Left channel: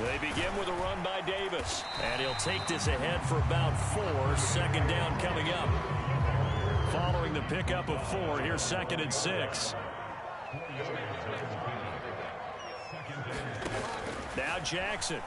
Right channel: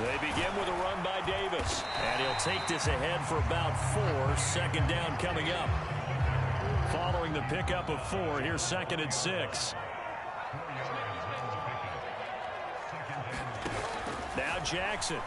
They begin with a run by Davis. And he'll take this ahead for about 4. Second down coming up. Following the pickup of 4, here's 2nd and 6. Now Jackson.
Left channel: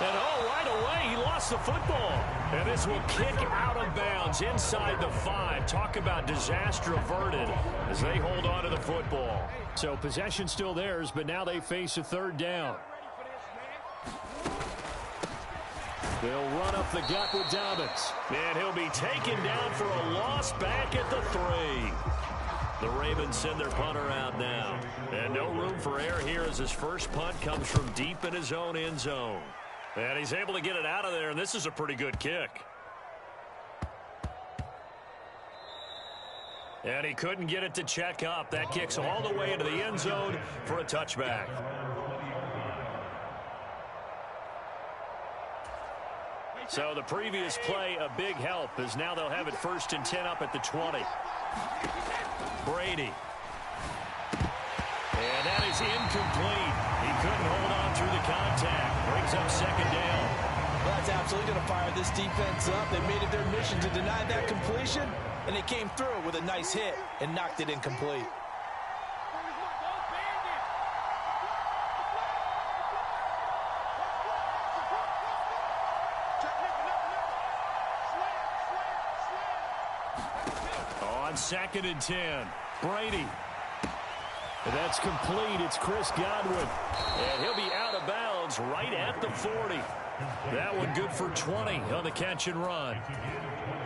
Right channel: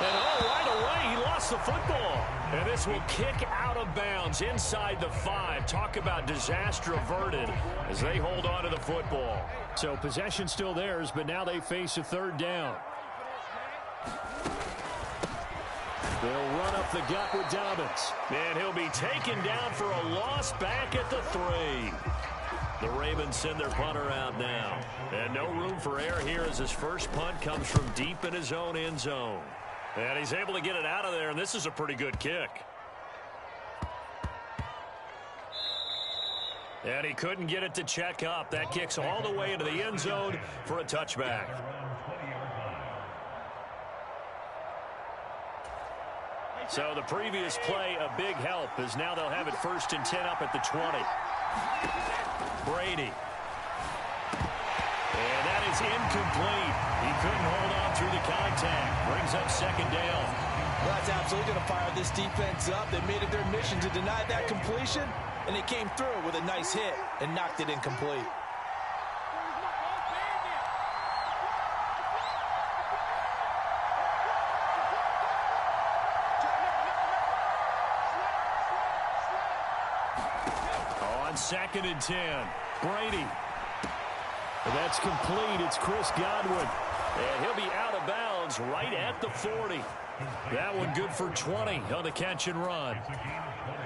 And right away, he lost the football. And this will kick out of bounds inside the 5. Talk about disaster averted as they hold on to the football. So possession still theirs, but now they face a 3rd down. They'll run up the gut with Dobbins. And he'll be taken down for a loss back at the 3. The Ravens send their punter out now. And no room for error here as his first punt comes from deep in his own end zone. And he's able to get it out of there, and this is a pretty good kick. And he couldn't get it to check up. That kicks all the way into the end zone for a touchback. So the previous play, a big help, as now they'll have it 1st and 10 up at the 20. Brady. And that is incomplete. He couldn't hold on through the contact. Brings up 2nd down. Well, that's absolutely going to fire this defense up. They made it their mission to deny that completion, and they came through with a nice hit and knocked it incomplete. On 2nd and 10, Brady. And that's complete. It's Chris Godwin. And he'll be out of bounds right at the 40. That one good for 20 on the catch and run.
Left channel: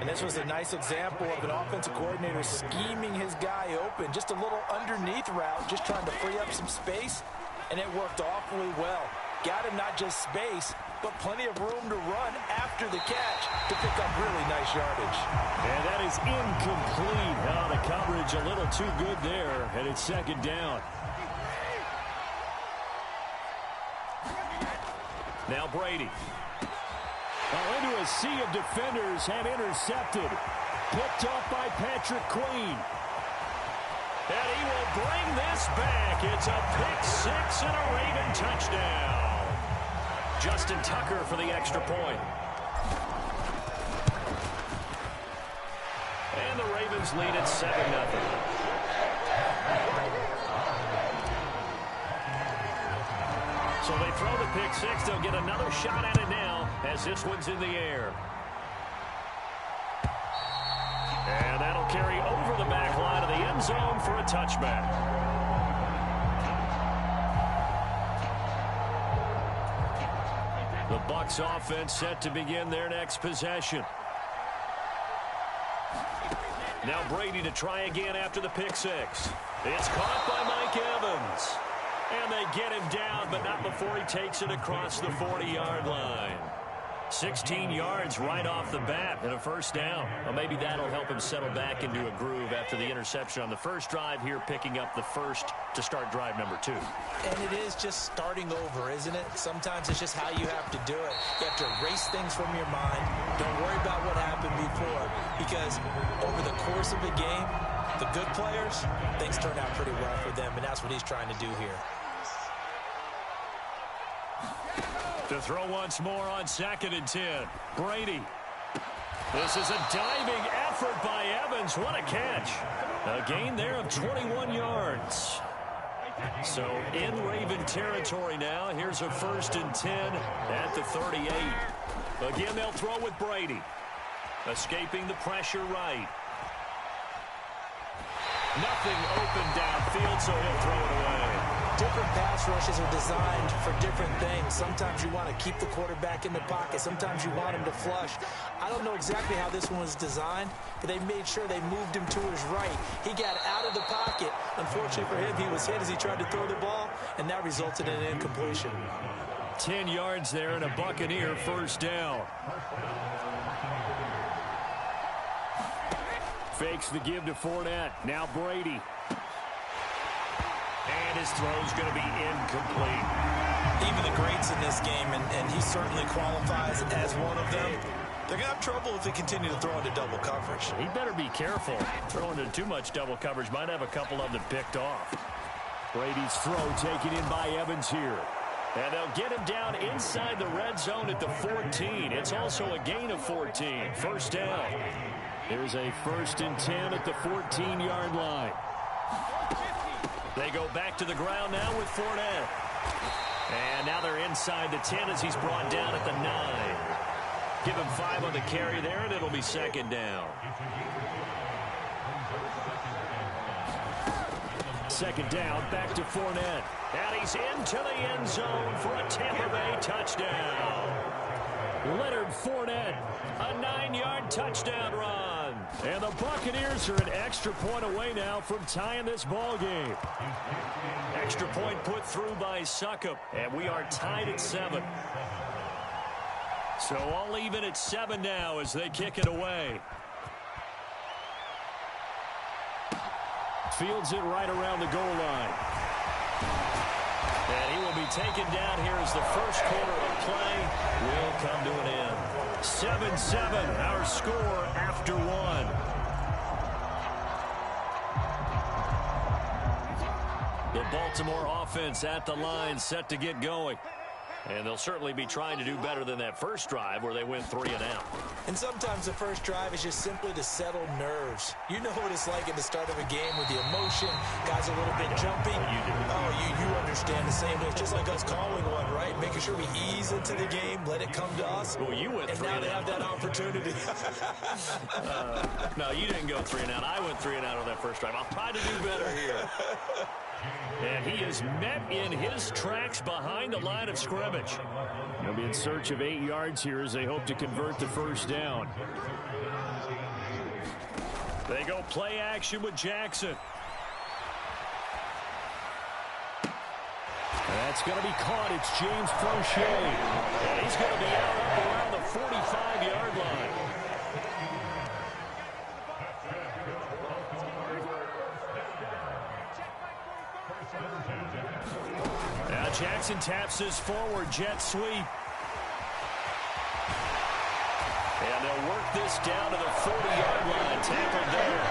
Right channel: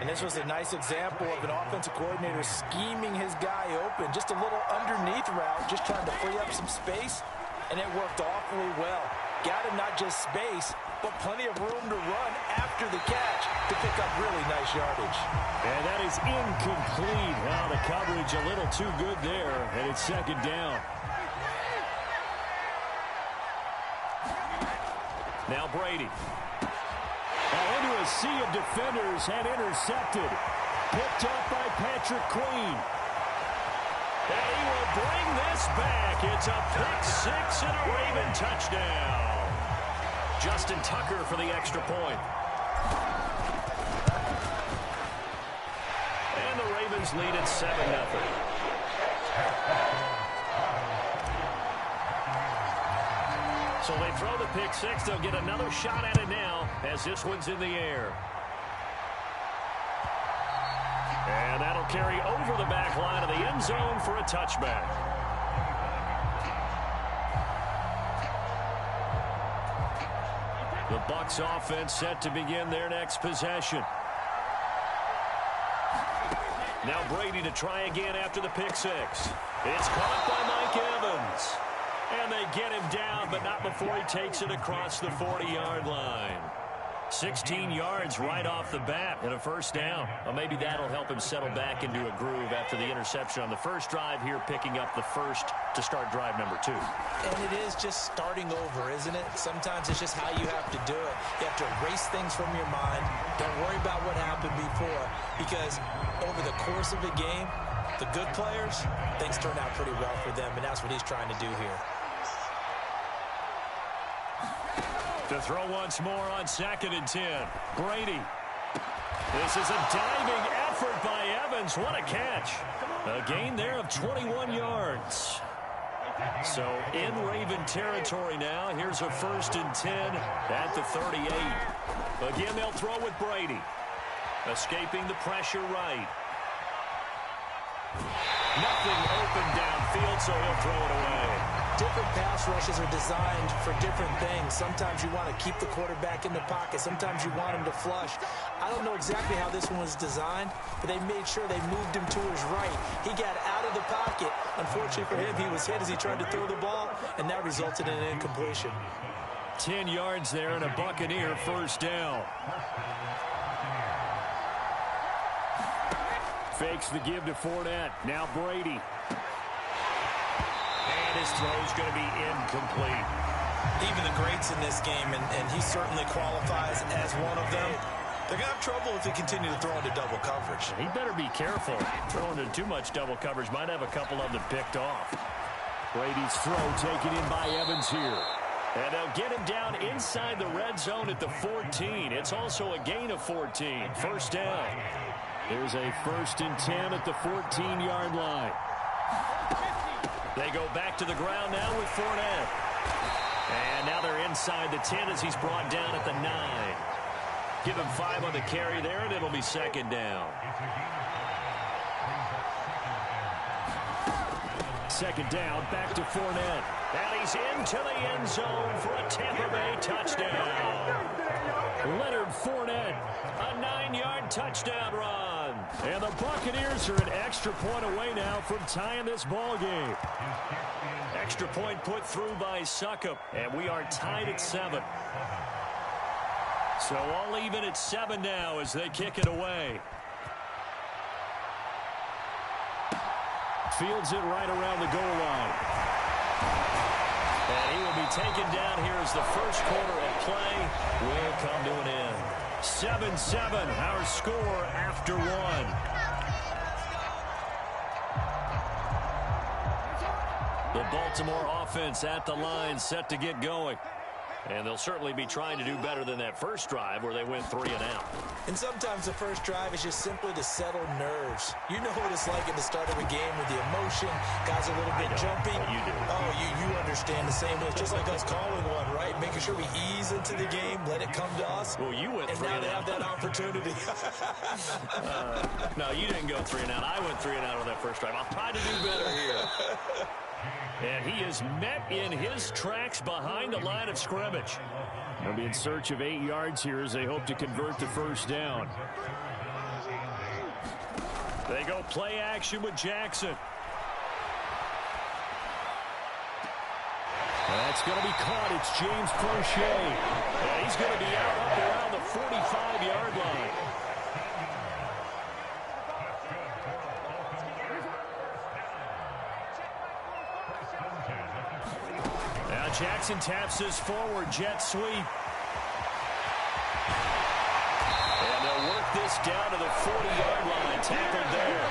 And this was a nice example of an offensive coordinator scheming his guy open. Just a little underneath route, just trying to free up some space. And it worked awfully well. Got him not just space, but plenty of room to run after the catch to pick up really nice yardage. And that is incomplete. Oh, the coverage a little too good there, and it's 2nd down. Now Brady. Into a sea of defenders and intercepted. Picked off by Patrick Queen. And he will bring this back. It's a pick 6 and a Raven touchdown. Justin Tucker for the extra point. And the Ravens lead at 7-0. So they throw the pick 6. They'll get another shot at it now as this one's in the air. And that'll carry over the back line of the end zone for a touchback. The Bucs offense set to begin their next possession. Now Brady to try again after the pick 6. It's caught by Mike Evans. And they get him down, but not before he takes it across the 40-yard line. 16 yards right off the bat and a 1st down. Well, maybe that'll help him settle back into a groove after the interception on the first drive here, picking up the 1st to start drive number 2. And it is just starting over, isn't it? Sometimes it's just how you have to do it. You have to erase things from your mind. Don't worry about what happened before, because over the course of a game, the good players, things turn out pretty well for them, and that's what he's trying to do here. To throw once more on 2nd and 10. Brady. This is a diving effort by Evans. What a catch. A gain there of 21 yards. So in Raven territory now. Here's a 1st and 10 at the 38. Again, they'll throw with Brady. Escaping the pressure right. Nothing open downfield, so he'll throw it away. Different pass rushes are designed for different things. Sometimes you want to keep the quarterback in the pocket. Sometimes you want him to flush. I don't know exactly how this one was designed, but they made sure they moved him to his right. He got out of the pocket. Unfortunately for him, he was hit as he tried to throw the ball, and that resulted in an incompletion. 10 yards there and a Buccaneer 1st down. Fakes the give to Fournette. Now Brady. And his throw's going to be incomplete. Even the greats in this game, and he certainly qualifies as one of them, They're going to have trouble if they continue to throw into double coverage. He better be careful. Throwing into too much double coverage might have a couple of them picked off. Brady's throw taken in by Evans here. And they'll get him down inside the red zone at the 14. It's also a gain of 14. First down. There's a 1st and 10 at the 14-yard line. They go back to the ground now with Fournette. And now they're inside the 10 as he's brought down at the 9. Give him 5 on the carry there, and it'll be 2nd down. 2nd down, back to Fournette. And he's into the end zone for a Tampa Bay touchdown. Leonard Fournette, a 9-yard touchdown run. And the Buccaneers are an extra point away now from tying this ball game. Extra point put through by Succop, and we are tied at 7. So all even at 7 now as they kick it away. Fields it right around the goal line. And he will be taken down here as the first quarter of play will come to an end. 7-7, our score after 1. The Baltimore offense at the line, set to get going. And they'll certainly be trying to do better than that first drive where they went 3 and out. And sometimes the first drive is just simply to settle nerves. You know what it's like at the start of a game with the emotion. Guys are a little bit jumpy. You do. Oh, you understand the same way. It's just like us calling one, right? Making sure we ease into the game, let it come to us. Well, you went 3 and out. And now they have that opportunity. No, you didn't go 3 and out. I went 3 and out on that first drive. I'll try to do better here. And he is met in his tracks behind the line of scrimmage. They'll be in search of 8 yards here as they hope to convert the first down. They go play action with Jackson. That's going to be caught. It's James Crochet. And he's going to be out up around the 45-yard line. Now Jackson taps his forward jet sweep. And they'll work this down to the 40-yard line. Tackled there.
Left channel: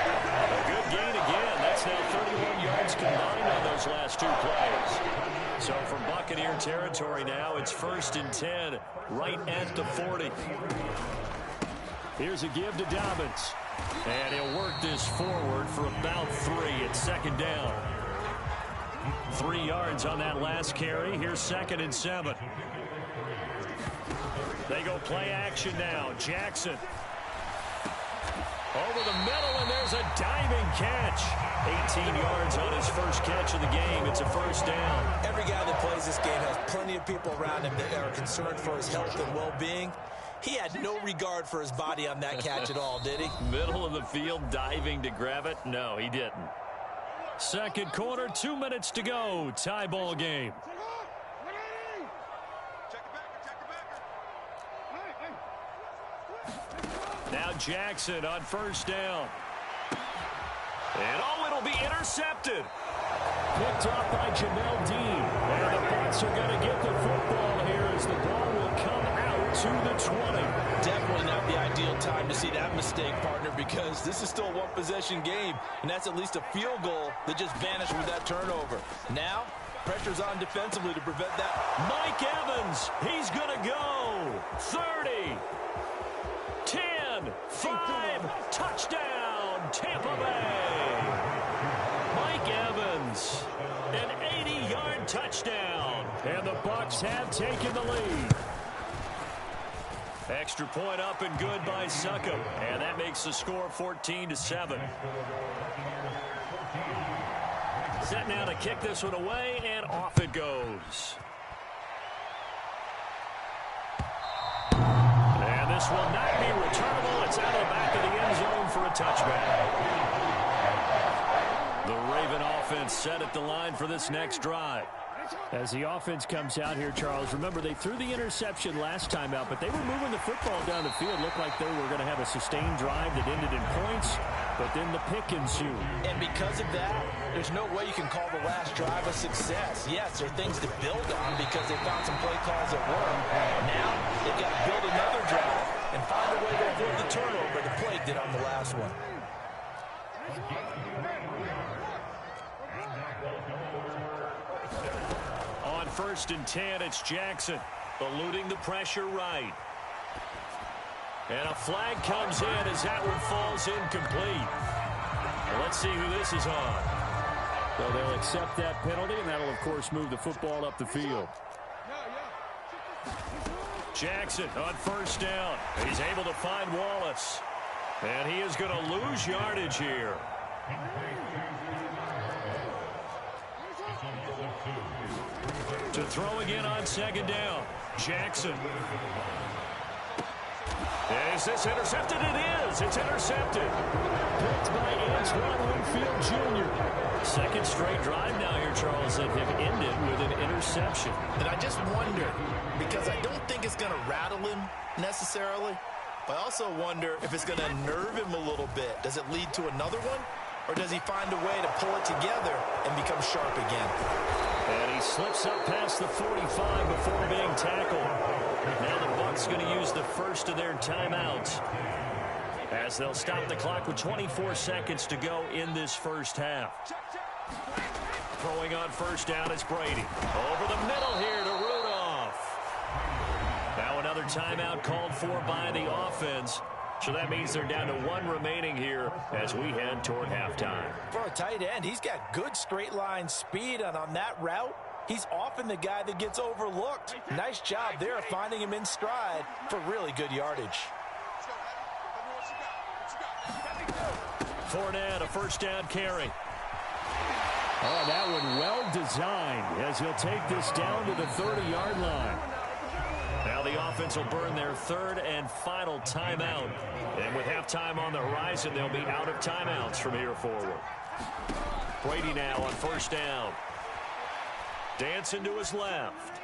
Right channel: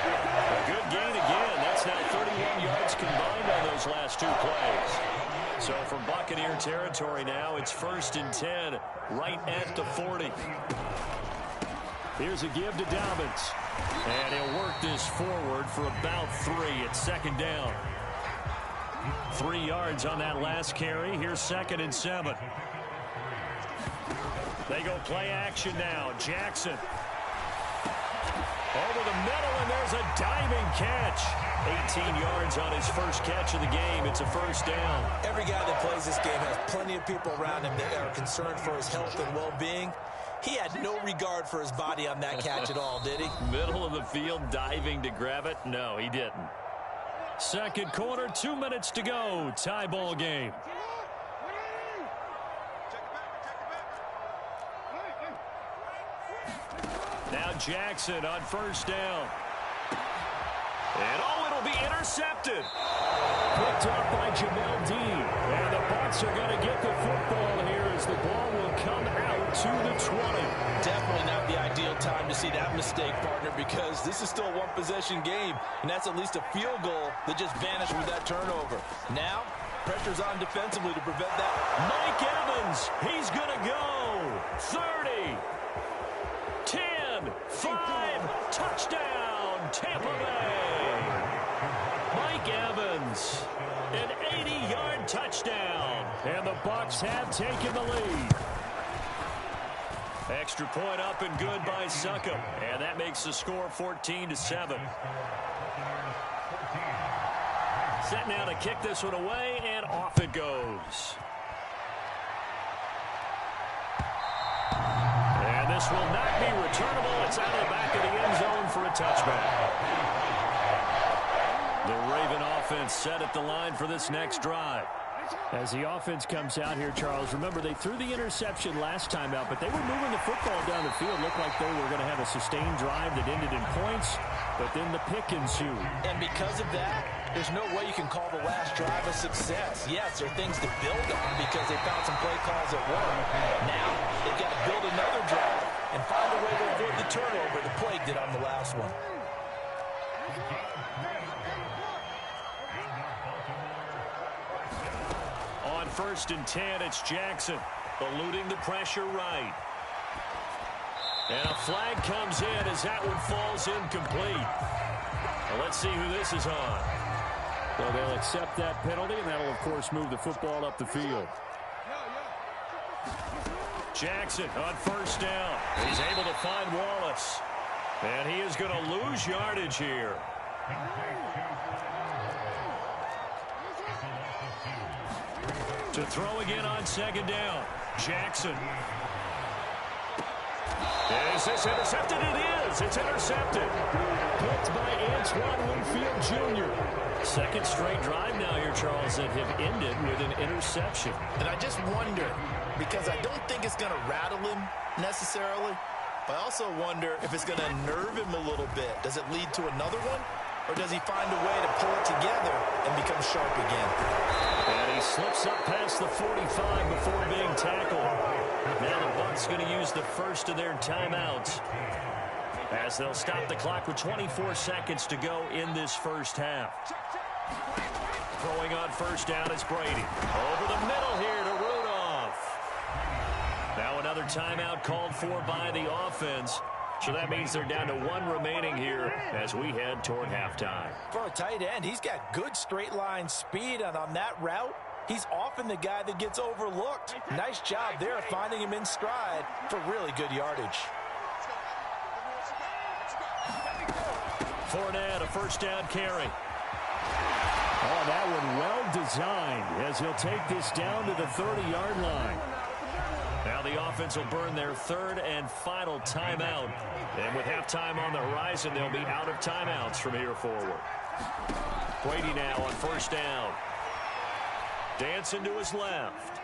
A good gain again. That's now 31 yards combined on those last 2 plays. So from Buccaneer territory now, it's 1st and 10 right at the 40. Here's a give to Dobbins. And he'll work this forward for about 3 at 2nd down. 3 yards on that last carry. Here's 2nd and 7. They go play action now. Jackson. Over the middle, and there's a diving catch. 18 yards on his first catch of the game. It's a first down. Every guy that plays this game has plenty of people around him that are concerned for his health and well-being. He had no regard for his body on that catch at all, did he? Middle of the field, diving to grab it. No, he didn't. Second quarter, 2 minutes to go. Tie ball game. Now Jackson on first down. And oh, it'll be intercepted. Picked off by Jamel Dean. And the Bucs are going to get the football here as the ball will come out to the 20. Definitely not the ideal time to see that mistake, partner, because this is still a one-possession game, and that's at least a field goal that just vanished with that turnover. Now, pressure's on defensively to prevent that. Mike Evans, he's going to go. 30, 10, 5, touchdown, Tampa Bay. Mike Evans, an 80-yard touchdown. And the Bucs have taken the lead. Extra point up and good by Succop. And that makes the score 14-7. Set now to kick this one away, and off it goes. And this will not be returnable. It's out of the back of the end zone for a touchback. The Raven offense set at the line for this next drive. As the offense comes out here, Charles, remember they threw the interception last time out, but they were moving the football down the field. Looked like they were going to have a sustained drive that ended in points, but then the pick ensued. And because of that, there's no way you can call the last drive a success. Yes, there are things to build on because they found some play calls that work. Now, they've got to build another drive and find a way to avoid the turnover the play did on the last one. On 1st and 10, it's Jackson, eluding the pressure right. And a flag comes in as that one falls incomplete. Well, let's see who this is on. So they'll accept that penalty, and that'll, of course, move the football up the field. Jackson on 1st down. He's able to find Wallace. And he is going to lose yardage here. To throw again on 2nd down. Jackson. Is this intercepted? It is. It's intercepted. Picked by Antoine Winfield Jr. Second straight drive now here, Charles, that have ended with an interception. And I just wonder, because I don't think it's going to rattle him necessarily, but I also wonder if it's going to nerve him a little bit. Does it lead to another one? Or does he find a way to pull it together and become sharp again? And he slips up past the 45 before being tackled. Now the Bucs going to use the first of their timeouts as they'll stop the clock with 24 seconds to go in this first half. Throwing on 1st down is Brady. Over the middle here to Rudolph. Now another timeout called for by the offense. So that means they're down to 1 remaining here as we head toward halftime. For a tight end, he's got good straight line speed, and on that route, he's often the guy that gets overlooked. Nice job there finding him in stride for really good yardage. Fournette, a 1st down carry. Oh, that one well designed as he'll take this down to the 30-yard line. Now the offense will burn their 3rd and final timeout. And with halftime on the horizon, they'll be out of timeouts from here forward. Brady now on 1st down. Dancing to his left.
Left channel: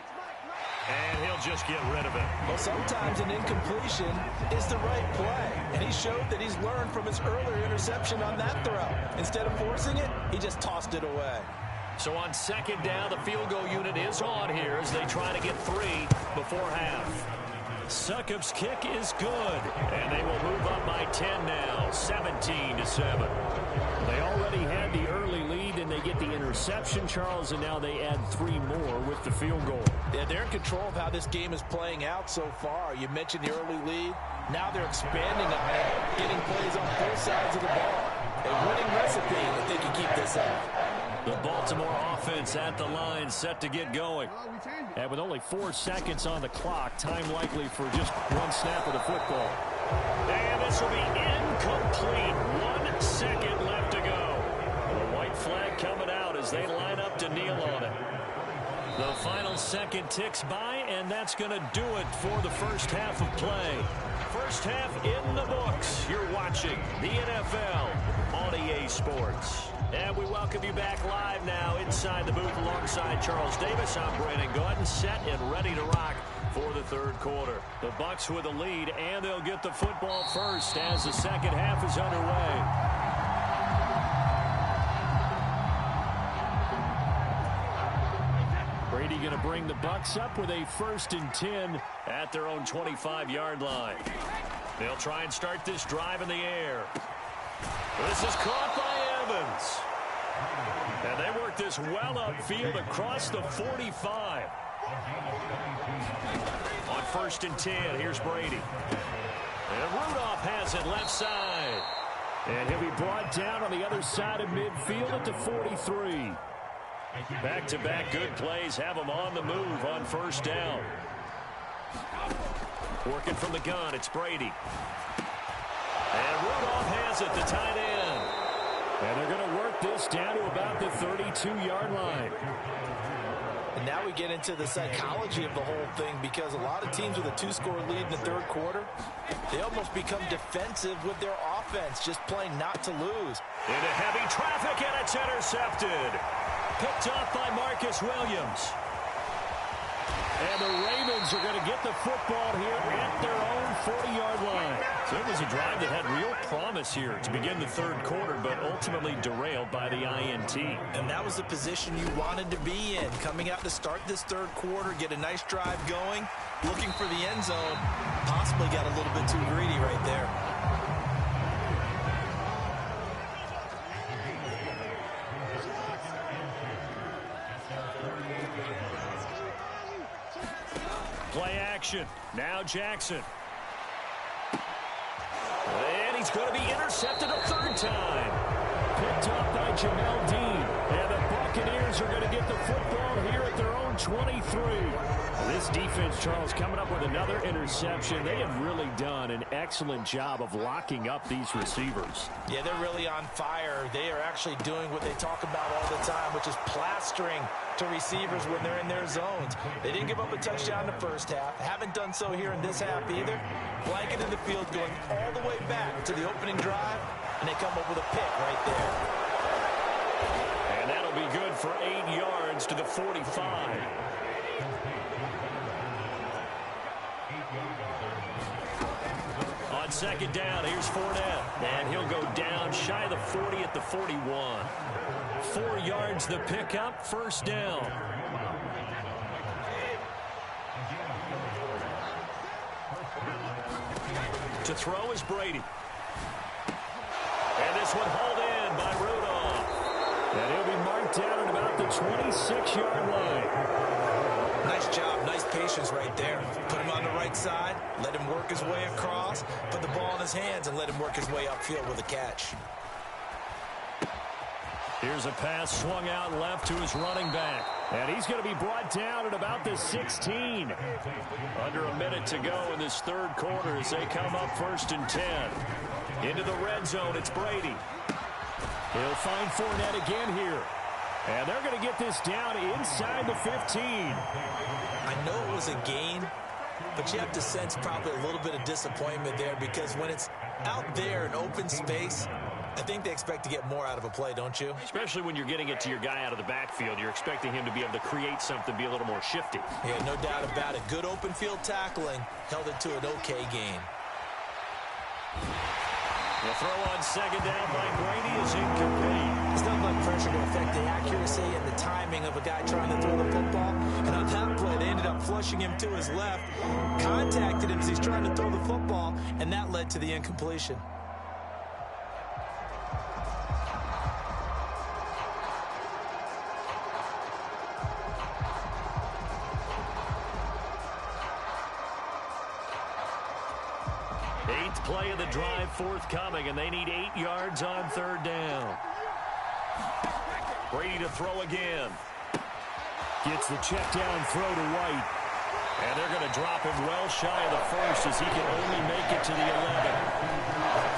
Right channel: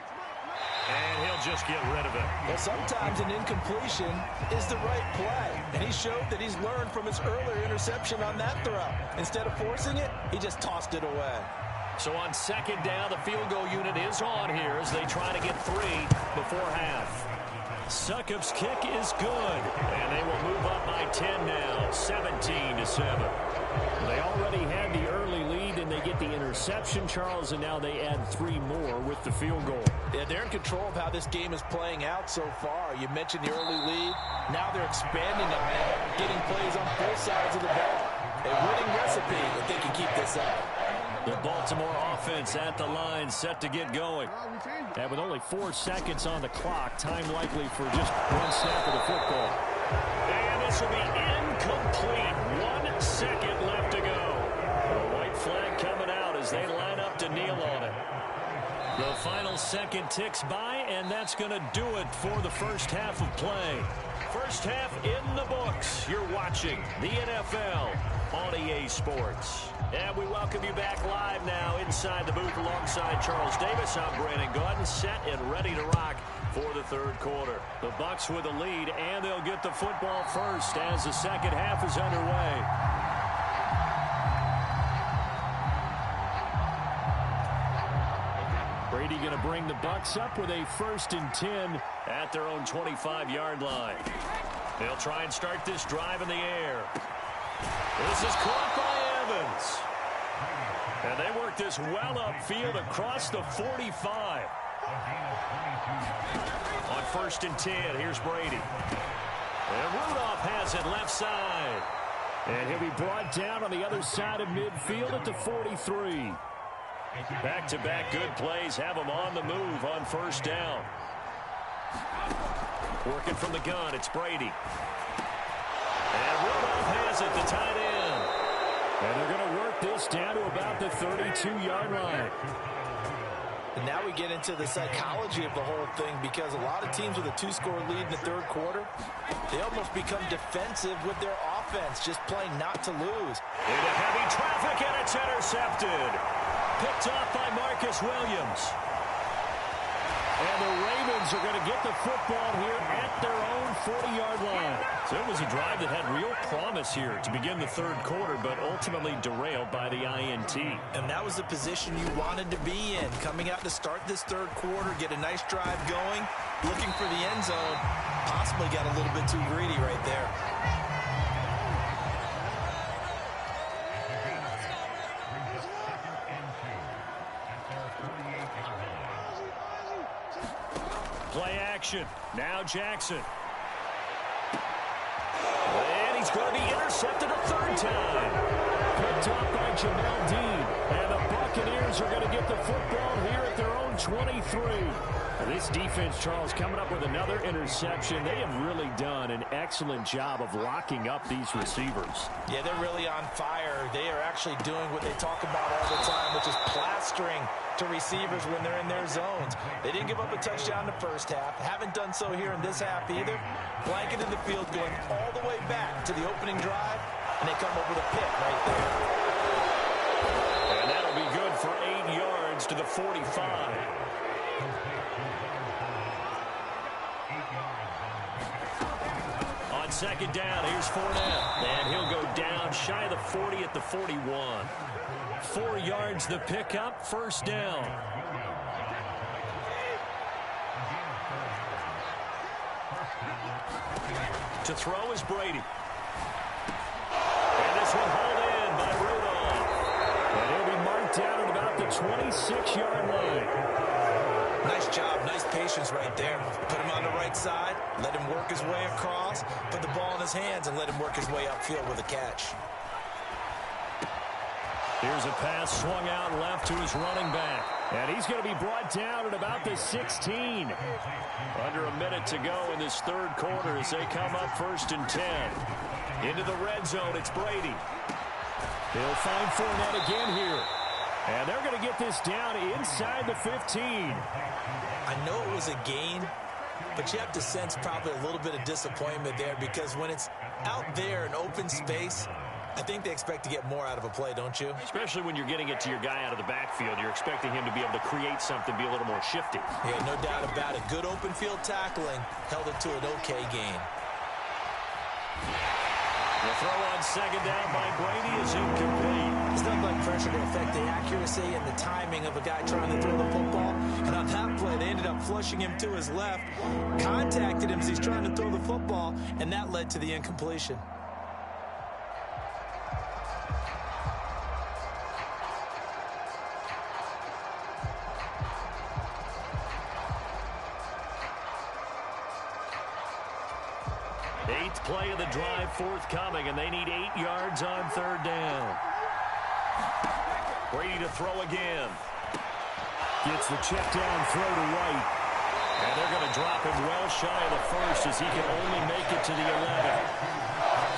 And he'll just get rid of it. Well, sometimes an incompletion is the right play. And he showed that he's learned from his earlier interception on that throw. Instead of forcing it, he just tossed it away. So on 2nd down, the field goal unit is on here as they try to get 3 before half. Succop's kick is good, and they will move up by 10 now, 17-7. They already had the early lead, and they get the interception, Charles, and now they add 3 more with the field goal. Yeah, they're in control of how this game is playing out so far. You mentioned the early lead. Now they're expanding on it, getting plays on both sides of the ball. A winning recipe if they can keep this up. The Baltimore offense at the line, set to get going. And with only 4 seconds on the clock, time likely for just 1 snap of the football. And this will be incomplete. 1 second left to go. The white flag coming out as they line up to kneel on it. The final second ticks by, and that's going to do it for the first half of play. First half in the books. You're watching the NFL on EA Sports. And we welcome you back live now inside the booth alongside Charles Davis. I'm Brandon Gaudin, set and ready to rock for the 3rd quarter. The Bucs with the lead, and they'll get the football first as the second half is underway. Brady going to bring the Bucs up with a 1st and 10 at their own 25-yard line. They'll try and start this drive in the air. This is caught by Evans. And they work this well upfield across the 45. On 1st and 10, here's Brady. And Rudolph has it left side. And he'll be brought down on the other side of midfield at the 43. Back-to-back good plays have him on the move on 1st down. Working from the gun, it's Brady. And Rudolph has it, the tight end. And they're going to work this down to about the 32-yard line. And now we get into the psychology of the whole thing, because a lot of teams with a 2-score lead in the 3rd quarter, they almost become defensive with their offense, just playing not to lose. Into heavy traffic, and it's intercepted. Picked off by Marcus Williams. And the Ravens are going to get the football here at their own 40-yard line. So it was a drive that had real promise here to begin the 3rd quarter, but ultimately derailed by the INT. And that was the position you wanted to be in. Coming out to start this 3rd quarter, get a nice drive going, looking for the end zone. Possibly got a little bit too greedy right there. Play action. Now Jackson. And he's going to be intercepted a third time. Picked up by Jamel Dean. And the Buccaneers are going to get the football here at their own 23. This defense, Charles, coming up with another interception. They have really done an excellent job of locking up these receivers. Yeah, they're really on fire. They are actually doing what they talk about all the time, which is plastering to receivers when they're in their zones. They didn't give up a touchdown the first half. Haven't done so here in this half either. Blanket in the field going all the way back to the opening drive, and they come up with a pick right there. And that'll be good for 8 yards to the 45. On second down, here's Fournette. And he'll go down shy of the 40 at the 41. 4 yards the pickup, first down. To throw is Brady. And this one hauled in by Rudolph. And he'll be marked down at about the 26-yard line. Nice job, nice patience right there. Put him on the right side, let him work his way across, put the ball in his hands, and let him work his way upfield with a catch. Here's a pass swung out left to his running back. And he's going to be brought down at about the 16. Under a minute to go in this third quarter as they come up 1st and 10. Into the red zone, it's Brady. He'll find Fournette again here. And they're going to get this down inside the 15. I know it was a gain, but you have to sense probably a little bit of disappointment there because when it's out there in open space, I think they expect to get more out of a play, don't you? Especially when you're getting it to your guy out of the backfield. You're expecting him to be able to create something, be a little more shifty. Yeah, no doubt about it. Good open field tackling held it to an okay gain. The throw on second down by Brady is incomplete. There's nothing like pressure to affect the accuracy and the timing of a guy trying to throw the football. And on that play, they ended up flushing him to his left, contacted him as he's trying to throw the football, and that led to the incompletion. Eighth play of the drive forthcoming, and they need 8 yards on third down. Brady to throw again. Gets the check down throw to White. And they're going to drop him well shy of the first as he can only make it to the 11.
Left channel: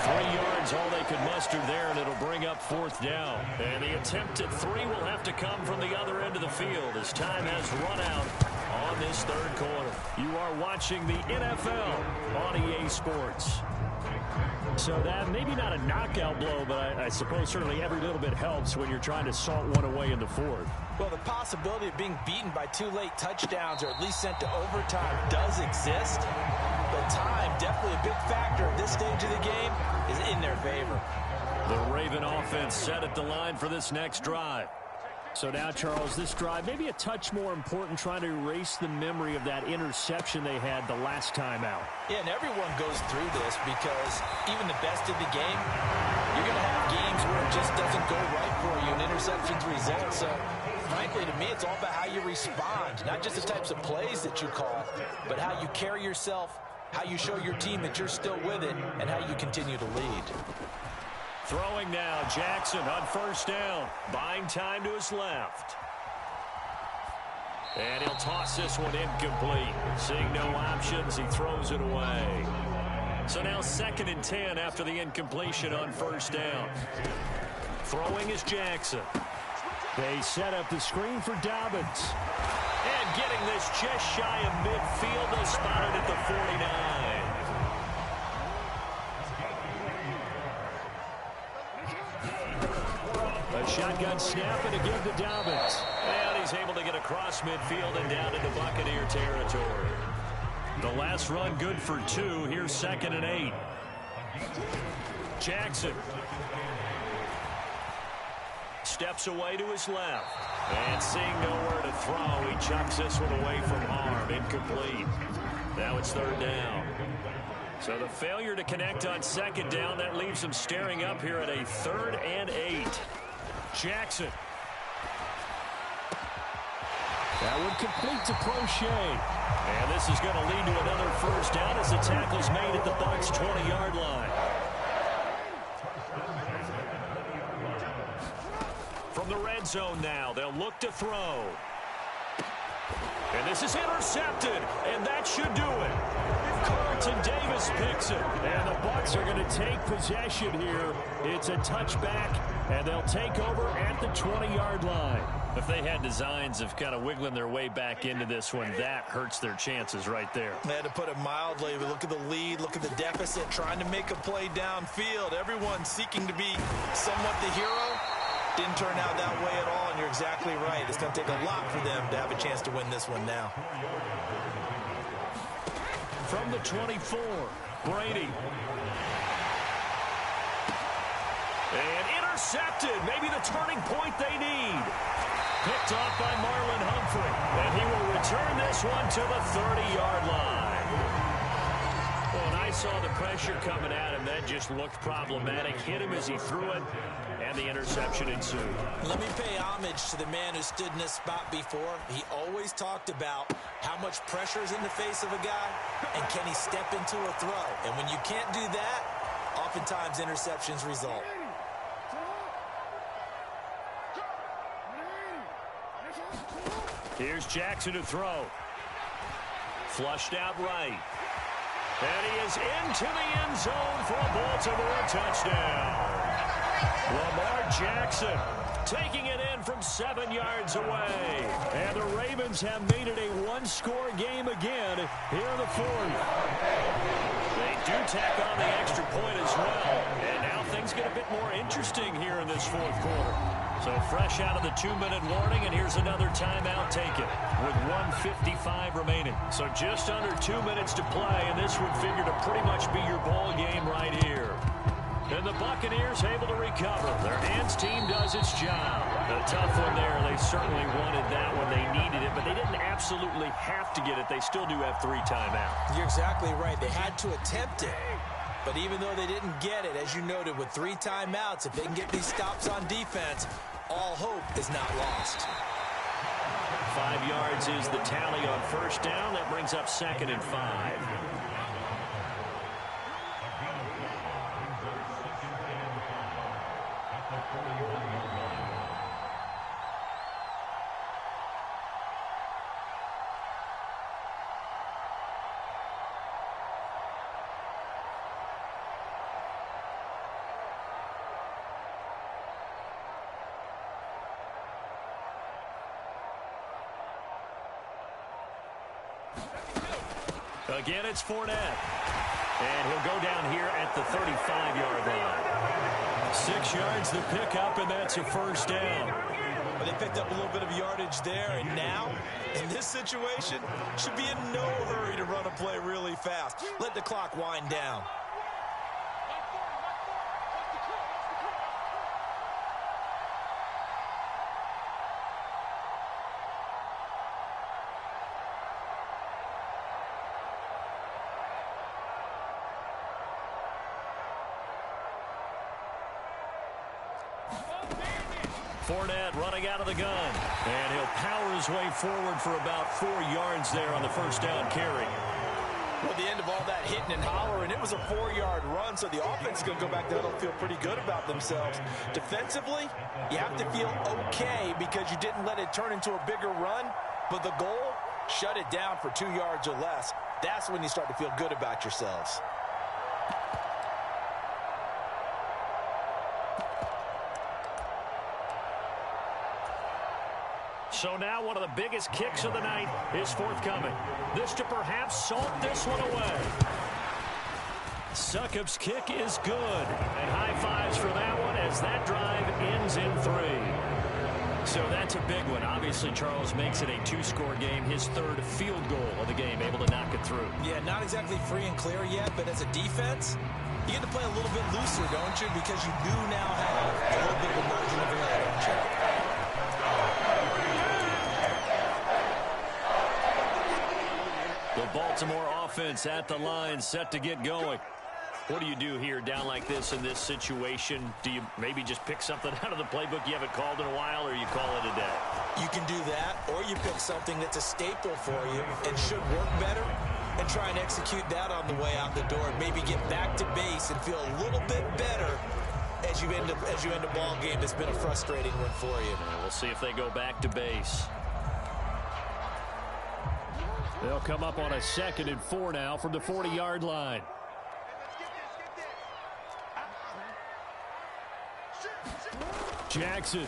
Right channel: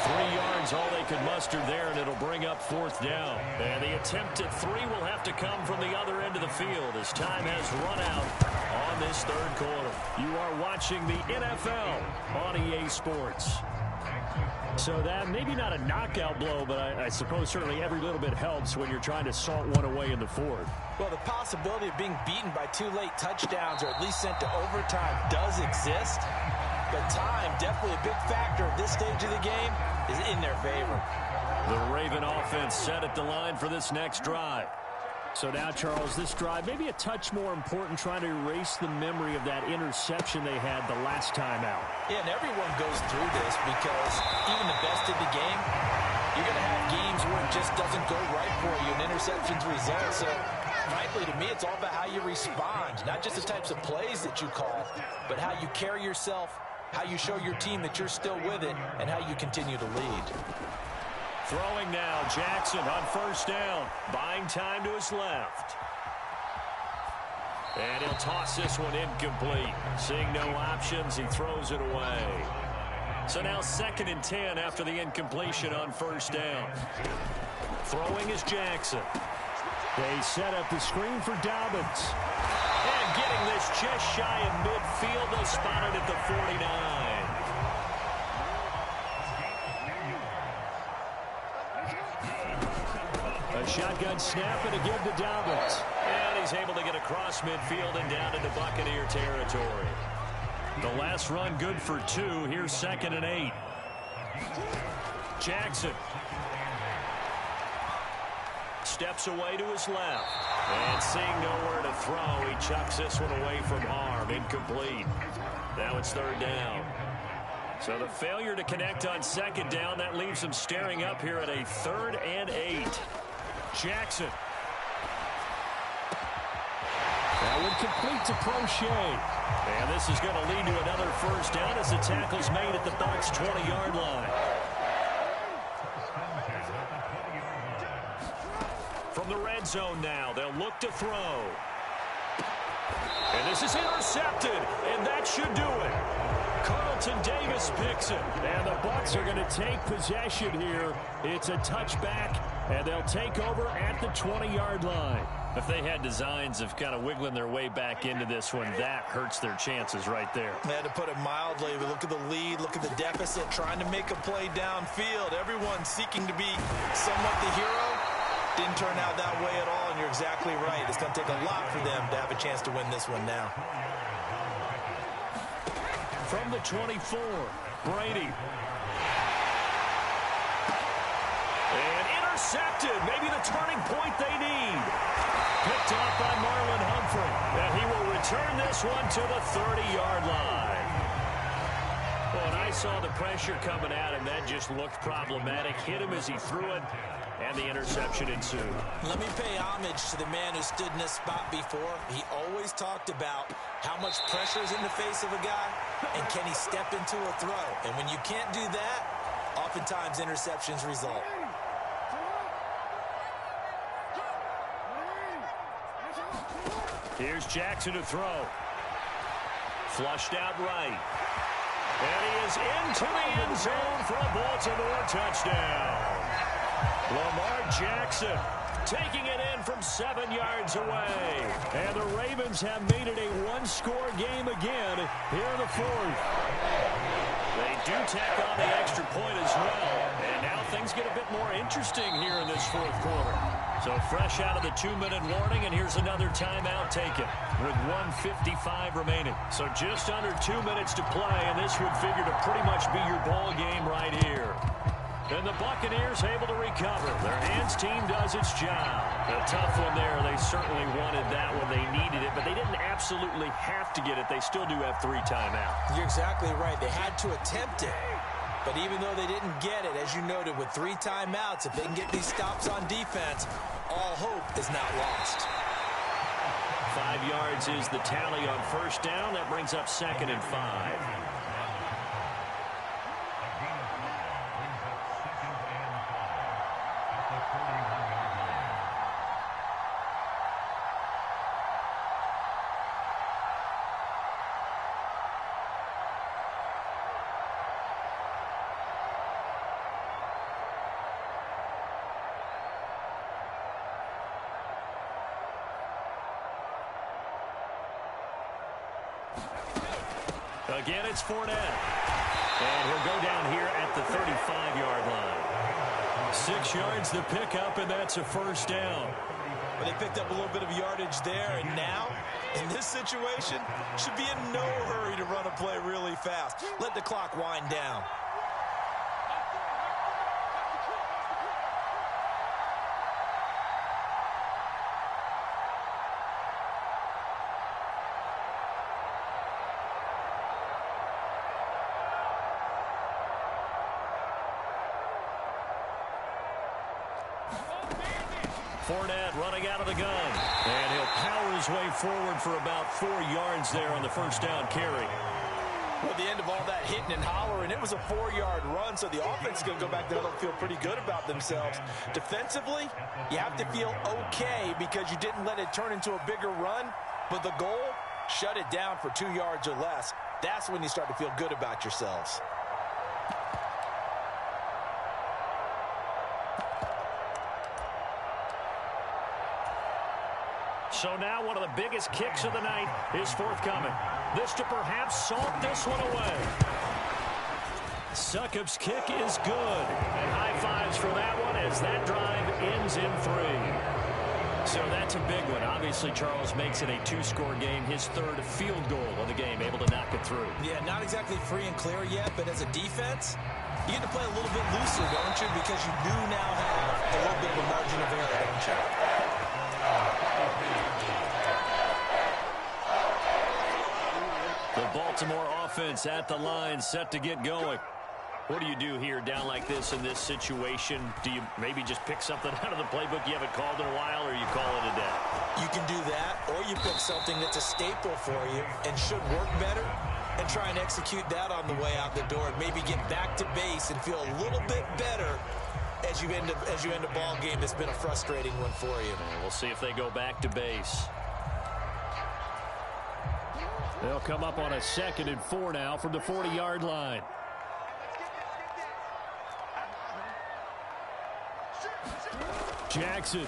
3 yards all they could muster there, and it'll bring up fourth down. And the attempt at 3 will have to come from the other end of the field as time has run out on this third quarter. You are watching the NFL on EA Sports. So that maybe not a knockout blow, but I suppose certainly every little bit helps when you're trying to salt one away in the fourth. Well, the possibility of being beaten by 2 late touchdowns or at least sent to overtime does exist. But time, definitely a big factor at this stage of the game, is in their favor. The Raven offense set at the line for this next drive. So now, Charles, this drive maybe a touch more important, trying to erase the memory of that interception they had the last time out. Yeah, and everyone goes through this because even the best in the game, you're going to have games where it just doesn't go right for you and interceptions result. So, frankly, to me, it's all about how you respond, not just the types of plays that you call, but how you carry yourself, how you show your team that you're still with it, and how you continue to lead. Throwing now, Jackson on first down. Buying time to his left. And he'll toss this one incomplete. Seeing no options, he throws it away. So now 2nd and 10 after the incompletion on first down. Throwing is Jackson. They set up the screen for Dobbins. And getting this just shy of midfield, they'll spot it at the 49. A shotgun snap and again to Dobbins. And he's able to get across midfield and down into Buccaneer territory. The last run good for 2. Here's 2nd and 8. Jackson. Steps away to his left. And seeing nowhere to throw, he chucks this one away from harm. Incomplete. Now it's 3rd down. So the failure to connect on second down, that leaves them staring up here at a 3rd and 8. Jackson. That one complete to Crochet. And this is going to lead to another first down as the tackle's made at the Bucs' 20-yard line. From the red zone now, they'll look to throw. And this is intercepted, and that should do it. Carlton Davis picks it. And the Bucs are going to take possession here. It's a touchback, and they'll take over at the 20-yard line. If they had designs of kind of wiggling their way back into this one, that hurts their chances right there. They had to put it mildly, but look at the lead, look at the deficit, trying to make a play downfield. Everyone seeking to be somewhat the hero. Didn't turn out that way at all, and you're exactly right. It's going to take a lot for them to have a chance to win this one now. From the 24, Brady. And intercepted. Maybe the turning point they need. Picked off by Marlon Humphrey. And he will return this one to the 30-yard line. Well, and I saw the pressure coming at him. That just looked problematic. Hit him as he threw it, and the interception ensued. Let me pay homage to the man who stood in this spot before. He always talked about how much pressure is in the face of a guy, and can he step into a throw. And when you can't do that, oftentimes interceptions result. Here's Jackson to throw. Flushed out right. And he is into the end zone for a Baltimore touchdown. Lamar Jackson taking it in from 7 yards away. And the Ravens have made it a one-score game again here in the 4th. They do tack on the extra point as well. And now things get a bit more interesting here in this 4th quarter. So fresh out of the 2-minute warning, and here's another timeout taken with 1:55 remaining. So just under 2 minutes to play, and this would figure to pretty much be your ball game right here. And the Buccaneers able to recover. Their hands team does its job. A tough one there. They certainly wanted that when they needed it, but they didn't absolutely have to get it. They still do have 3 timeouts. You're exactly right. They had to attempt it. But even though they didn't get it, as you noted, with 3 timeouts, if they can get these stops on defense, all hope is not lost. 5 yards is the tally on first down. That brings up 2nd and 5. Again, it's Fournette. And he'll go down here at the 35-yard line. 6 yards the pickup, and that's a first down. But they picked up a little bit of yardage there, and now, in this situation, should be in no hurry to run a play really fast. Let the clock wind down. Fournette running out of the gun. And he'll power his way forward for about 4 yards there on the first down carry. Well, at the end of all that hitting and hollering, it was a 4-yard run, so the offense is going to go back there and feel pretty good about themselves. Defensively, you have to feel okay because you didn't let it turn into a bigger run, but the goal, shut it down for 2 yards or less. That's when you start to feel good about yourselves. So now one of the biggest kicks of the night is forthcoming. This to perhaps salt this one away. Succop's kick is good. And high fives for that one as that drive ends in 3. So that's a big one. Obviously, Charles makes it a 2-score game. His 3rd field goal of the game, able to knock it through. Yeah, not exactly free and clear yet, but as a defense, you get to play a little bit looser, don't you? Because you do now have a little bit of a margin of error, don't you? The Baltimore offense at the line, set to get going. What do you do here down like this in this situation? Do you maybe just pick something out of the playbook you haven't called in a while, or you call it a day? You can do that, or you pick something that's a staple for you and should work better and try and execute that on the way out the door and maybe get back to base and feel a little bit better as you end a ball game that's been a frustrating one for you. And we'll see if they go back to base. They'll come up on a 2nd and 4 now from the 40-yard line. Jackson.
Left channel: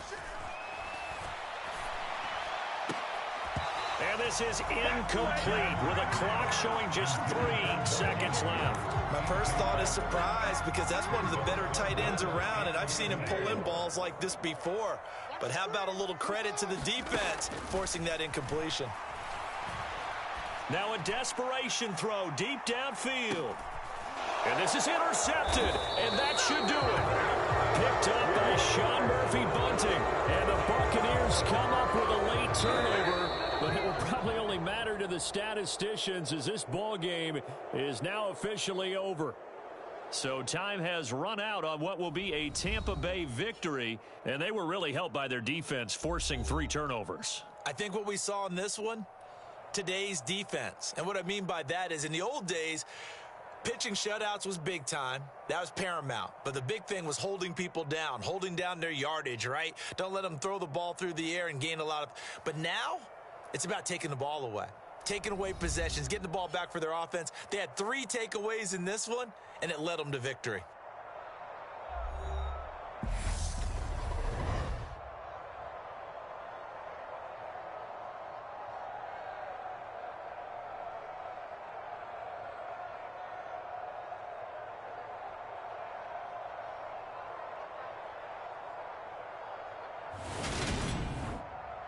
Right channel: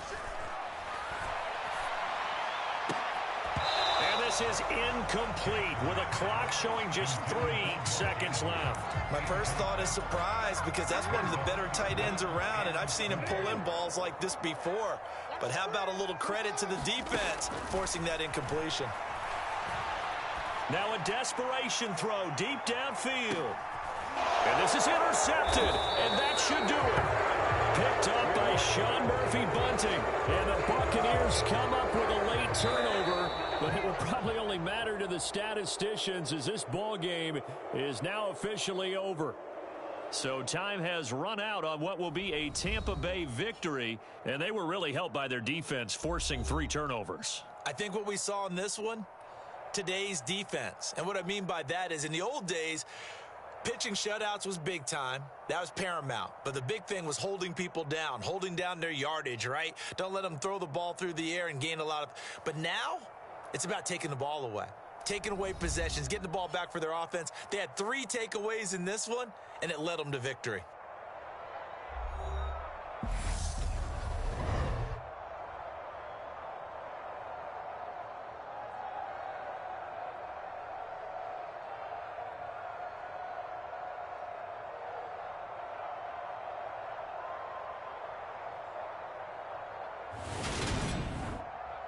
And this is incomplete with a clock showing just 3 seconds left. My first thought is surprise because that's one of the better tight ends around, and I've seen him pull in balls like this before. But how about a little credit to the defense forcing that incompletion? Now a desperation throw deep downfield. And this is intercepted, and that should do it. Picked up by Sean Murphy-Bunting. And the Buccaneers come up with a late turnover, but it will probably only matter to the statisticians as this ball game is now officially over. So time has run out on what will be a Tampa Bay victory, and they were really helped by their defense forcing 3 turnovers. I think what we saw in this one, today's defense. And what I mean by that is in the old days, pitching shutouts was big time. That was paramount. But the big thing was holding people down, holding down their yardage, right? Don't let them throw the ball through the air and gain a lot of. But now it's about taking the ball away, taking away possessions, getting the ball back for their offense. They had 3 takeaways in this one, and it led them to victory.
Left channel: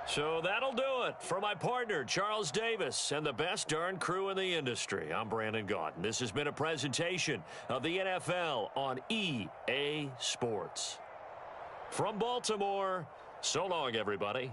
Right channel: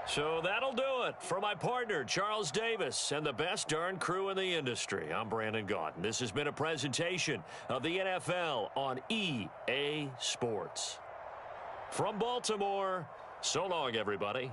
So that'll do it for my partner, Charles Davis, and the best darn crew in the industry. I'm Brandon Gaudin. This has been a presentation of the NFL on EA Sports. From Baltimore, so long, everybody.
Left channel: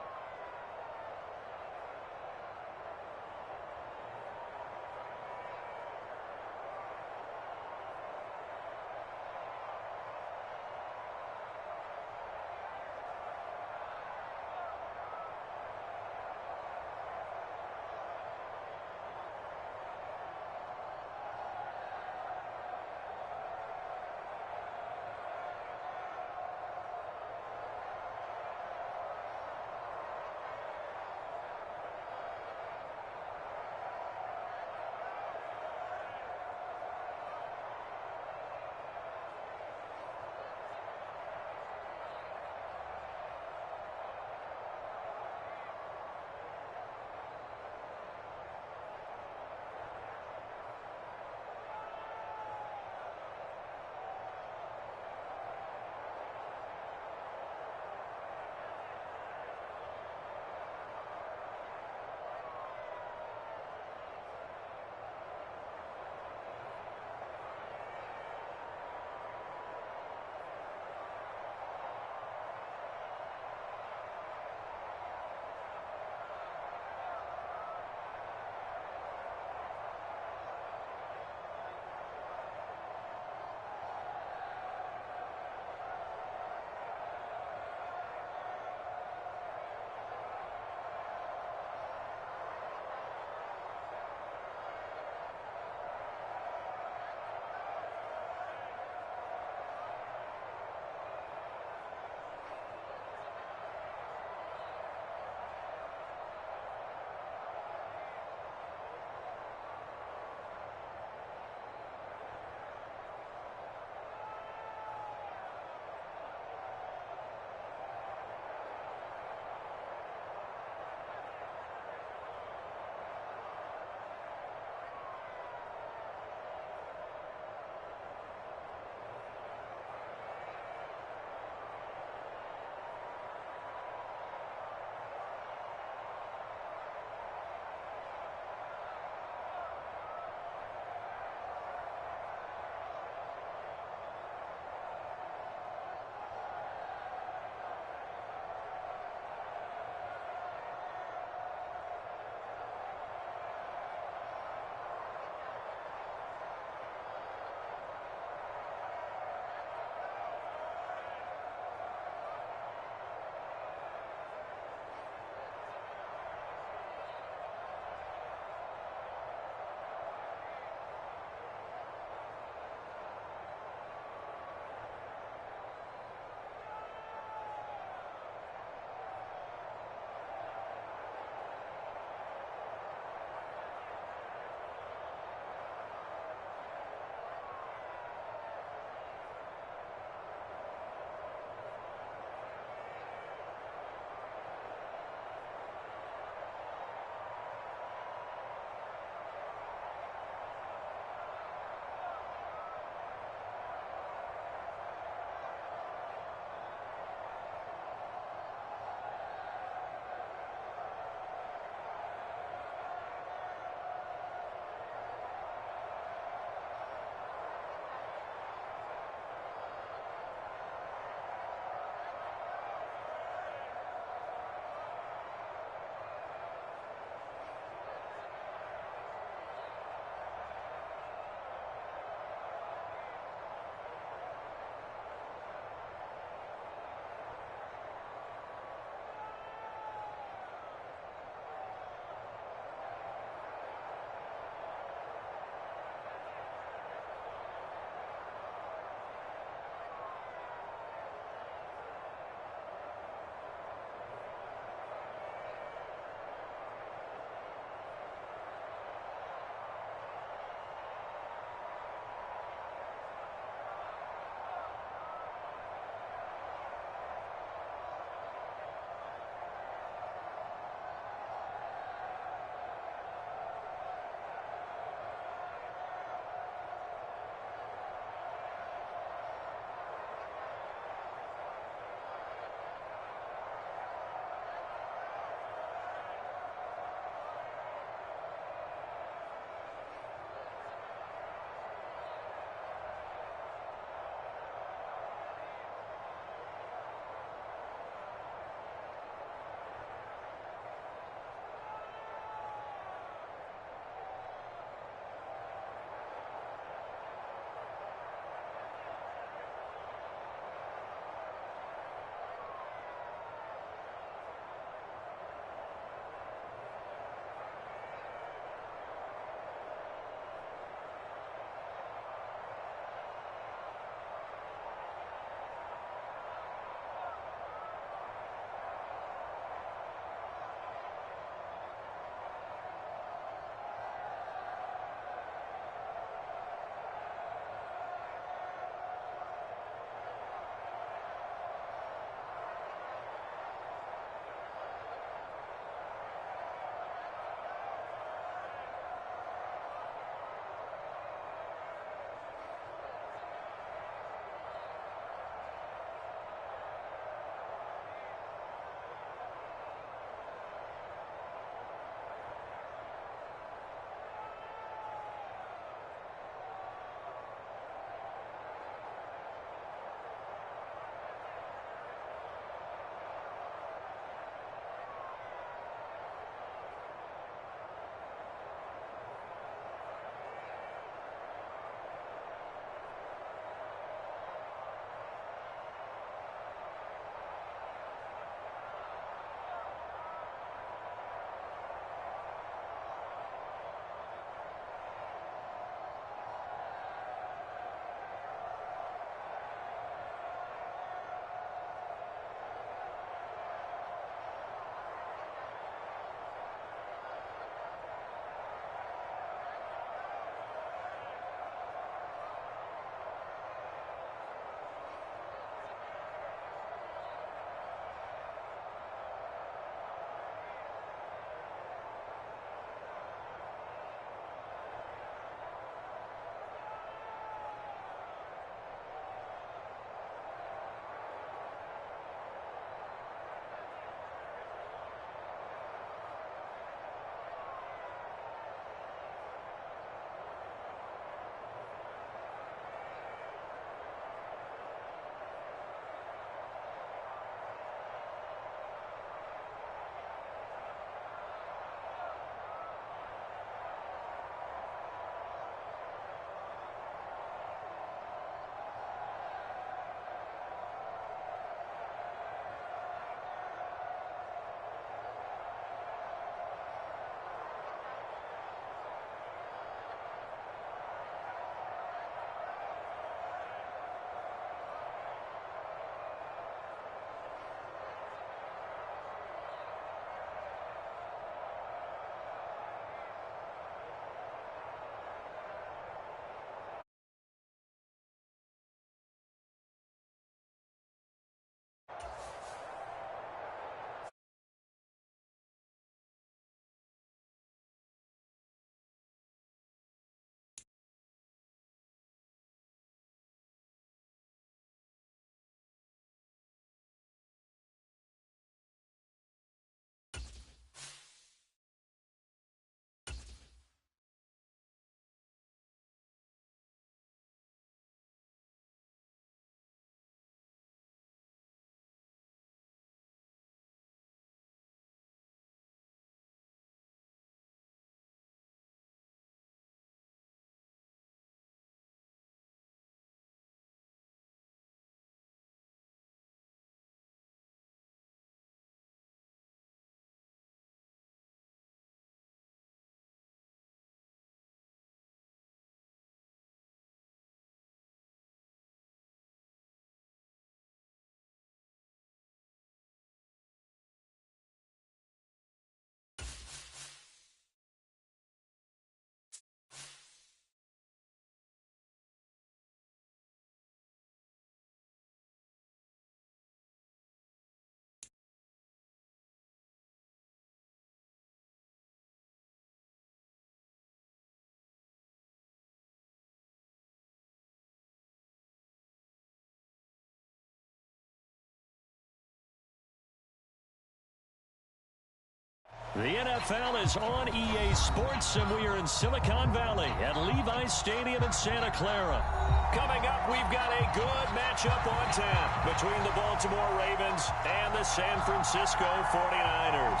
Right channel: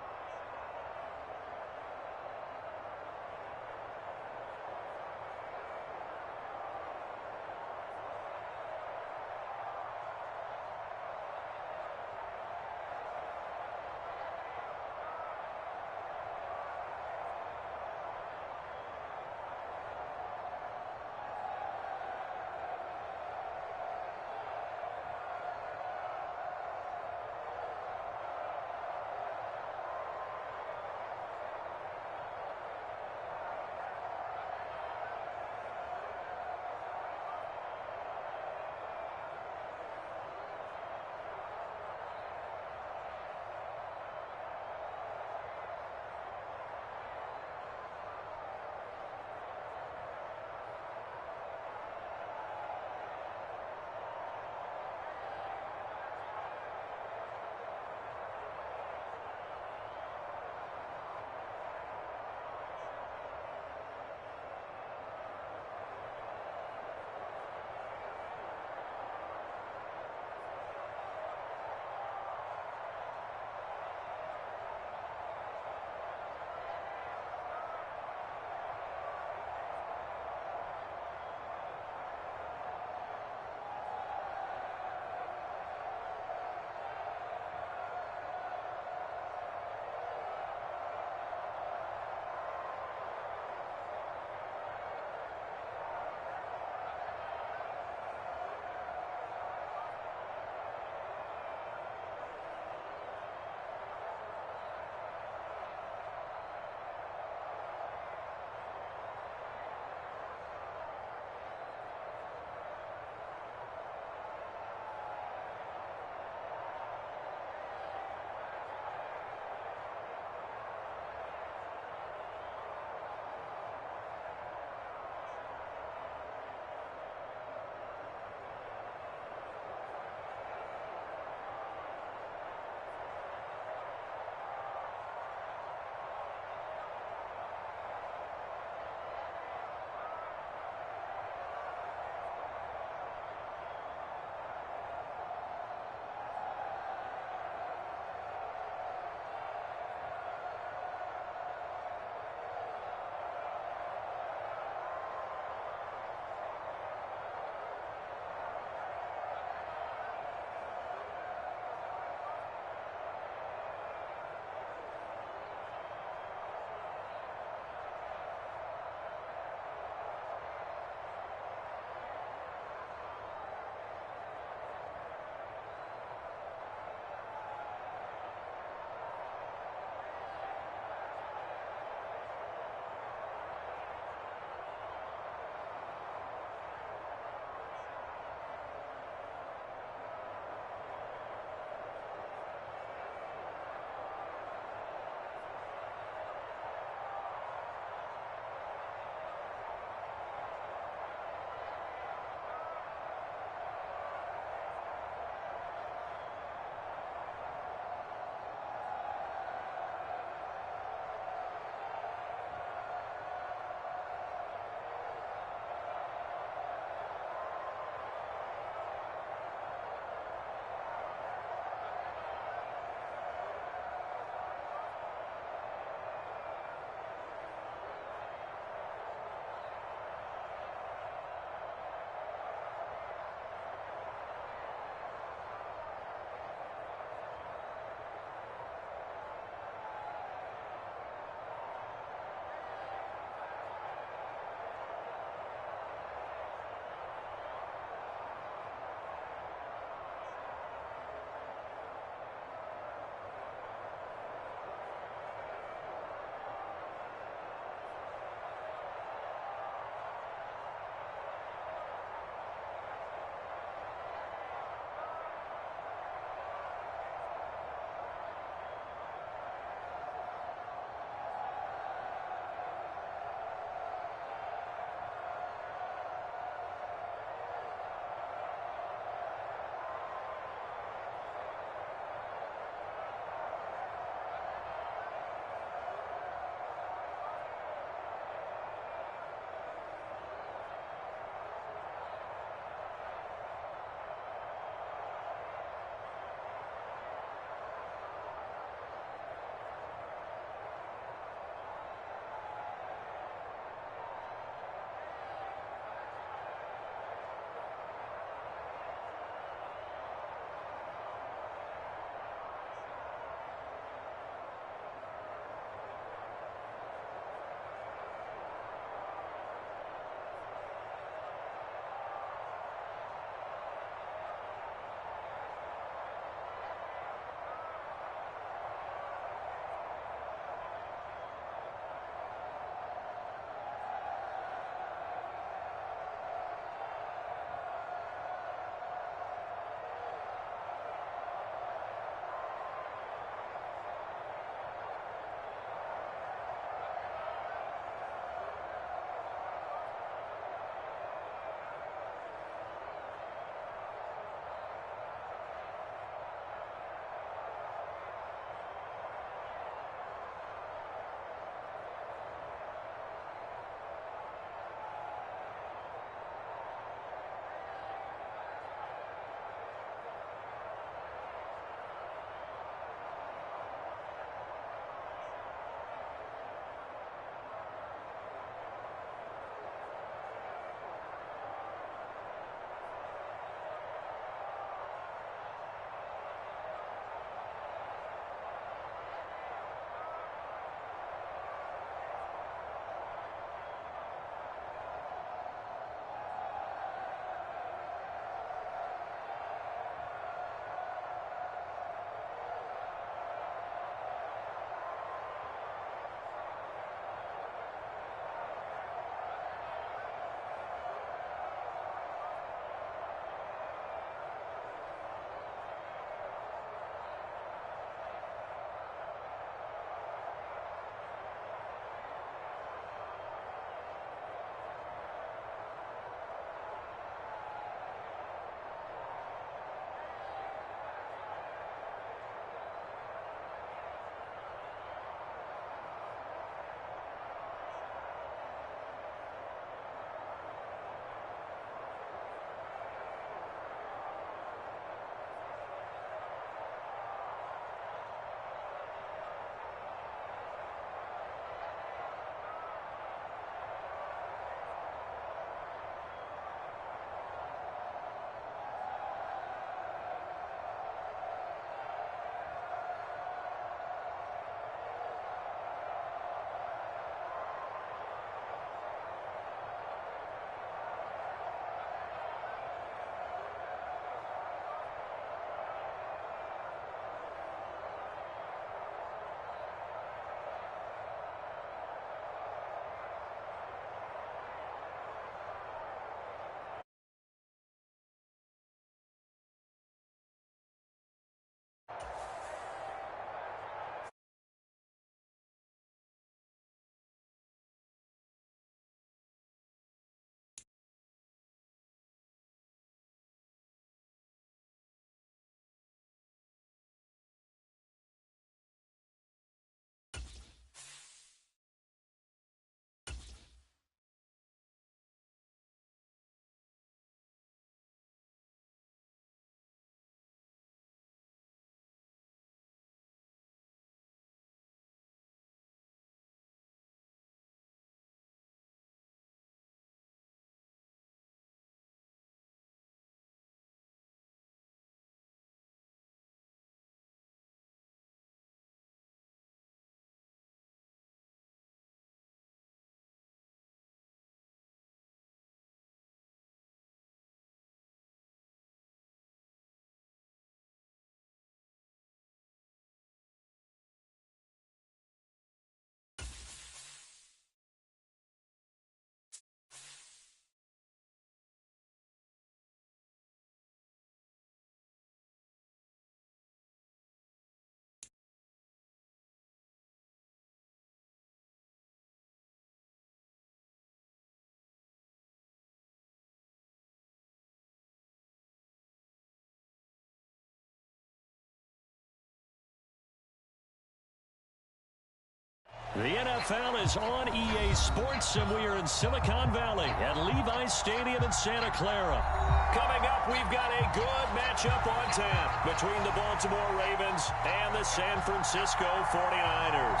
The NFL is on EA Sports, and we are in Silicon Valley at Levi's Stadium in Santa Clara. Coming up, we've got a good matchup on tap between the Baltimore Ravens and the San Francisco 49ers.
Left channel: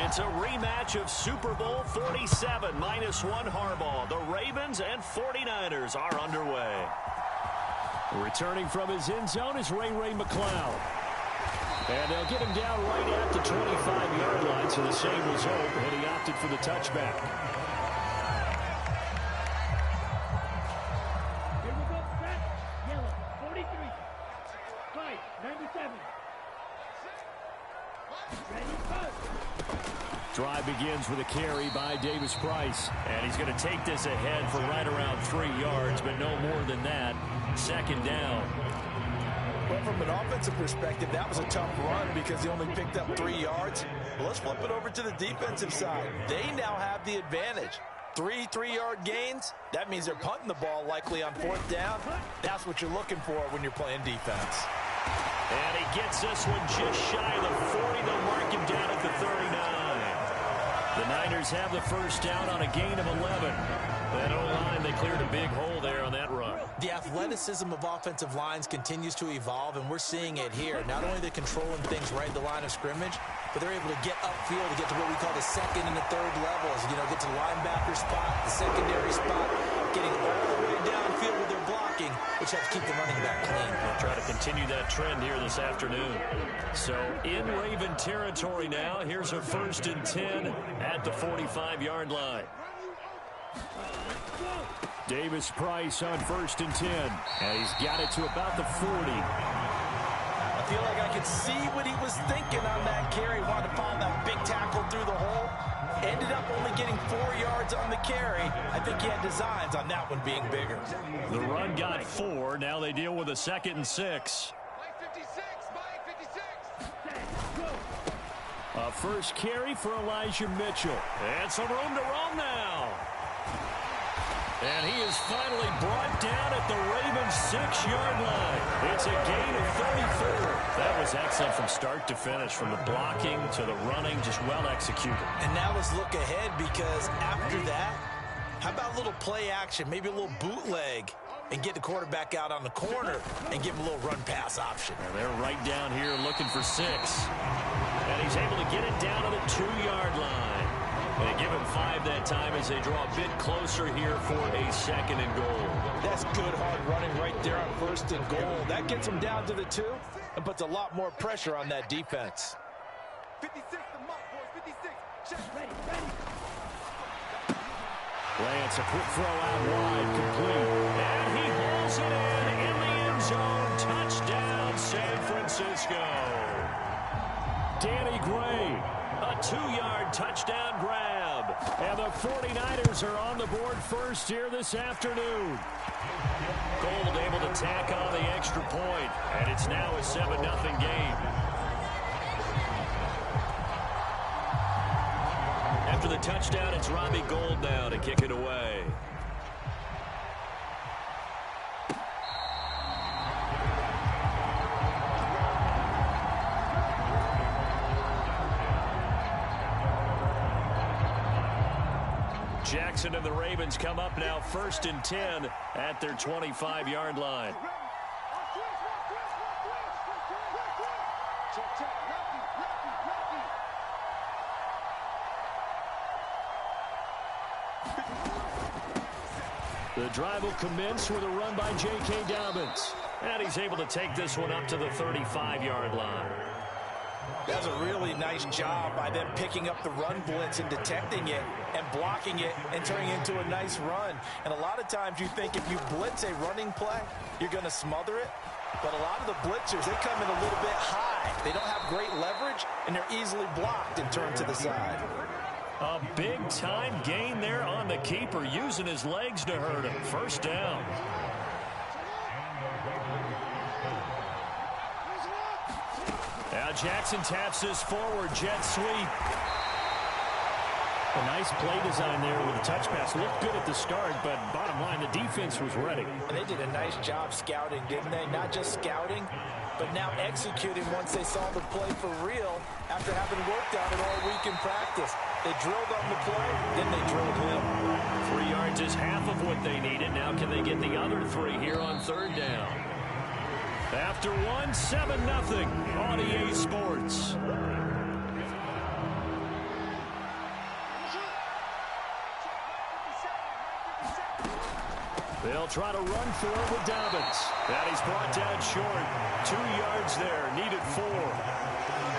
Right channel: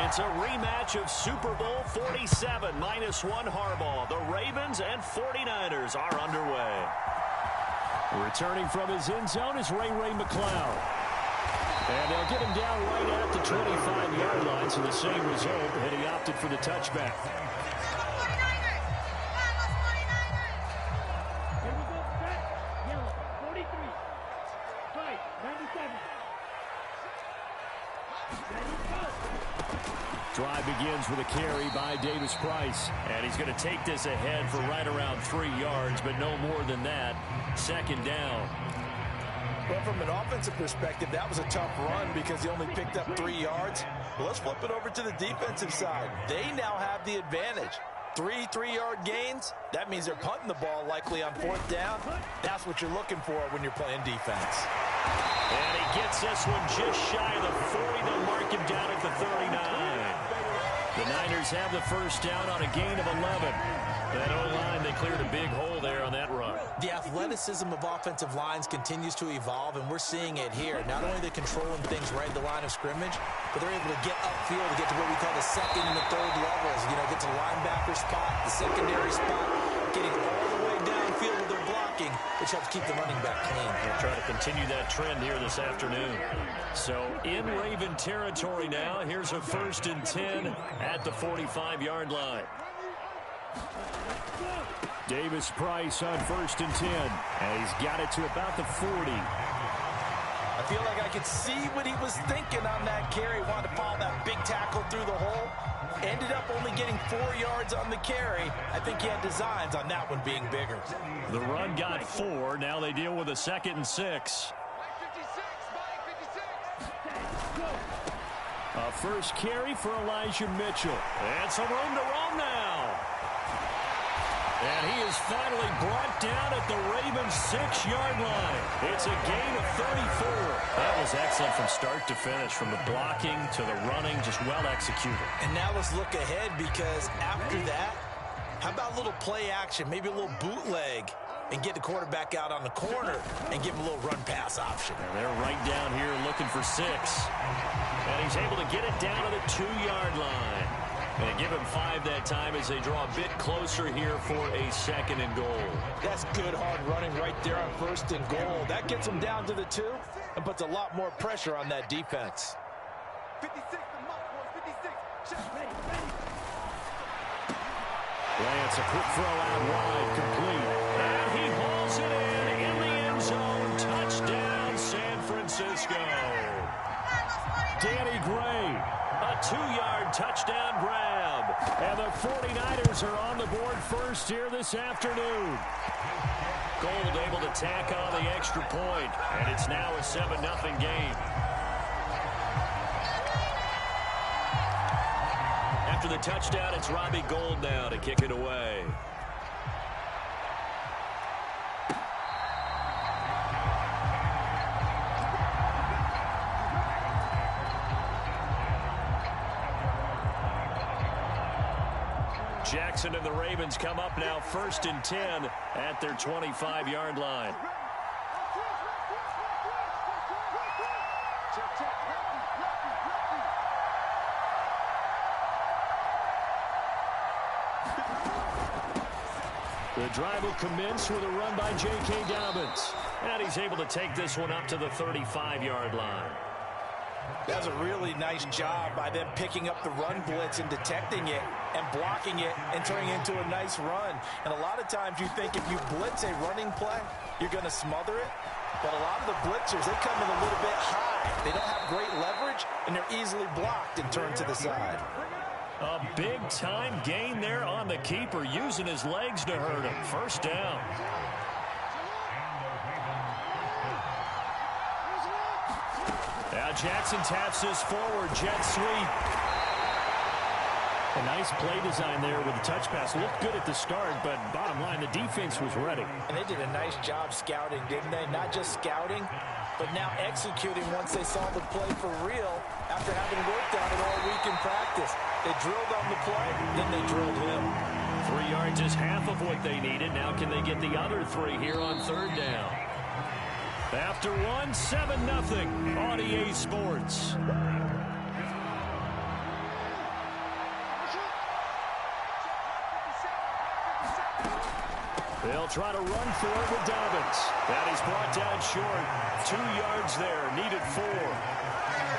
It's a rematch of Super Bowl 47, -1 Harbaugh. The Ravens and 49ers are underway. Returning from his end zone is Ray McCloud. And they'll get him down right at the 25-yard line, so the same result, and he opted for the touchback. Here we go, set, yellow, 43, fight, 97. Ready, go. Drive begins with a carry by Davis Price. And he's going to take this ahead for right around 3 yards, but no more than that. Second down. Well, from an offensive perspective, that was a tough run because he only picked up 3 yards. But let's flip it over to the defensive side. They now have the advantage. 3 3-yard gains, that means they're punting the ball likely on 4th down. That's what you're looking for when you're playing defense. And he gets this one just shy of the 40. They'll mark him down at the 39. The Niners have the first down on a gain of 11. That O-line, they cleared a big hole there on that run. The athleticism of offensive lines continues to evolve, and we're seeing it here. Not only are they controlling things right at the line of scrimmage, but they're able to get upfield to get to what we call the second and the third levels. You know, get to the linebacker spot, the secondary spot, getting all the way downfield with their blocking, which helps keep the running back clean. They'll try to continue that trend here this afternoon. So in Raven territory now, here's a 1st and 10 at the 45-yard line. Davis Price on 1st and 10. And he's got it to about the 40. I feel like I could see what he was thinking on that carry. Wanted to follow that big tackle through the hole. Ended up only getting 4 yards on the carry. I think he had designs on that one being bigger. The run got 4. Now they deal with a 2nd and 6. A first carry for Elijah Mitchell. And some room to roam now. And he is finally brought down at the Ravens' 6-yard line. It's a gain of 34. That was excellent from start to finish, from the blocking to the running, just well executed. And now let's look ahead, because after that, how about a little play action, maybe a little bootleg, and get the quarterback out on the corner and give him a little run-pass option. And they're right down here looking for 6. And he's able to get it down to the 2-yard line. And give him 5 that time as they draw a bit closer here for a 2nd and goal. That's good hard running right there on 1st and goal. That gets them down to the 2 and puts a lot more pressure on that defense. 56, the mark, boys, 56. Check, ready. Lance, a quick throw out wide, complete. And he hauls it in the end zone. Touchdown, San Francisco. Danny Gray. A 2-yard touchdown grab. And the 49ers are on the board first here this afternoon. Gold able to tack on the extra point. And it's now a 7-0 game. After the touchdown, it's Robbie Gould now to kick it away. Jackson and the Ravens come up now 1st and 10 at their 25-yard line. The drive will commence with a run by J.K. Dobbins. And he's able to take this one up to the 35-yard line. That's a really nice job by them picking up the run blitz and detecting it and blocking it and turning it into a nice run. And a lot of times you think if you blitz a running play, you're going to smother it. But a lot of the blitzers, they come in a little bit high. They don't have great leverage, and they're easily blocked and turned to the side. A big-time gain there on the keeper, using his legs to hurt him. First down. Now Jackson taps this forward jet sweep. A nice play design there with the touch pass. Looked good at the start, but bottom line, the defense was ready. And they did a nice job scouting, didn't they? Not just scouting, but now executing once they saw the play for real after having worked on it all week in practice. They drilled on the play, then they drilled him. 3 yards is half of what they needed. Now can they get the other 3 here on third down? After one, 7-0 on EA Sports. They'll try to run for it with Dobbins. And he's brought down short. 2 yards there, needed 4.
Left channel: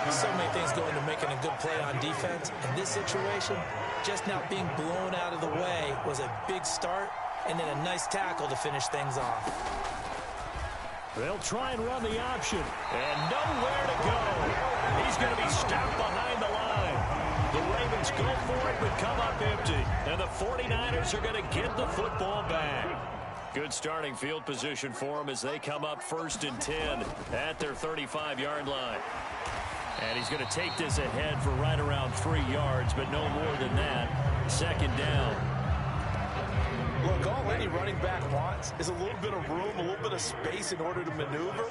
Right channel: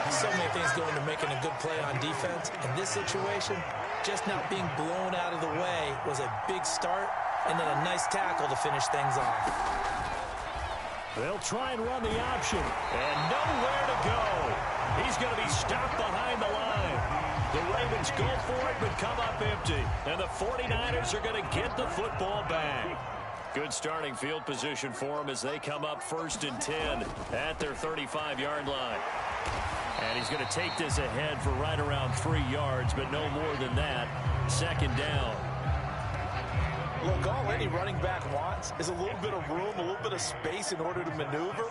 So many things go into making a good play on defense. In this situation, just not being blown out of the way was a big start, and then a nice tackle to finish things off. They'll try and run the option, and nowhere to go. He's going to be stopped behind the line. The Ravens go for it, but come up empty. And the 49ers are going to get the football back. Good starting field position for them as they come up 1st and 10 at their 35-yard line. And he's going to take this ahead for right around 3 yards, but no more than that. 2nd down. Look, all any running back wants is a little bit of room, a little bit of space in order to maneuver.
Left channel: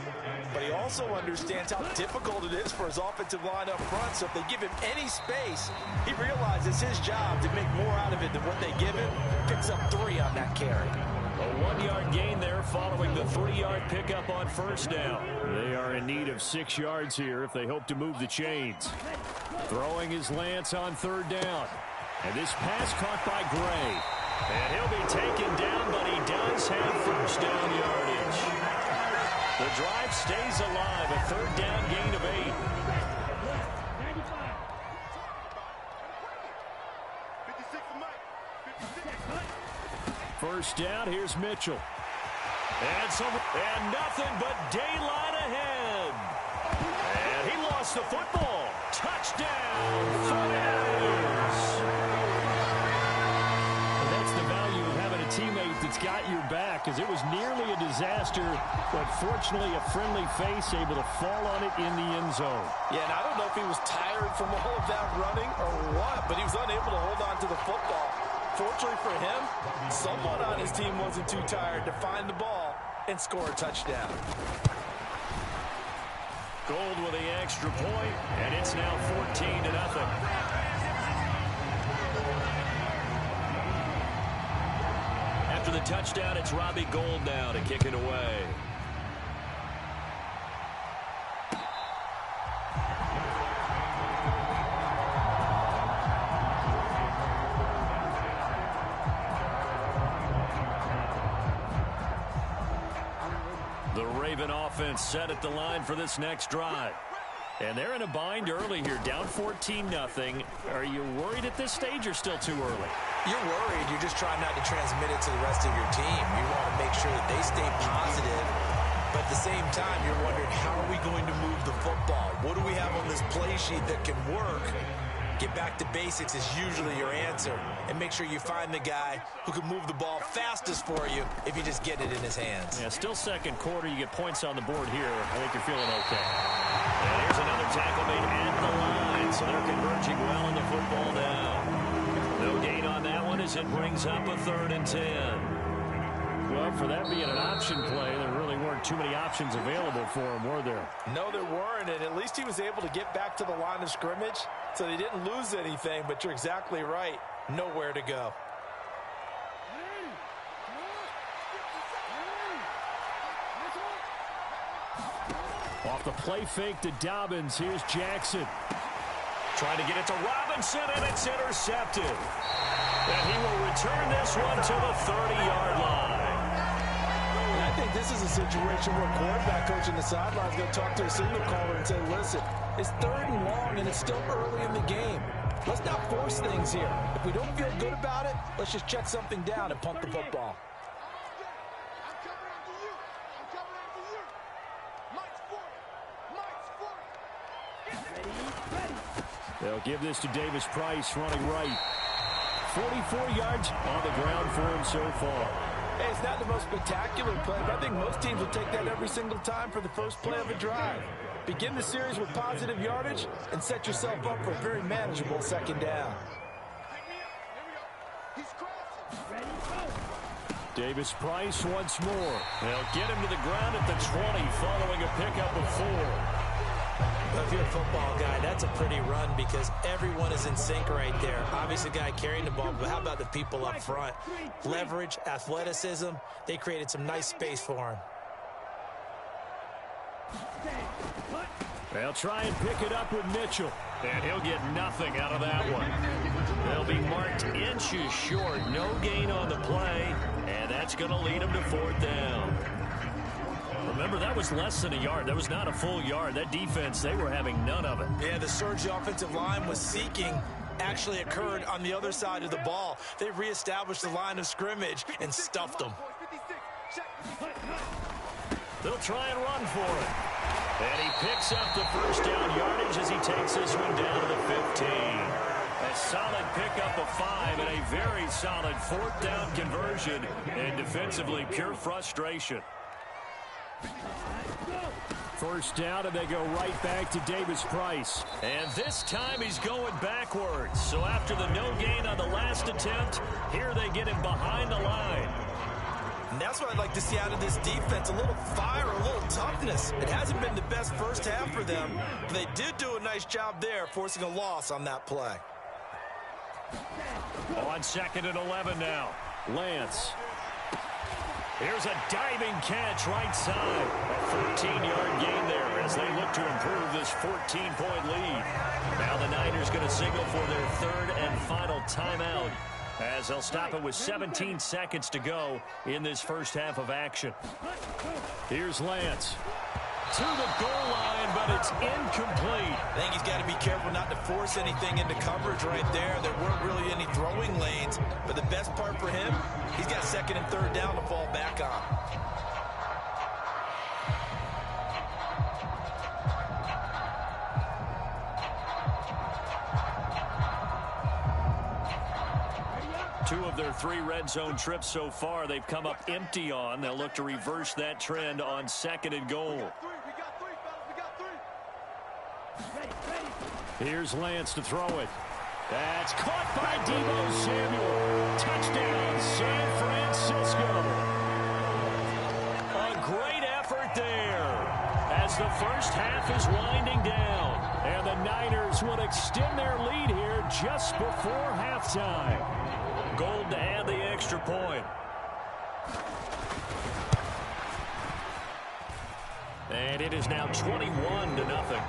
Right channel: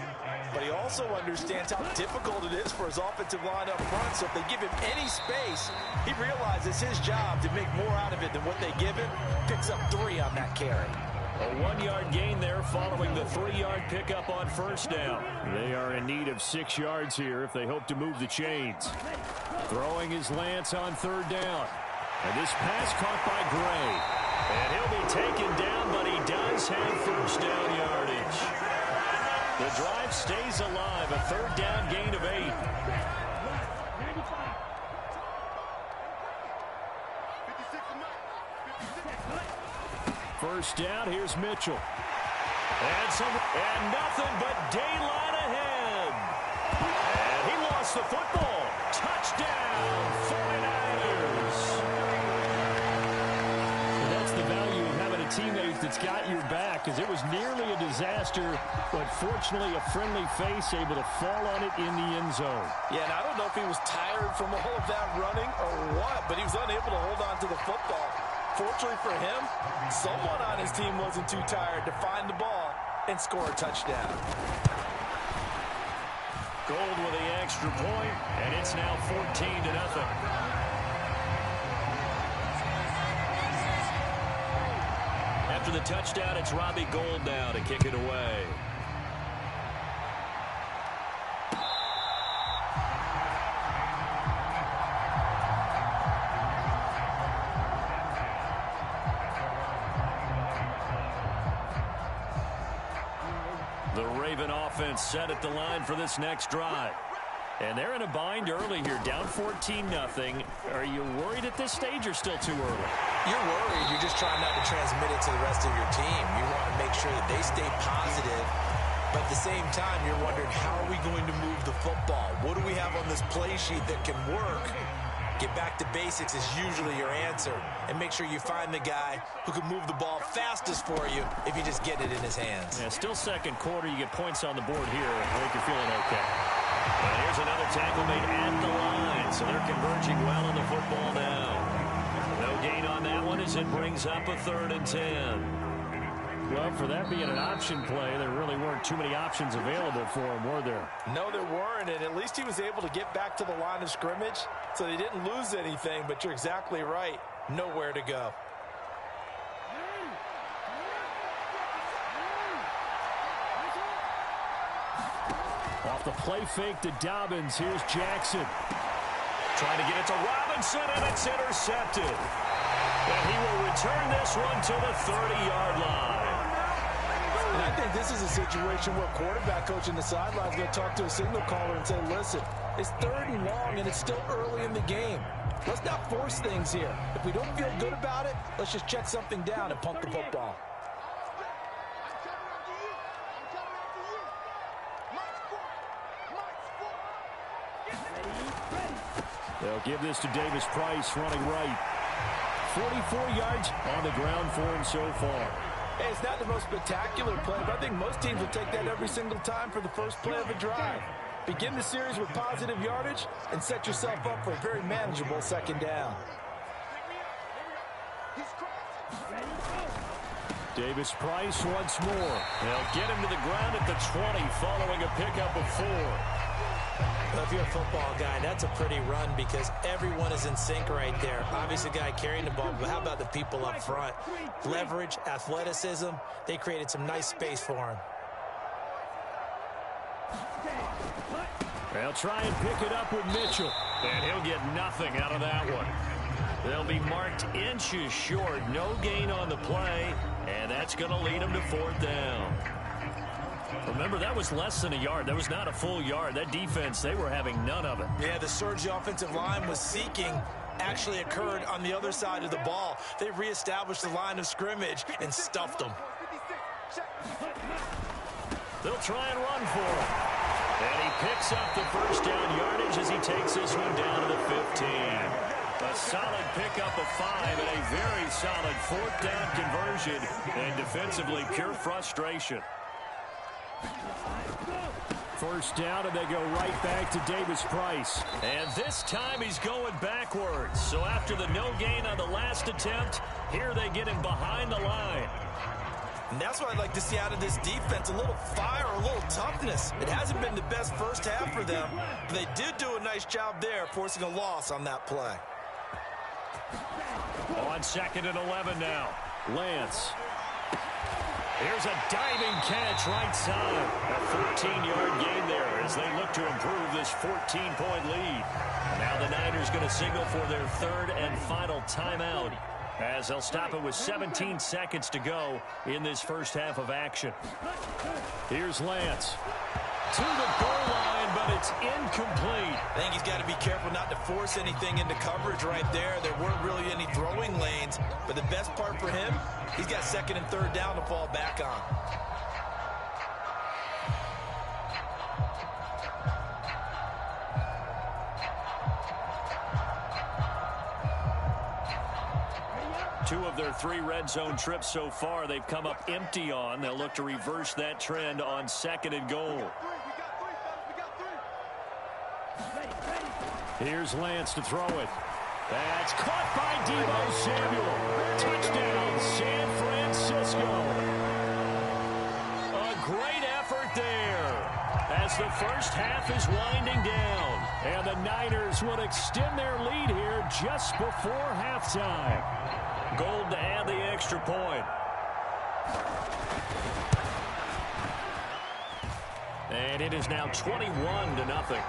But he also understands how difficult it is for his offensive line up front. So if they give him any space, he realizes his job to make more out of it than what they give him. Picks up 3 on that carry. A 1-yard gain there following the 3-yard pickup on 1st down. They are in need of 6 yards here if they hope to move the chains. Throwing his Lance on 3rd down. And this pass caught by Gray. And he'll be taken down, but he does have 1st down yardage. The drive stays alive. A 3rd down gain of 8. 1st down, here's Mitchell. And nothing but daylight ahead. And he lost the football. Touchdown, 49ers. And that's the value of having a teammate that's got your back, because it was nearly a disaster, but fortunately a friendly face able to fall on it in the end zone. Yeah, and I don't know if he was tired from all of that running or what, but he was unable to hold on to the football. Fortunately for him, someone on his team wasn't too tired to find the ball and score a touchdown. Gold with the extra point, and it's now 14-0. After the touchdown, it's Robbie Gould now to kick it away. The Raven offense set at the line for this next drive. And they're in a bind early here, down 14-0. Are you worried at this stage or still too early? You're worried. You're just trying not to transmit it to the rest of your team. You want to make sure that they stay positive. But at the same time, you're wondering, how are we going to move the football? What do we have on this play sheet that can work? Get back to basics is usually your answer. And make sure you find the guy who can move the ball fastest for you if you just get it in his hands. Yeah, still 2nd quarter. You get points on the board here. I think you're feeling okay. And here's another tackle made at the line. So they're converging well on the football now. No gain on that one as it brings up a 3rd and 10. Well, for that being an option play, there really weren't too many options available for him, were there? No, there weren't, and at least he was able to get back to the line of scrimmage, so they didn't lose anything, but you're exactly right. Nowhere to go. Off the play fake to Dobbins, here's Jackson. Trying to get it to Robinson, and it's intercepted. And he will return this one to the 30-yard line. And I think this is a situation where quarterback coach in the sideline is going to talk to a signal caller and say, listen, it's 3rd and long, and it's still early in the game. Let's not force things here. If we don't feel good about it, let's just check something down and punt the football. They'll give this to Davis Price running right. 44 yards on the ground for him so far. Hey, it's not the most spectacular play, but I think most teams will take that every single time for the first play of a drive. Begin the series with positive yardage and set yourself up for a very manageable second down. Ready, go. Davis-Price once more. They'll get him to the ground at the 20 following a pickup of 4. Well, if you're a football guy, that's a pretty run because everyone is in sync right there. Obviously, the guy carrying the ball, but how about the people up front? Leverage, athleticism, they created some nice space for him. They'll try and pick it up with Mitchell. And he'll get nothing out of that one. They'll be marked inches short. No gain on the play, and that's going to lead them to 4th down. Remember, that was less than a yard. That was not a full yard. That defense, they were having none of it. Yeah, the surge the offensive line was seeking actually occurred on the other side of the ball. They reestablished the line of scrimmage and stuffed them. They'll try and run for it. And he picks up the first down yardage as he takes this one down to the 15. A solid pickup of 5 and a very solid 4th down conversion. And defensively, pure frustration. First down, and they go right back to Davis-Price. And this time he's going backwards. So after the no gain on the last attempt, here they get him behind the line. And that's what I'd like to see out of this defense, a little fire, a little toughness. It hasn't been the best first half for them, but they did do a nice job there, forcing a loss on that play. On 2nd and 11 now. Lance. Here's a diving catch right side. A 14-yard gain there as they look to improve this 14-point lead. Now the Niners going to signal for their 3rd and final timeout as they'll stop it with 17 seconds to go in this first half of action. Here's Lance. To the goal line, but it's incomplete. I think he's got to be careful not to force anything into coverage right there. There weren't really any throwing lanes, but the best part for him, he's got 2nd and 3rd down to fall back on. Two of their 3 red zone trips so far, they've come up empty on. They'll look to reverse that trend on 2nd and goal. Here's Lance to throw it. That's caught by Deebo Samuel. Touchdown, San Francisco. A great effort there as the first half is winding down. And the Niners will extend their lead here just before halftime. Gold to add the extra point. And it is now 21-0.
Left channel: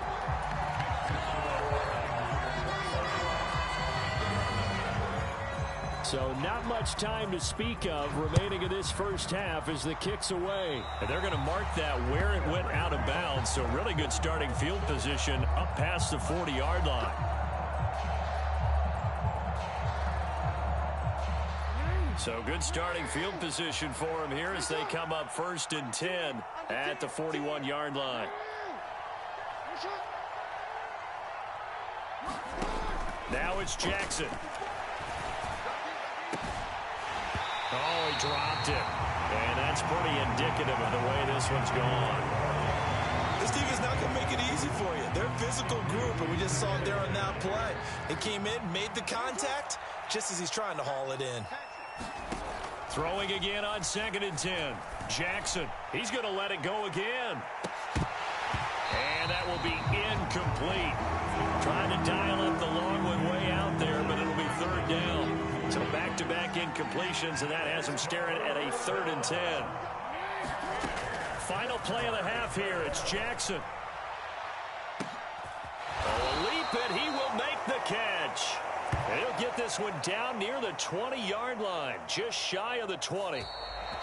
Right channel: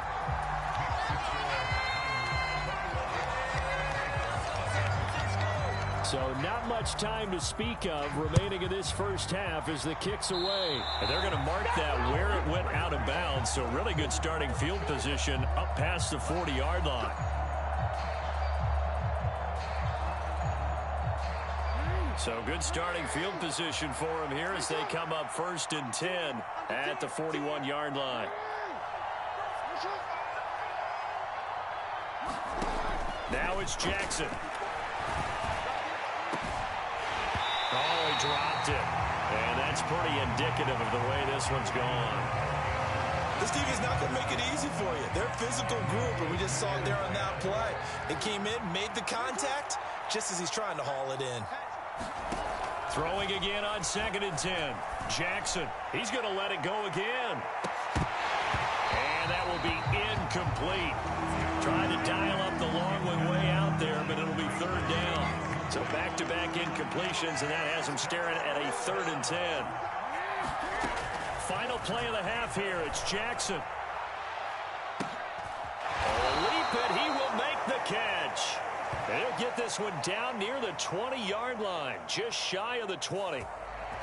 So not much time to speak of remaining in this first half as the kick's away. And they're going to mark that where it went out of bounds. So really good starting field position up past the 40-yard line. So good starting field position for them here as they come up 1st and 10 at the 41-yard line. Now it's Jackson. Oh, he dropped it. And that's pretty indicative of the way this one's gone. This team is not going to make it easy for you. They're a physical group, and we just saw it there on that play. They came in, made the contact, just as he's trying to haul it in. Throwing again on 2nd and 10. Jackson, he's going to let it go again. And that will be incomplete. Trying to dial up the long one way out there, but it'll be 3rd down. So back-to-back incompletions, and that has him staring at a 3rd and 10. Final play of the half here. It's Jackson. Oh, a leap, and he will make the catch. And he'll get this one down near the 20-yard line, just shy of the 20.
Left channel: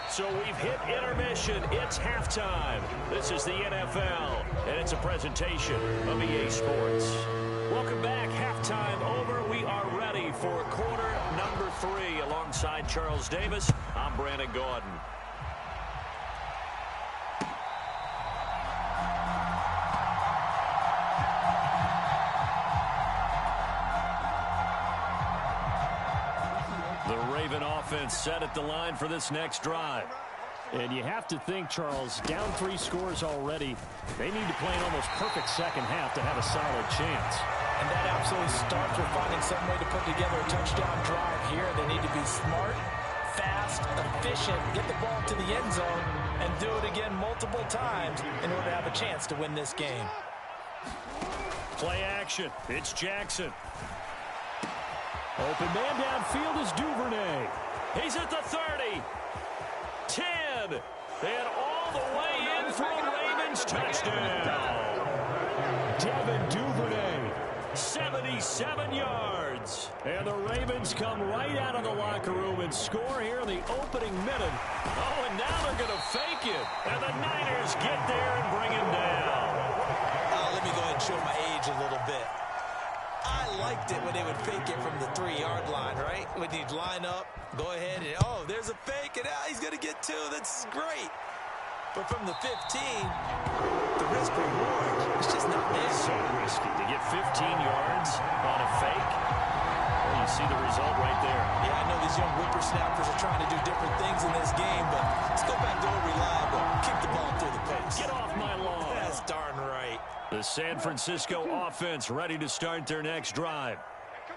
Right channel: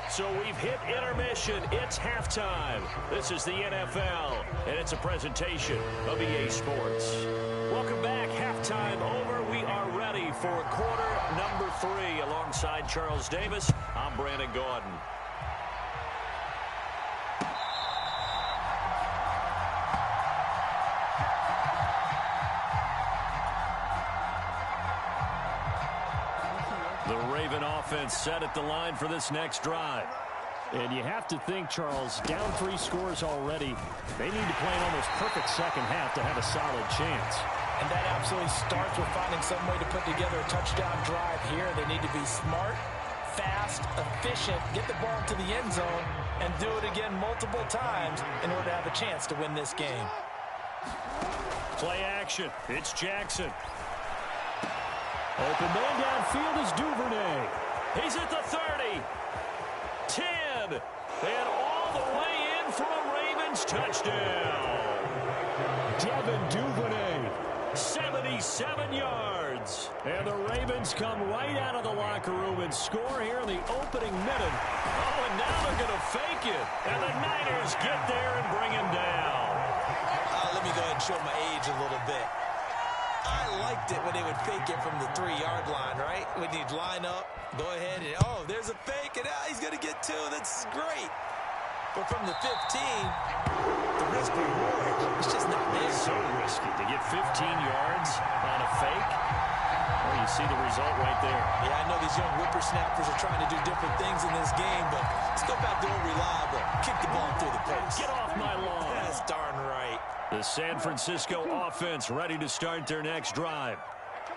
So we've hit intermission. It's halftime. This is the NFL, and it's a presentation of EA Sports. Welcome back. Halftime over. We are ready for quarter number 3. Alongside Charles Davis, I'm Brandon Gaudin. The Raven offense set at the line for this next drive. And you have to think, Charles, down 3 scores already. They need to play an almost perfect second half to have a solid chance. And that absolutely starts with finding some way to put together a touchdown drive here. They need to be smart, fast, efficient, get the ball to the end zone, and do it again multiple times in order to have a chance to win this game. Play action. It's Jackson. Open man downfield is Duvernay. He's at the 30. 10. And all the way in for a Ravens touchdown. Devin Duvernay. 77 yards. And the Ravens come right out of the locker room and score here in the opening minute. Oh, and now they're going to fake it. And the Niners get there and bring him down. Let me go ahead and show my age a little bit. I liked it when they would fake it from the 3-yard line, right? When you'd line up, go ahead and, oh, there's a fake, and he's going to get 2. That's great. But from the 15, the risk reward is just not there. So risky to get 15 yards on a fake. Well, you see the result right there. Yeah, I know these young whippersnappers are trying to do different things in this game, but let's go back to old reliable. Kick the ball through the post. Get off my lawn. That's darn right. The San Francisco offense ready to start their next drive.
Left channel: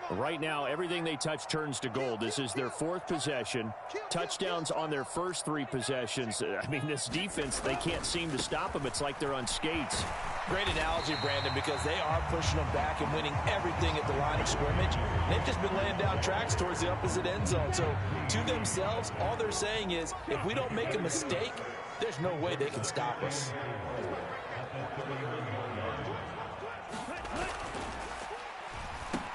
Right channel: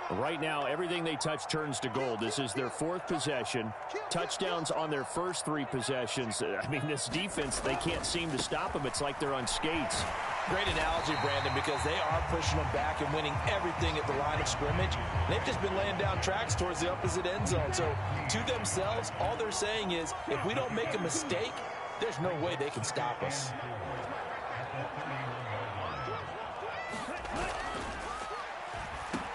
Right now, everything they touch turns to gold. This is their 4th possession. Touchdowns on their first 3 possessions. I mean, this defense, they can't seem to stop them. It's like they're on skates. Great analogy, Brandon, because they are pushing them back and winning everything at the line of scrimmage. They've just been laying down tracks towards the opposite end zone. So, to themselves, all they're saying is, if we don't make a mistake, there's no way they can stop us.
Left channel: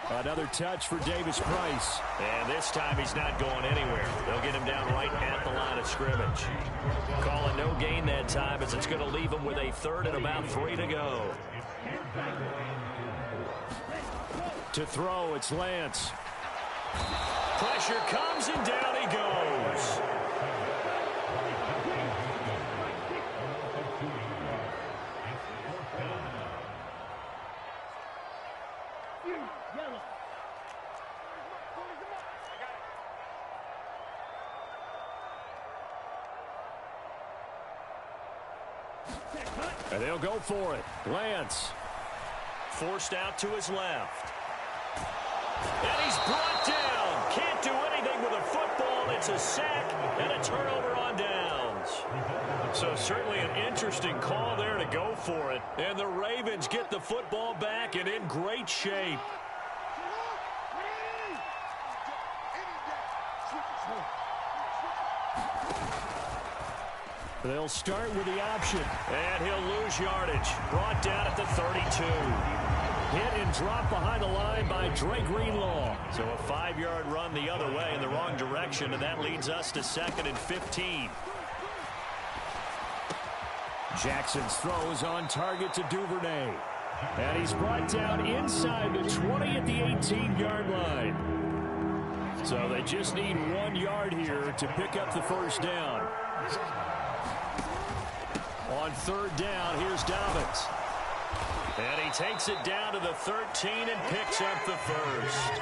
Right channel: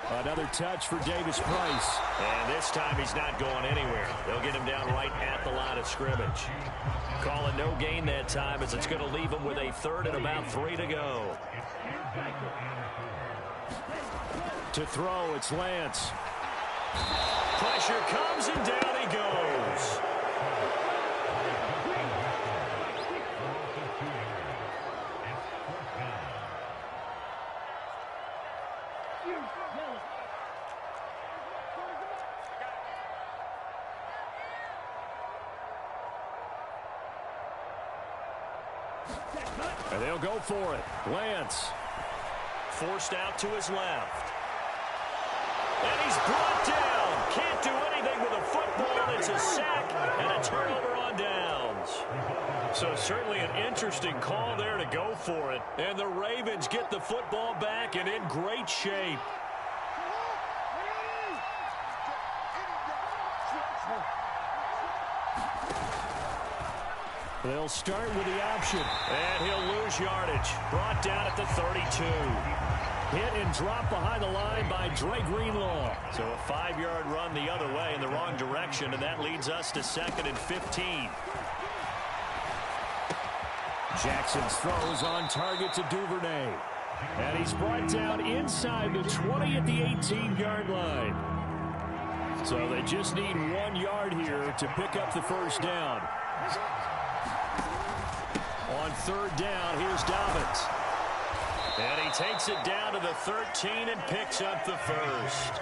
Another touch for Davis Price. And this time he's not going anywhere. They'll get him down right at the line of scrimmage. Call it no gain that time as it's going to leave him with a 3rd and about 3 to go. To throw, it's Lance. Pressure comes and down he goes. And they'll go for it. Lance. Forced out to his left. And he's brought down. Can't do anything with a football. It's a sack and a turnover on downs. So certainly an interesting call there to go for it. And the Ravens get the football back and in great shape. They'll start with the option. And he'll lose yardage. Brought down at the 32. Hit and drop behind the line by Dre Greenlaw. So a 5-yard run the other way in the wrong direction, and that leads us to 2nd and 15. Jackson's throws on target to Duvernay. And he's brought down inside the 20 at the 18-yard line. So they just need 1 yard here to pick up the first down. On 3rd down, here's Dobbins. And he takes it down to the 13 and picks up the first.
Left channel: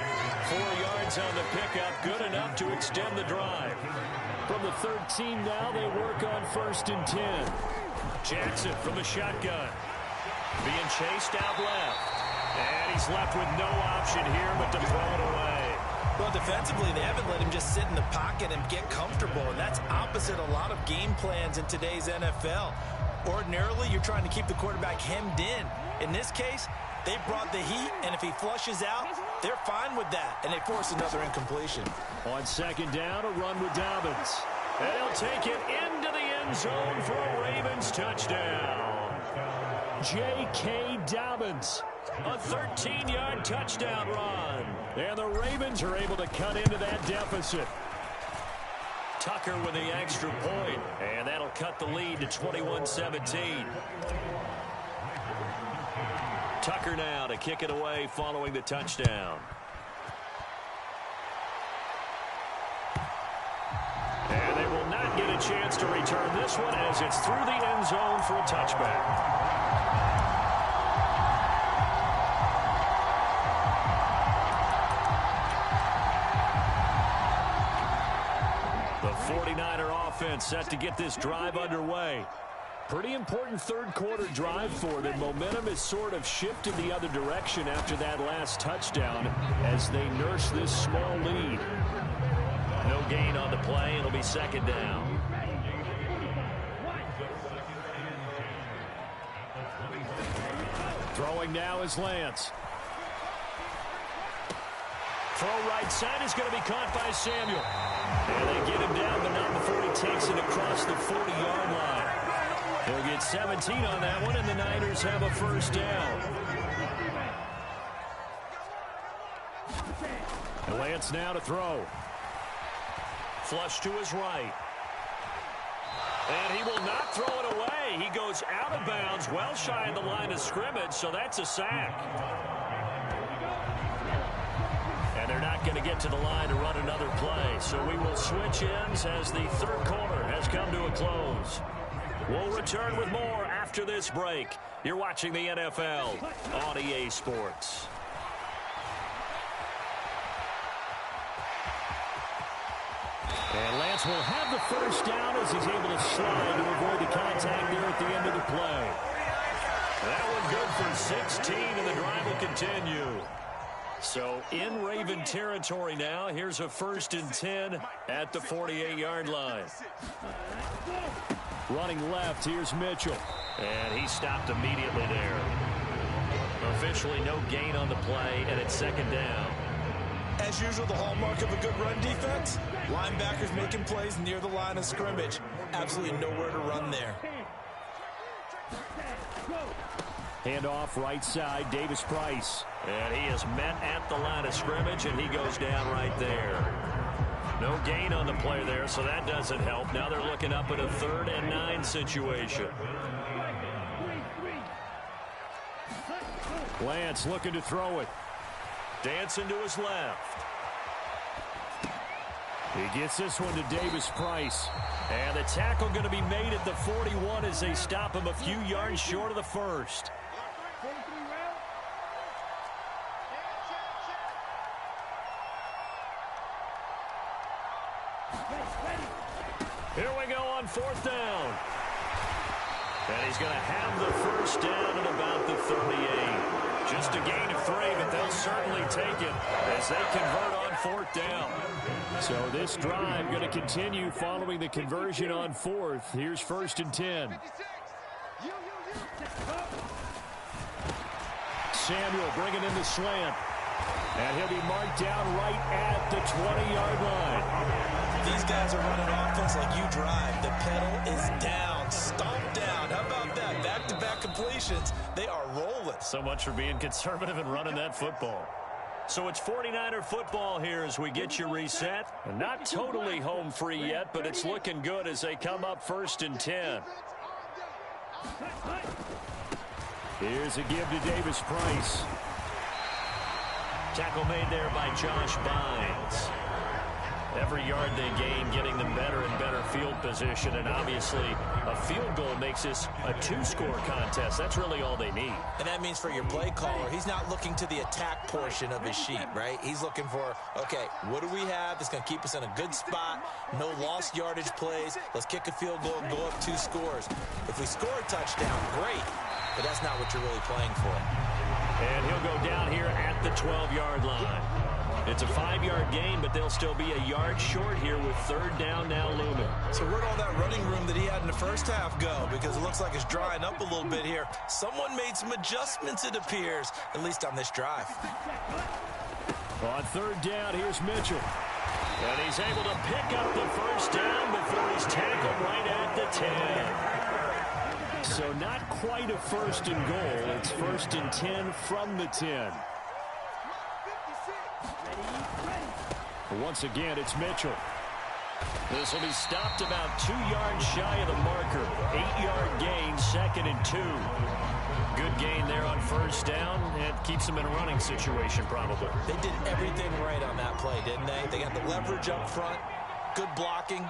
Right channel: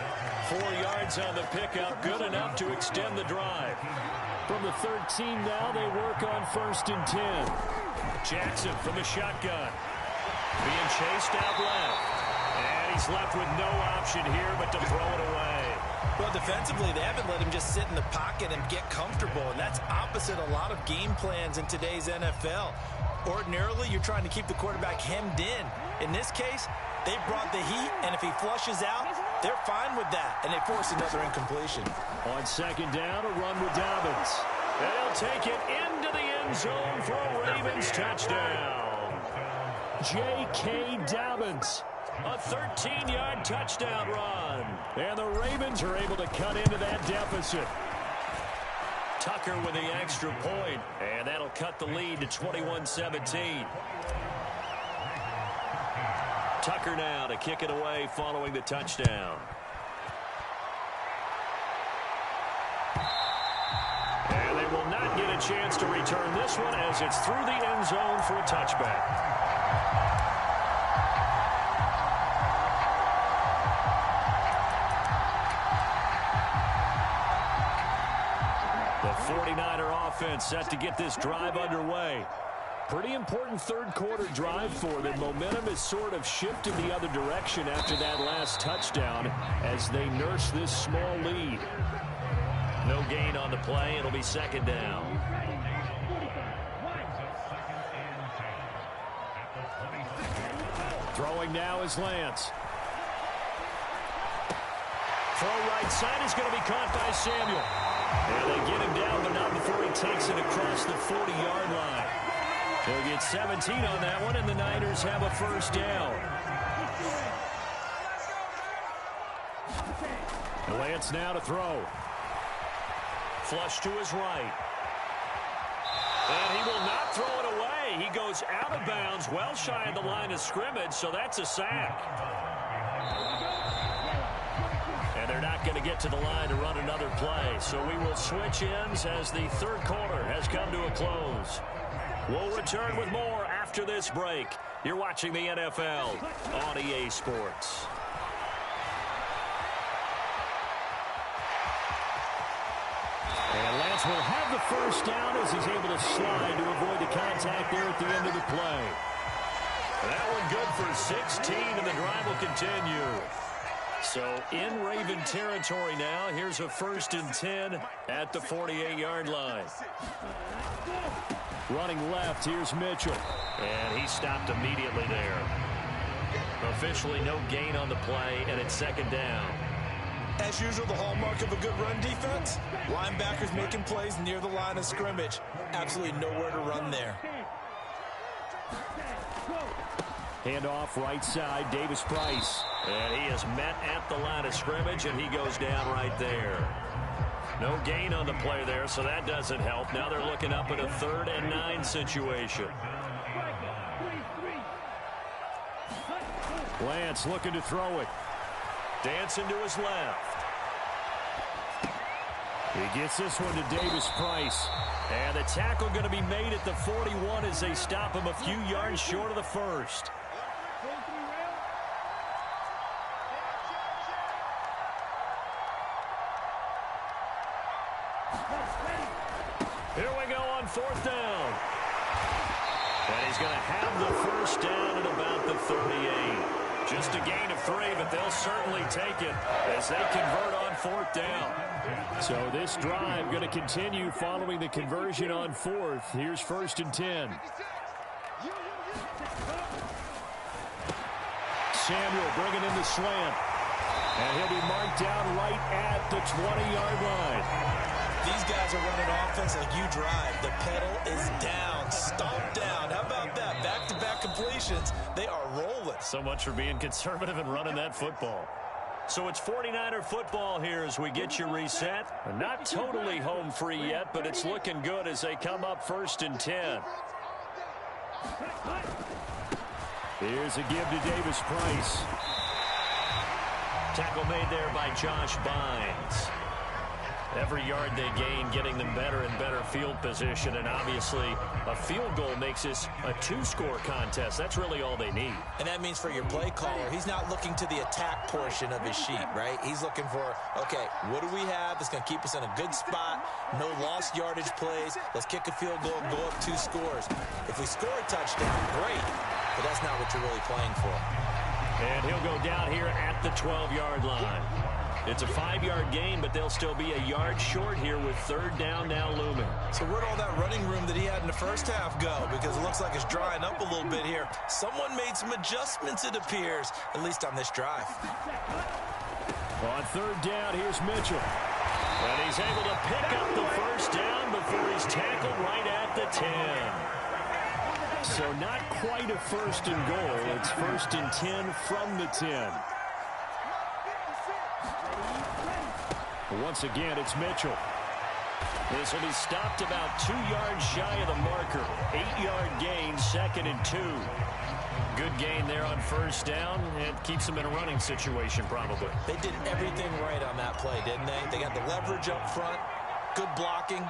4 yards on the pickup, good enough to extend the drive. From the 13 now, they work on 1st and 10. Jackson from the shotgun. Being chased out left. And he's left with no option here but to throw it away. Well, defensively, they haven't let him just sit in the pocket and get comfortable, and that's opposite a lot of game plans in today's NFL. Ordinarily, you're trying to keep the quarterback hemmed in. In this case, they brought the heat, and if he flushes out, they're fine with that, and they force another incompletion. On 2nd down, a run with Dobbins. And he'll take it into the end zone for a Ravens touchdown. J.K. Dobbins. A 13-yard touchdown run. And the Ravens are able to cut into that deficit. Tucker with the extra point, and that'll cut the lead to 21-17. Tucker now to kick it away following the touchdown. And they will not get a chance to return this one as it's through the end zone for a touchback. The 49er offense set to get this drive underway. Pretty important third quarter drive for them. Momentum has sort of shifted the other direction after that last touchdown as they nurse this small lead. No gain on the play. It'll be second down. Throwing now is Lance. Throw right side is going to be caught by Samuel. And they get him down, but not before he takes it across the 40-yard line. He'll get 17 on that one, and the Niners have a first down. And Lance now to throw. Flush to his right. And he will not throw it away. He goes out of bounds, well shy of the line of scrimmage, so that's a sack. And they're not going to get to the line to run another play. So we will switch ends as the third quarter has come to a close. We'll return with more after this break. You're watching the NFL on EA Sports. And Lance will have the first down as he's able to slide to avoid the contact there at the end of the play. That one good for 16, and the drive will continue. So in Raven territory now. Here's a 1st and 10 at the 48-yard line. Running left, here's Mitchell. And he stopped immediately there. Officially no gain on the play, and it's second down. As usual, the hallmark of a good run defense, linebackers making plays near the line of scrimmage. Absolutely nowhere to run there. Handoff right side, Davis Price. And he is met at the line of scrimmage, and he goes down right there. No gain on the play there, so that doesn't help. Now they're looking up at a 3rd and 9 situation. Lance looking to throw it. Dancing to his left. He gets this one to Davis Price. And the tackle going to be made at the 41 as they stop him a few yards short of the first. Here we go on 4th down. And he's going to have the first down at about the 38. Just a gain of 3, but they'll certainly take it as they convert on 4th down. So this drive going to continue following the conversion on 4th. Here's 1st and 10. Samuel bringing in the slant. And he'll be marked down right at the 20-yard line. These guys are running offense like you drive. The pedal is down, stomped down. How about that? Back-to-back completions. They are rolling. So much for being conservative and running that football. So it's 49er football here as we get you reset. Not totally home free yet, but it's looking good as they come up 1st and 10. Here's a give to Davis Price. Tackle made there by Josh Bynes. Every yard they gain, getting them better and better field position. And obviously, a field goal makes this a 2-score contest. That's really all they need. And that means for your play caller, he's not looking to the attack portion of his sheet, right? He's looking for, okay, what do we have that's going to keep us in a good spot? No lost yardage plays. Let's kick a field goal and go up 2 scores. If we score a touchdown, great. But that's not what you're really playing for. And he'll go down here at the 12-yard line. It's a 5-yard gain, but they'll still be a yard short here with 3rd down now looming. So where'd all that running room that he had in the first half go? Because it looks like it's drying up a little bit here. Someone made some adjustments, it appears, at least on this drive. On 3rd down, here's Mitchell. And he's able to pick up the first down before he's tackled right at the 10. So not quite a 1st and goal. It's 1st and 10 from the 10. Once again, it's Mitchell. This will be stopped about 2 yards shy of the marker. 8-yard gain, 2nd and 2. Good gain there on 1st down, and keeps them in a running situation probably. They did everything right on that play, didn't they? They got the leverage up front, good blocking,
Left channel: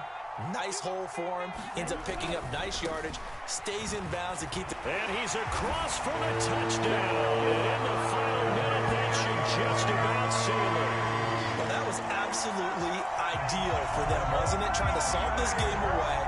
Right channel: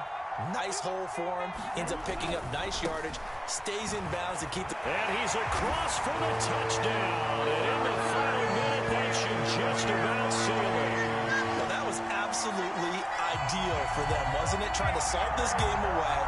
nice hole for him, ends up picking up nice yardage, stays in bounds to keep the... And he's across for the touchdown. And in the final minute, that should just about seal it. Well, that was absolutely absolutely ideal for them, wasn't it? Trying to salt this game away.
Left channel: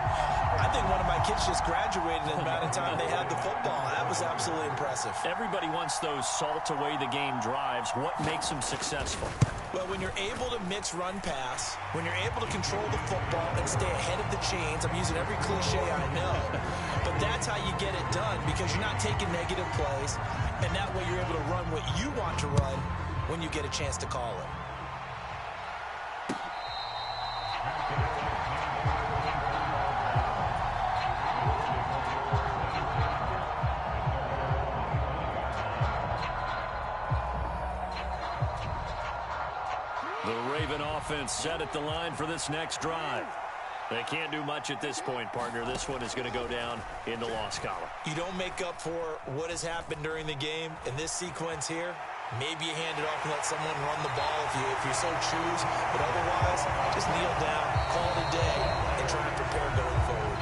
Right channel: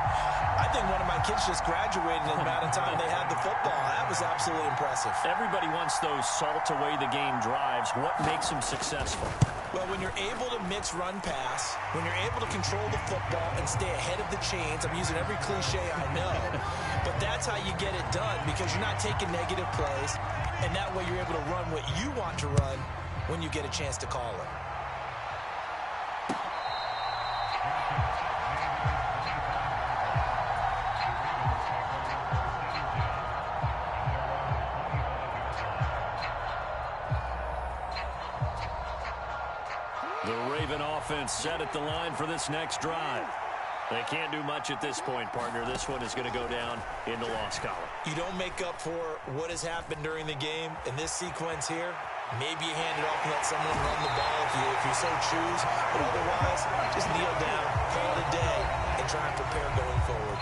I think one of my kids just graduated in the amount of time they had the football. That was absolutely impressive. Everybody wants those salt away the game drives. What makes them successful? Well, when you're able to mix run pass, when you're able to control the football and stay ahead of the chains, I'm using every cliche I know, but that's how you get it done because you're not taking negative plays, and that way you're able to run what you want to run when you get a chance to call it. The Raven offense set at the line for this next drive. They can't do much at this point, partner. This one is going to go down in the loss column. You don't make up for what has happened during the game in this sequence here. Maybe you hand it off and let someone run the ball if you so choose. But otherwise, just kneel down, call it a day, and try and prepare going forward.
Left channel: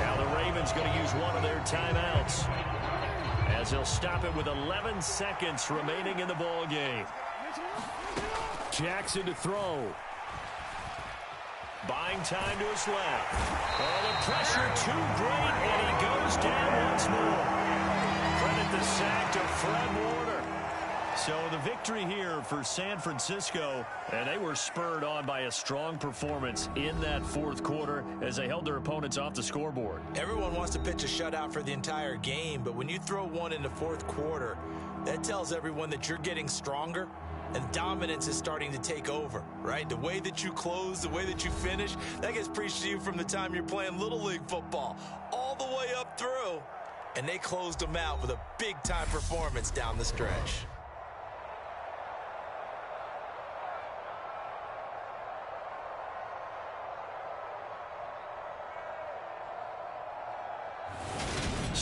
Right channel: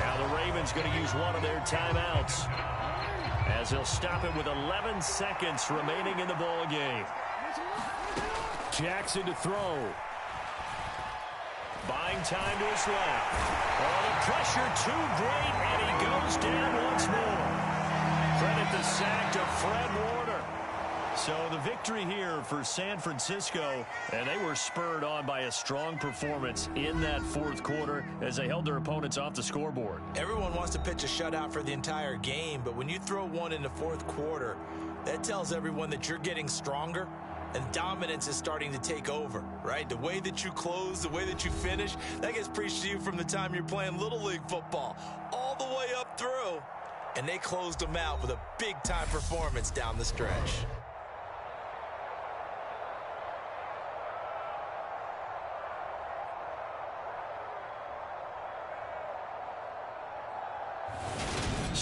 Now the Ravens going to use one of their timeouts as they'll stop it with 11 seconds remaining in the ball game. Jackson to throw. Buying time to his left. Oh, the pressure too great, and he goes down once more. Credit the sack to Fred Warner. So the victory here for San Francisco, and they were spurred on by a strong performance in that fourth quarter as they held their opponents off the scoreboard. Everyone wants to pitch a shutout for the entire game, but when you throw one in the fourth quarter, that tells everyone that you're getting stronger and dominance is starting to take over, right? The way that you close, the way that you finish, that gets preached to you from the time you're playing Little League football all the way up through. And they closed them out with a big-time performance down the stretch.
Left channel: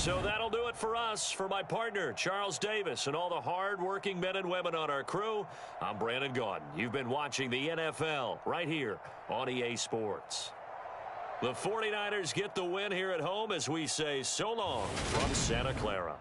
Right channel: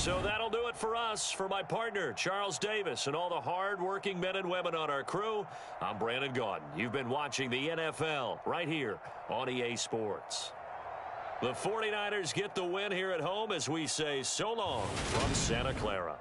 So that'll do it for us. For my partner, Charles Davis, and all the hard-working men and women on our crew, I'm Brandon Gaudin. You've been watching the NFL right here on EA Sports. The 49ers get the win here at home as we say so long from Santa Clara.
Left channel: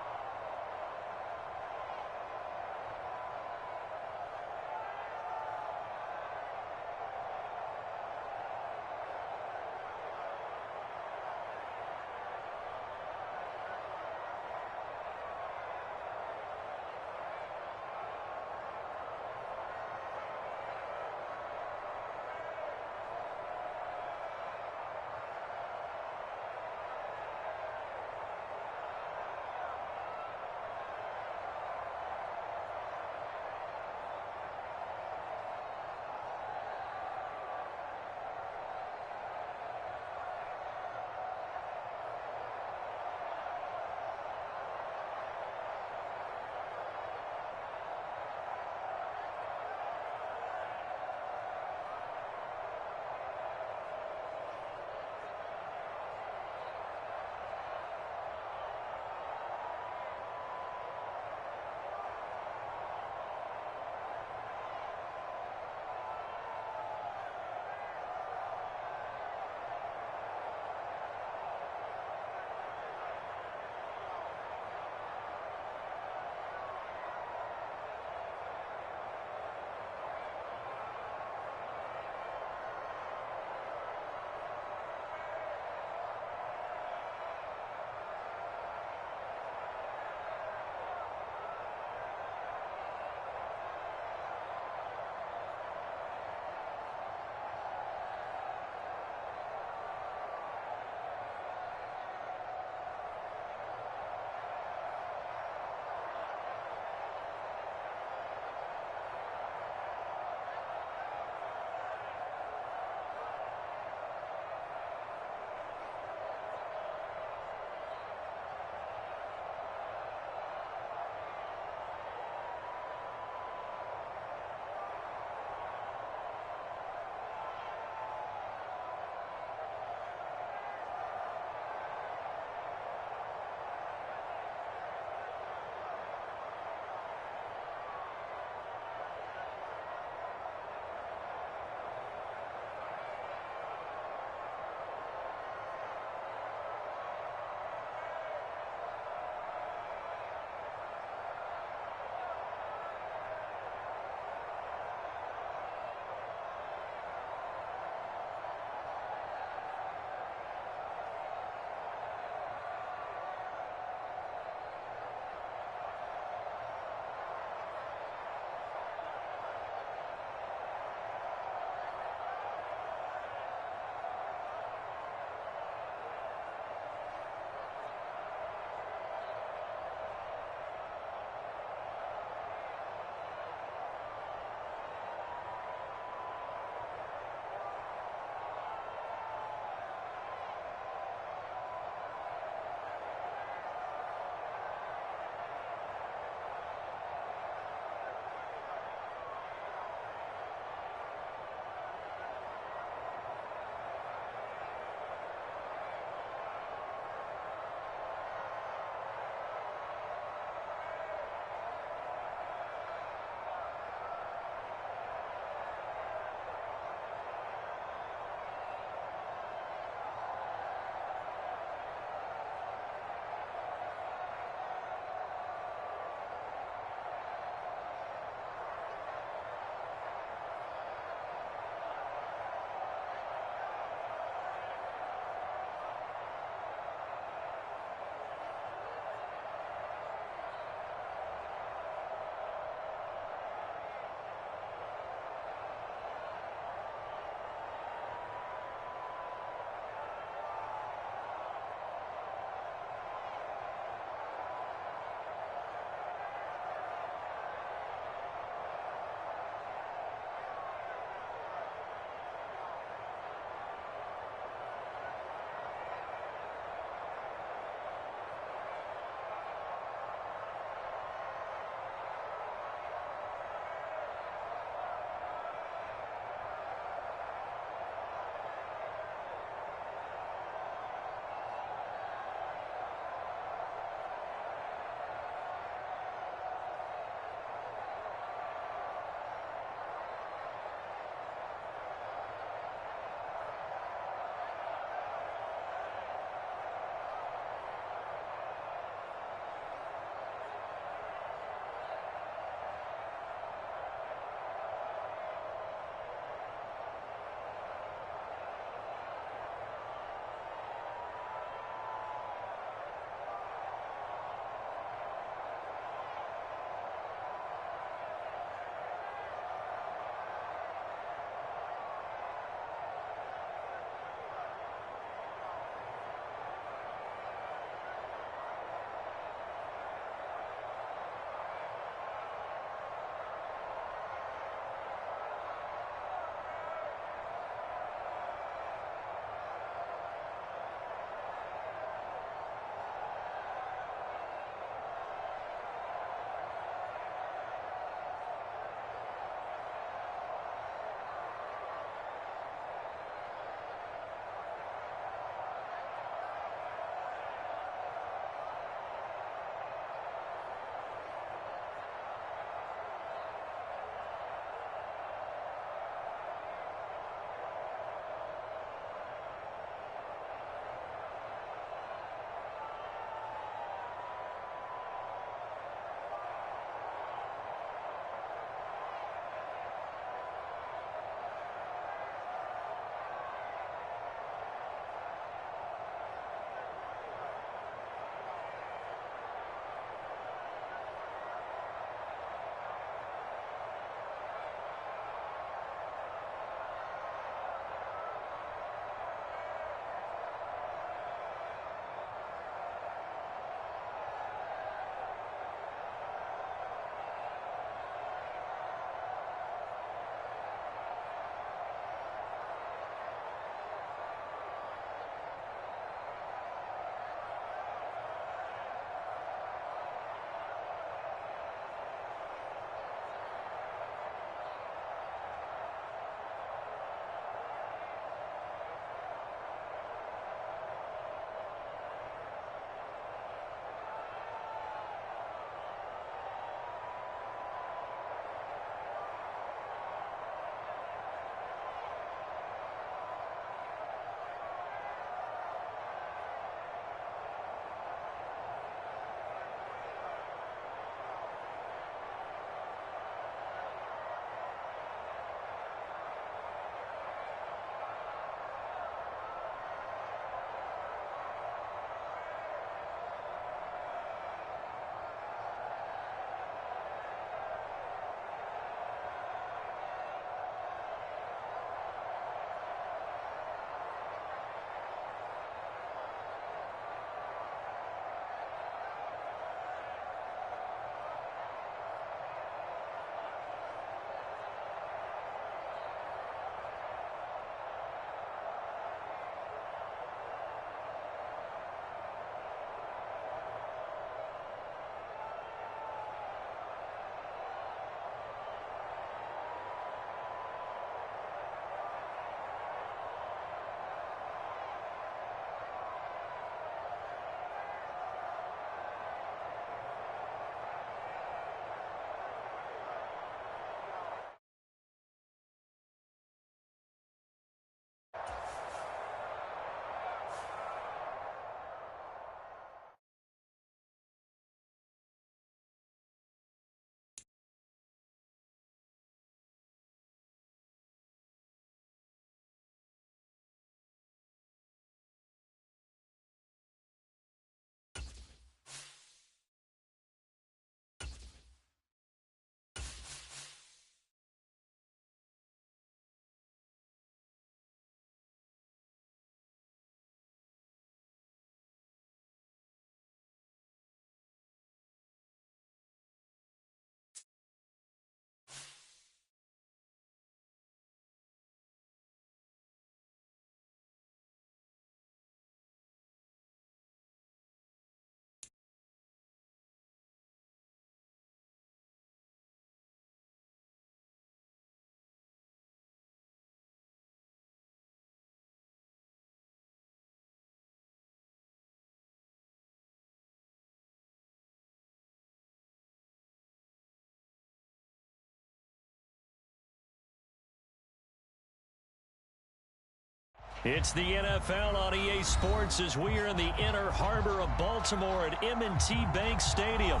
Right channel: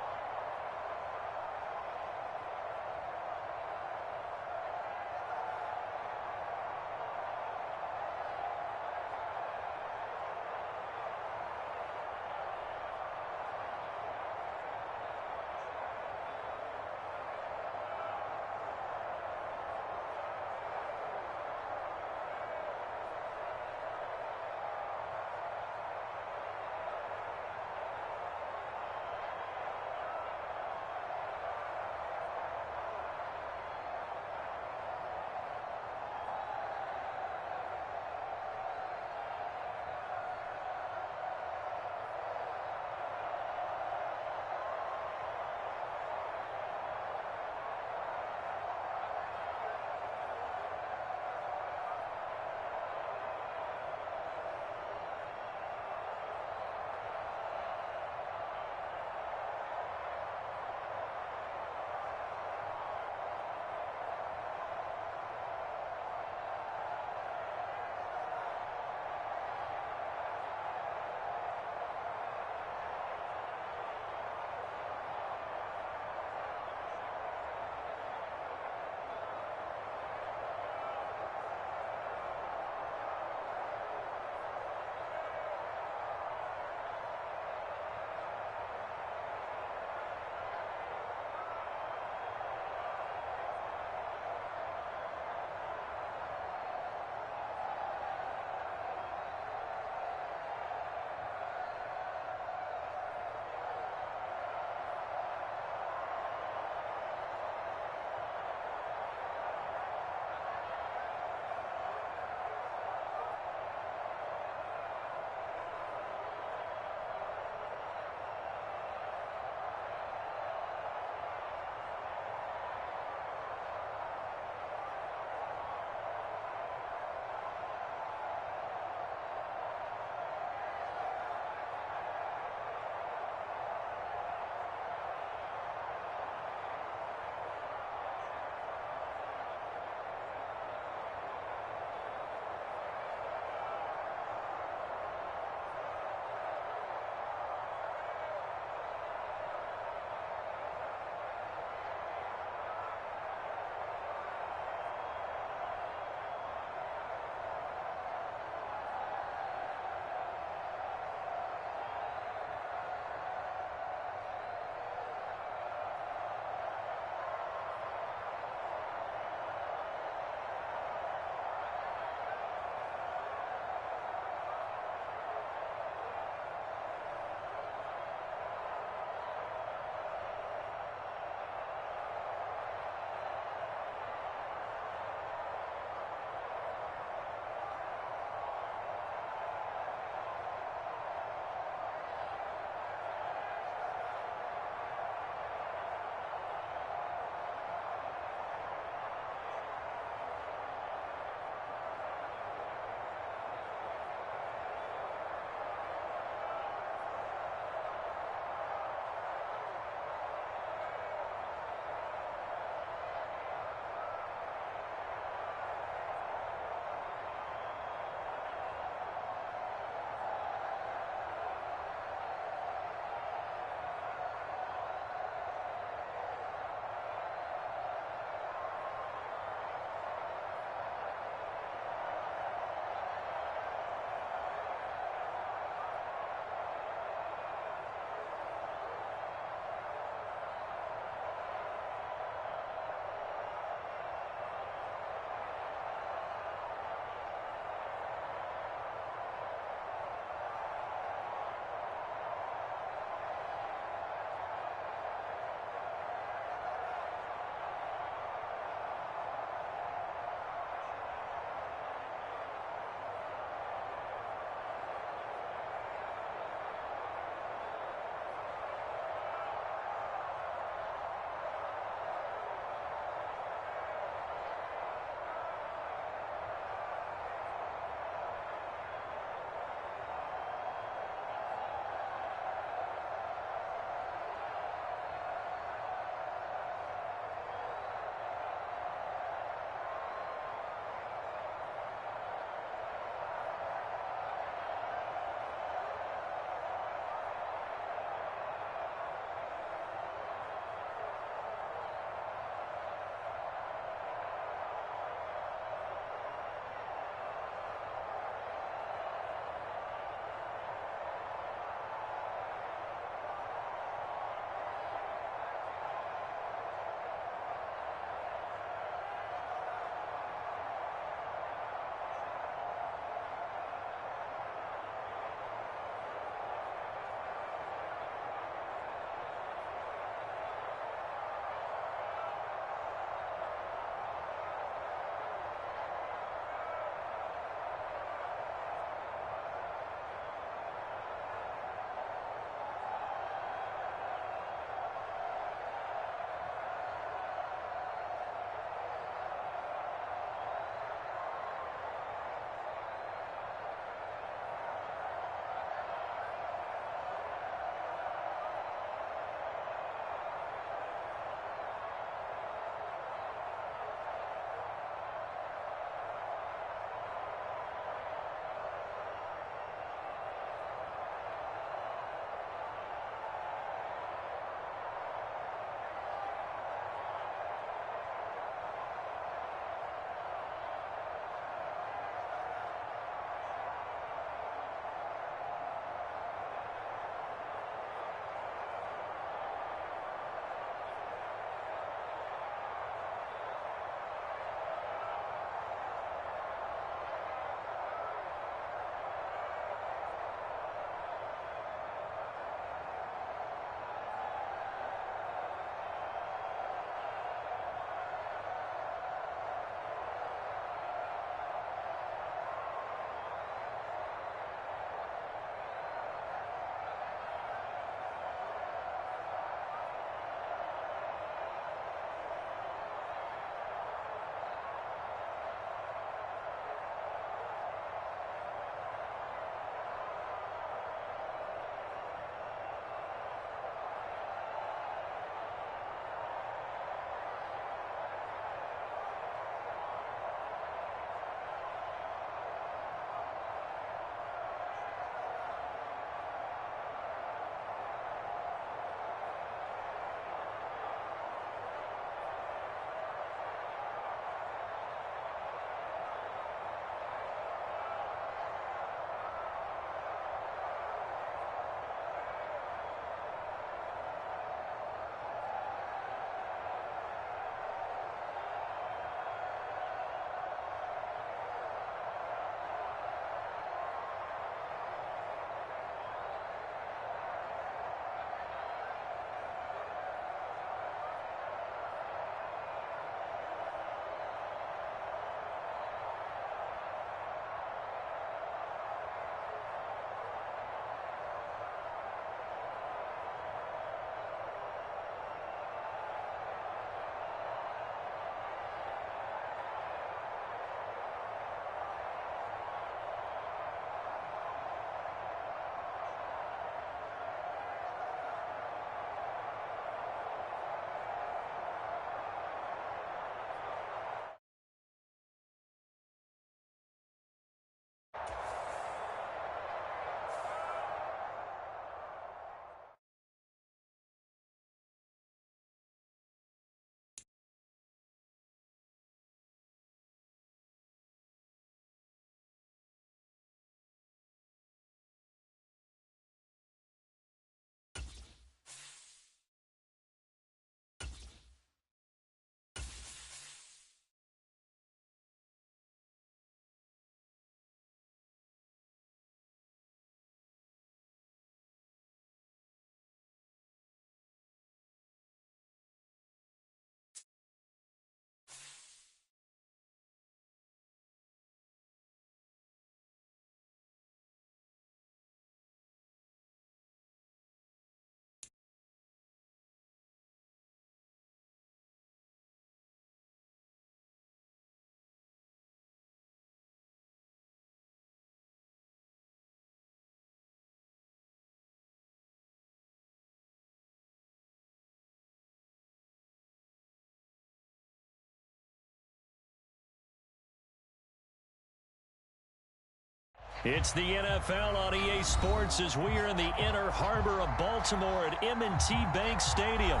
It's the NFL on EA Sports as we are in the inner harbor of Baltimore at M&T Bank Stadium.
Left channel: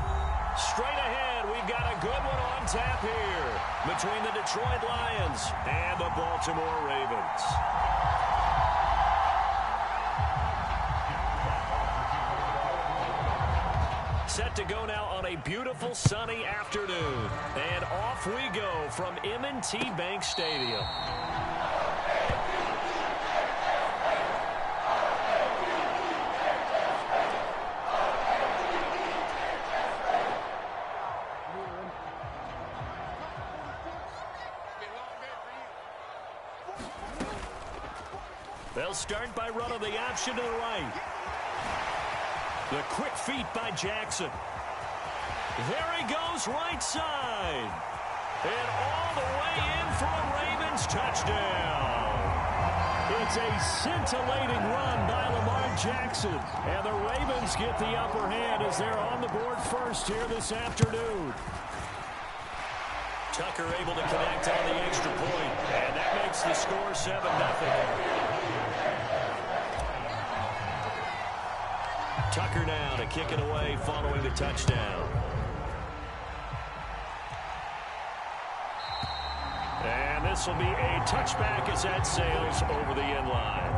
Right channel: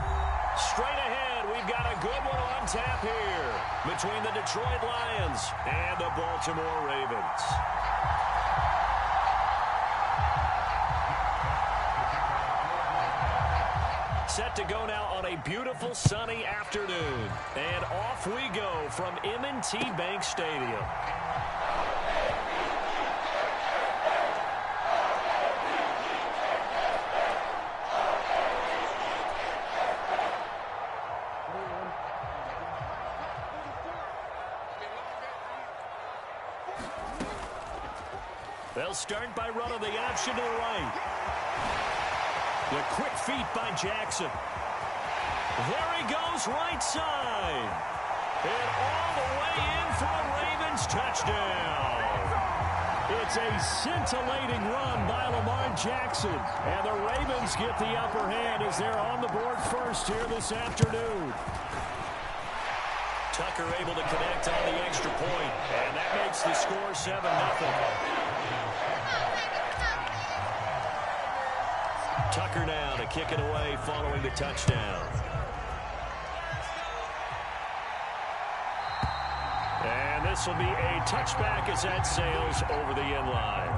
Straight ahead, we've got a good one on tap here between the Detroit Lions and the Baltimore Ravens. Set to go now on a beautiful sunny afternoon. And off we go from M&T Bank Stadium. They'll start by running the option to the right. The quick feet by Jackson. There he goes, right side. And all the way in for a Ravens touchdown. It's a scintillating run by Lamar Jackson. And the Ravens get the upper hand as they're on the board first here this afternoon. Tucker able to connect on the extra point. And that makes the score 7-0. Tucker now to kick it away following the touchdown. And this will be a touchback as that sails over the end line.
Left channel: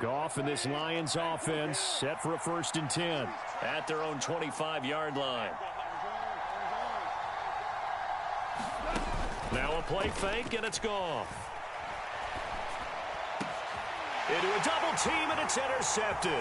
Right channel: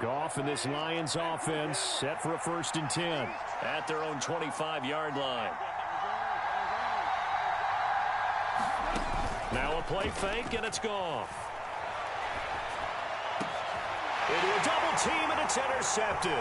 Goff and this Lions offense set for a 1st and 10 at their own 25-yard line. Now a play fake, and it's Goff. Into a double team, and it's intercepted.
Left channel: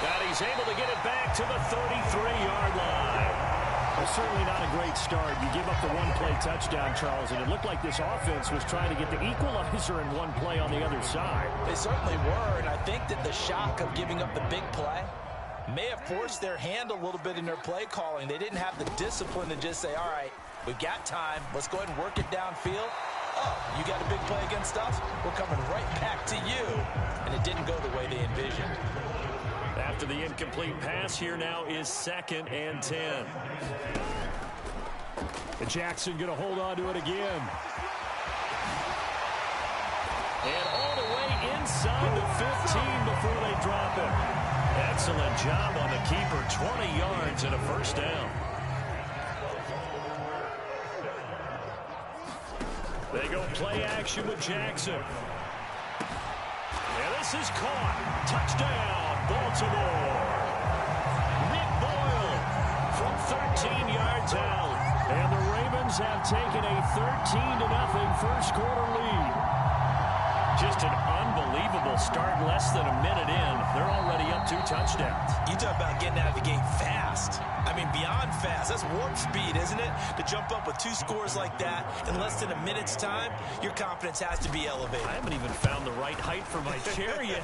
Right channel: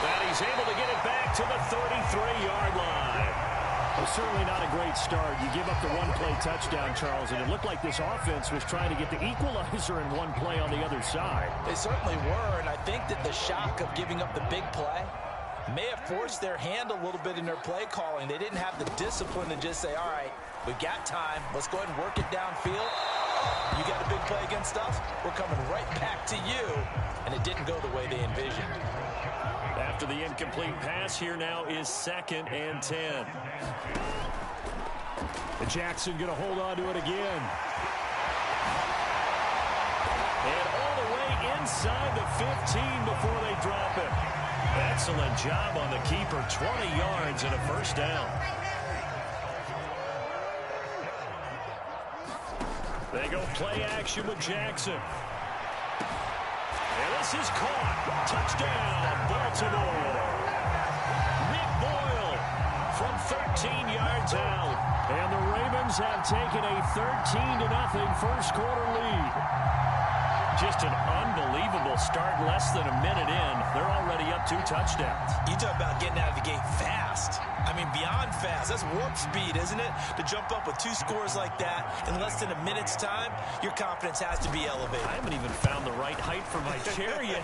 And he's able to get it back to the 33-yard line. Well, certainly not a great start. You give up the one-play touchdown, Charles, and it looked like this offense was trying to get the equalizer in one play on the other side. They certainly were, and I think that the shock of giving up the big play may have forced their hand a little bit in their play calling. They didn't have the discipline to just say, all right, we've got time. Let's go ahead and work it downfield. Oh, you got a big play against us? We're coming right back to you. And it didn't go the way they envisioned. After the incomplete pass, here now is 2nd and 10. And Jackson going to hold on to it again. And all the way inside the 15 before they drop it. Excellent job on the keeper. 20 yards and a 1st down. They go play action with Jackson. And this is caught. Touchdown, Baltimore. Nick Boyle from 13 yards out. And the Ravens have taken a 13-0 first quarter lead. Just an unbelievable start. Less than a minute in, they're already up 2 touchdowns. You talk about getting out of the gate fast. I mean, beyond fast. That's warp speed, isn't it? To jump up with 2 scores like that in less than a minute's time, your confidence has to be elevated. I haven't even found the right height for my chair yet.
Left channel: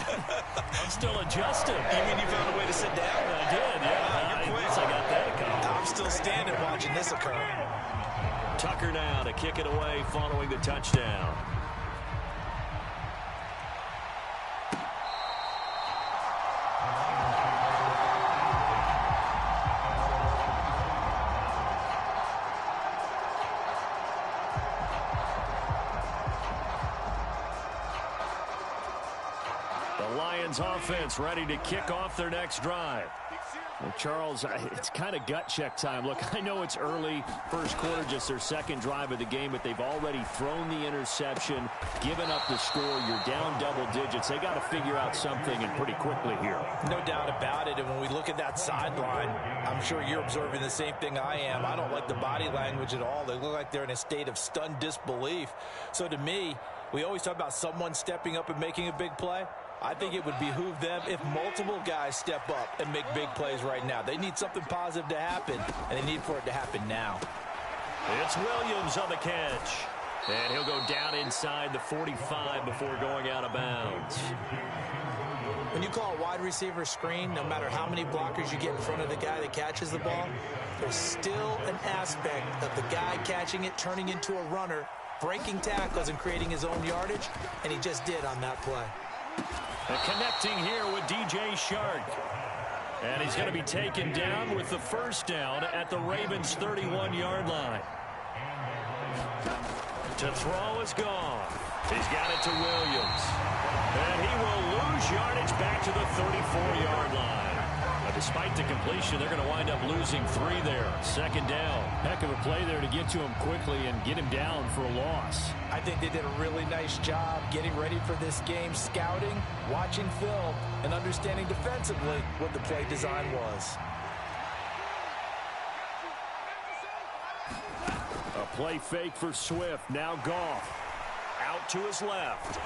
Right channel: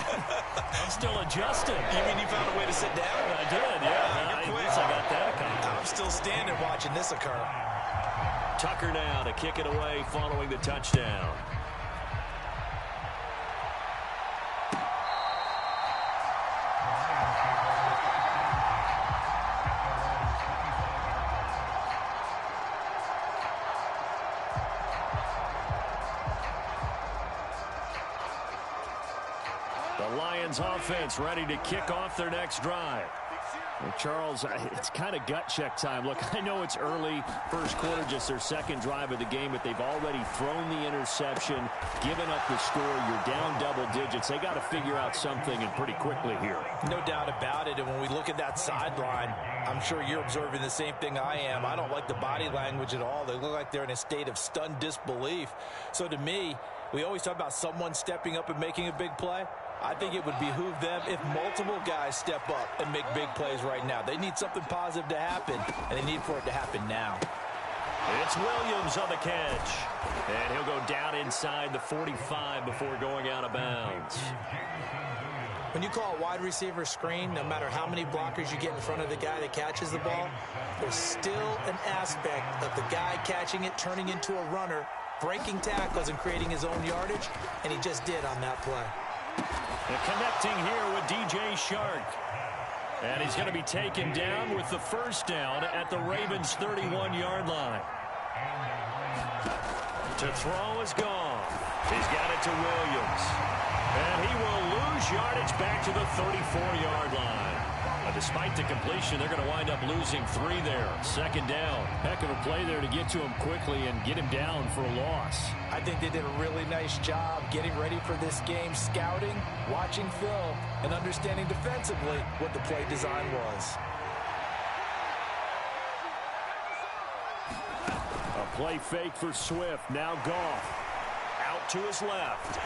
I'm still adjusting. You mean you found a way to sit down? I did, yeah. You're quick. At least I got that accomplished. I'm still standing watching this occur. Tucker now to kick it away following the touchdown. The Lions offense ready to kick off their next drive. Well, Charles, it's kind of gut check time. Look, I know it's early, first quarter, just their 2nd drive of the game, but they've already thrown the interception, given up the score. You're down double digits. They got to figure out something, and pretty quickly here. No doubt about it, and when we look at that sideline, I'm sure you're observing the same thing I am. I don't like the body language at all. They look like they're in a state of stunned disbelief. So to me, we always talk about someone stepping up and making a big play. I think it would behoove them if multiple guys step up and make big plays right now. They need something positive to happen, and they need for it to happen now. It's Williams on the catch. And he'll go down inside the 45 before going out of bounds. When you call a wide receiver screen, no matter how many blockers you get in front of the guy that catches the ball, there's still an aspect of the guy catching it, turning into a runner, breaking tackles and creating his own yardage, and he just did on that play. And connecting here with DJ Shark. And he's going to be taken down with the first down at the Ravens' 31-yard line. To throw is gone. He's got it to Williams. And he will lose yardage back to the 34-yard line. Despite the completion, they're going to wind up losing 3 there. Second down. Heck of a play there to get to him quickly and get him down for a loss. I think they did a really nice job getting ready for this game, scouting, watching film, and understanding defensively what the play design was. A play fake for Swift. Now Goff. Out to his left.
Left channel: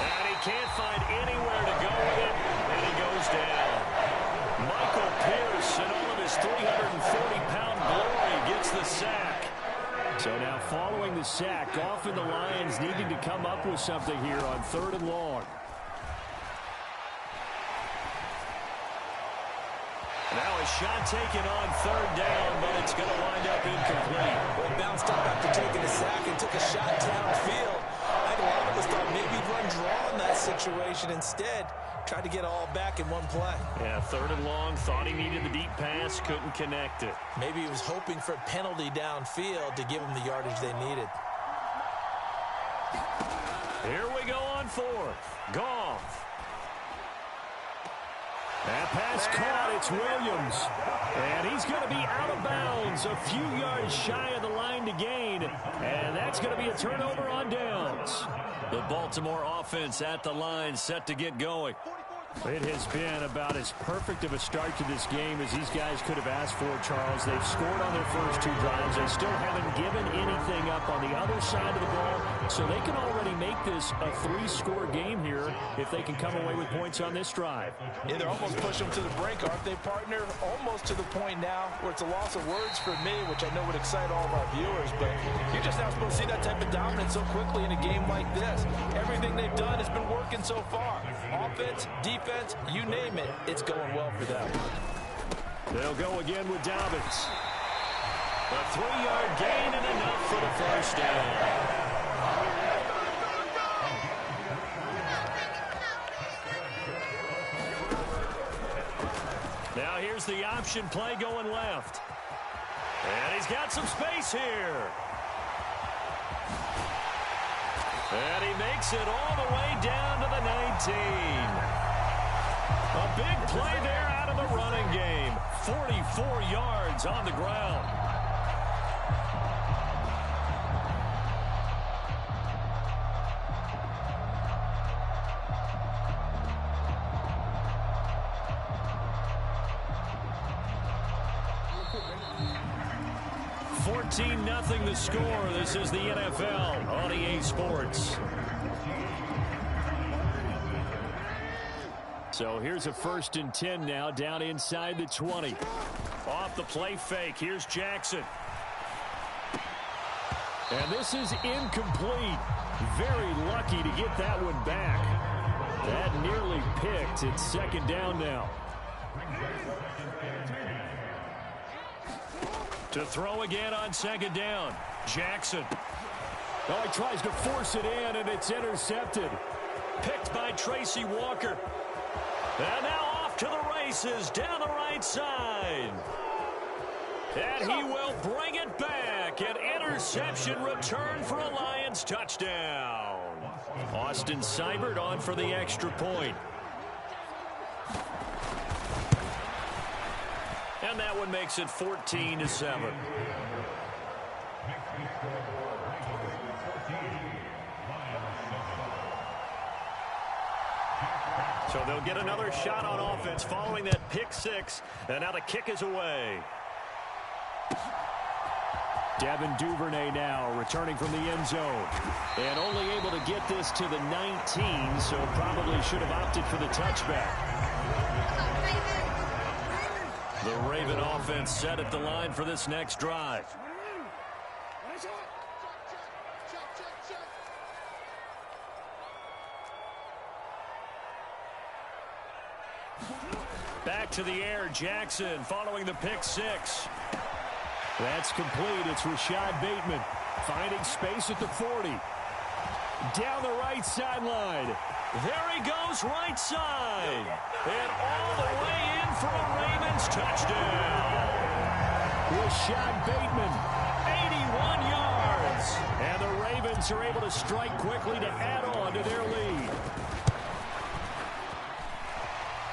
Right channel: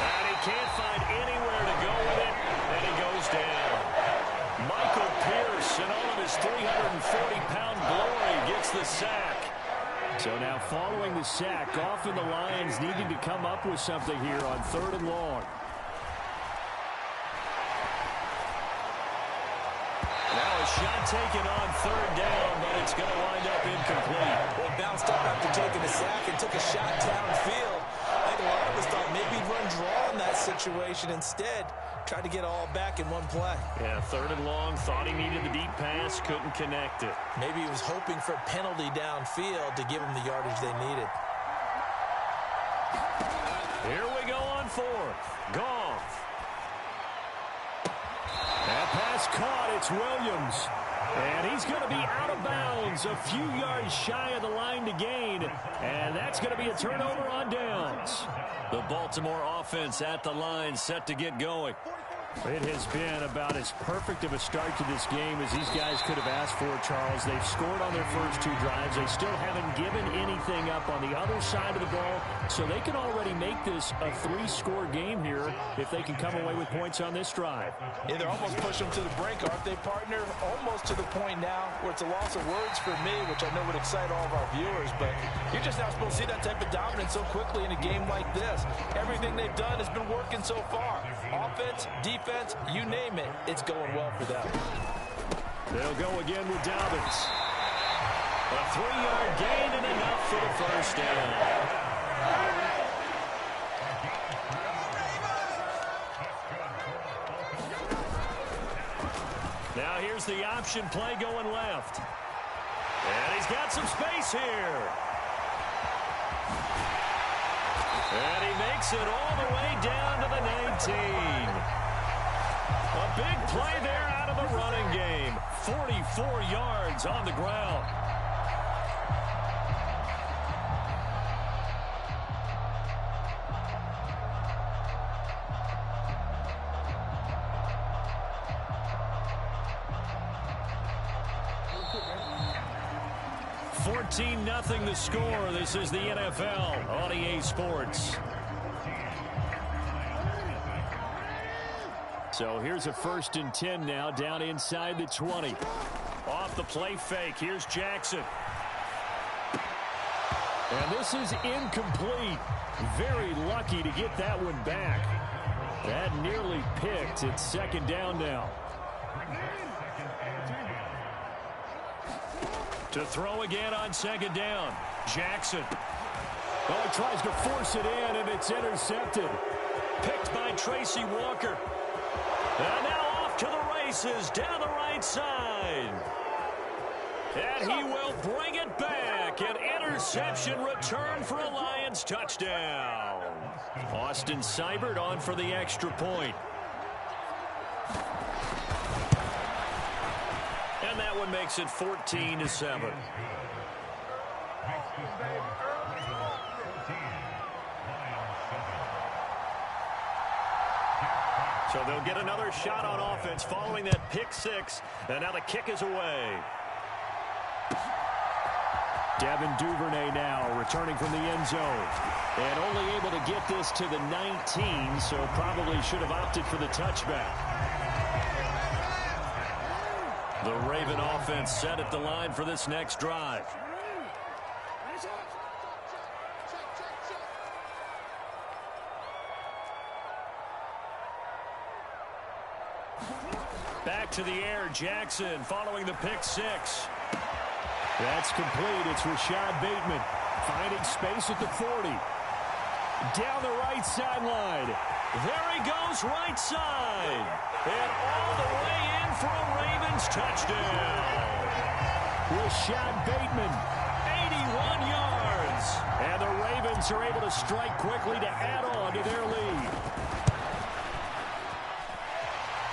And he can't find anywhere to go with it, and he goes down. Michael Pierce, in all of his 340-pound glory, gets the sack. So now following the sack, Goff and the Lions needing to come up with something here on 3rd and long. Now a shot taken on 3rd down, but it's going to wind up incomplete. Well, he bounced up after taking a sack and took a shot downfield. I think a lot of us thought maybe he'd run draw in that situation. Instead, tried to get it all back in one play. Yeah, 3rd and long, thought he needed the deep pass, couldn't connect it. Maybe he was hoping for a penalty downfield to give him the yardage they needed. Here we go on 4th. Goff. That pass caught. It's Williams. And he's going to be out of bounds, a few yards shy of the line to gain. And that's going to be a turnover on downs. The Baltimore offense at the line, set to get going. It has been about as perfect of a start to this game as these guys could have asked for, Charles. They've scored on their first 2 drives. They still haven't given anything up on the other side of the ball, so they can already make this a 3-score game here if they can come away with points on this drive. Yeah, they're almost pushing them to the brink, aren't they, partner? Almost to the point now where it's a loss of words for me, which I know would excite all of our viewers, but you're just not supposed to see that type of dominance so quickly in a game like this. Everything they've done has been working so far. Offense, defense, you name it, it's going well for them. They'll go again with Dobbins. A 3-yard gain and enough for the first down. Now here's the option play going left. And he's got some space here. And he makes it all the way down to the 19. A big play there out of the running game. 44 yards on the ground. Nothing the score. This is the NFL on EA Sports. So here's a 1st and 10 now, down inside the 20. Off the play fake, here's Jackson. And this is incomplete. Very lucky to get that one back. That nearly picked. It's 2nd down now. To throw again on 2nd down. Jackson. Oh, he tries to force it in, and it's intercepted. Picked by Tracy Walker. And now off to the races down the right side. And he will bring it back. An interception return for a Lions touchdown. Austin Seibert on for the extra point. And that one makes it 14-7. So they'll get another shot on offense following that pick 6. And now the kick is away. Devin Duvernay now returning from the end zone. And only able to get this to the 19, so probably should have opted for the touchback. The Raven offense set at the line for this next drive. Back to the air, Jackson following the pick six. That's complete. It's Rashad Bateman finding space at the 40. Down the right sideline. There he goes, right side. And all the way in for a Ravens touchdown. Rashad Bateman, 81 yards. and the Ravens are able to strike quickly to add on to their lead.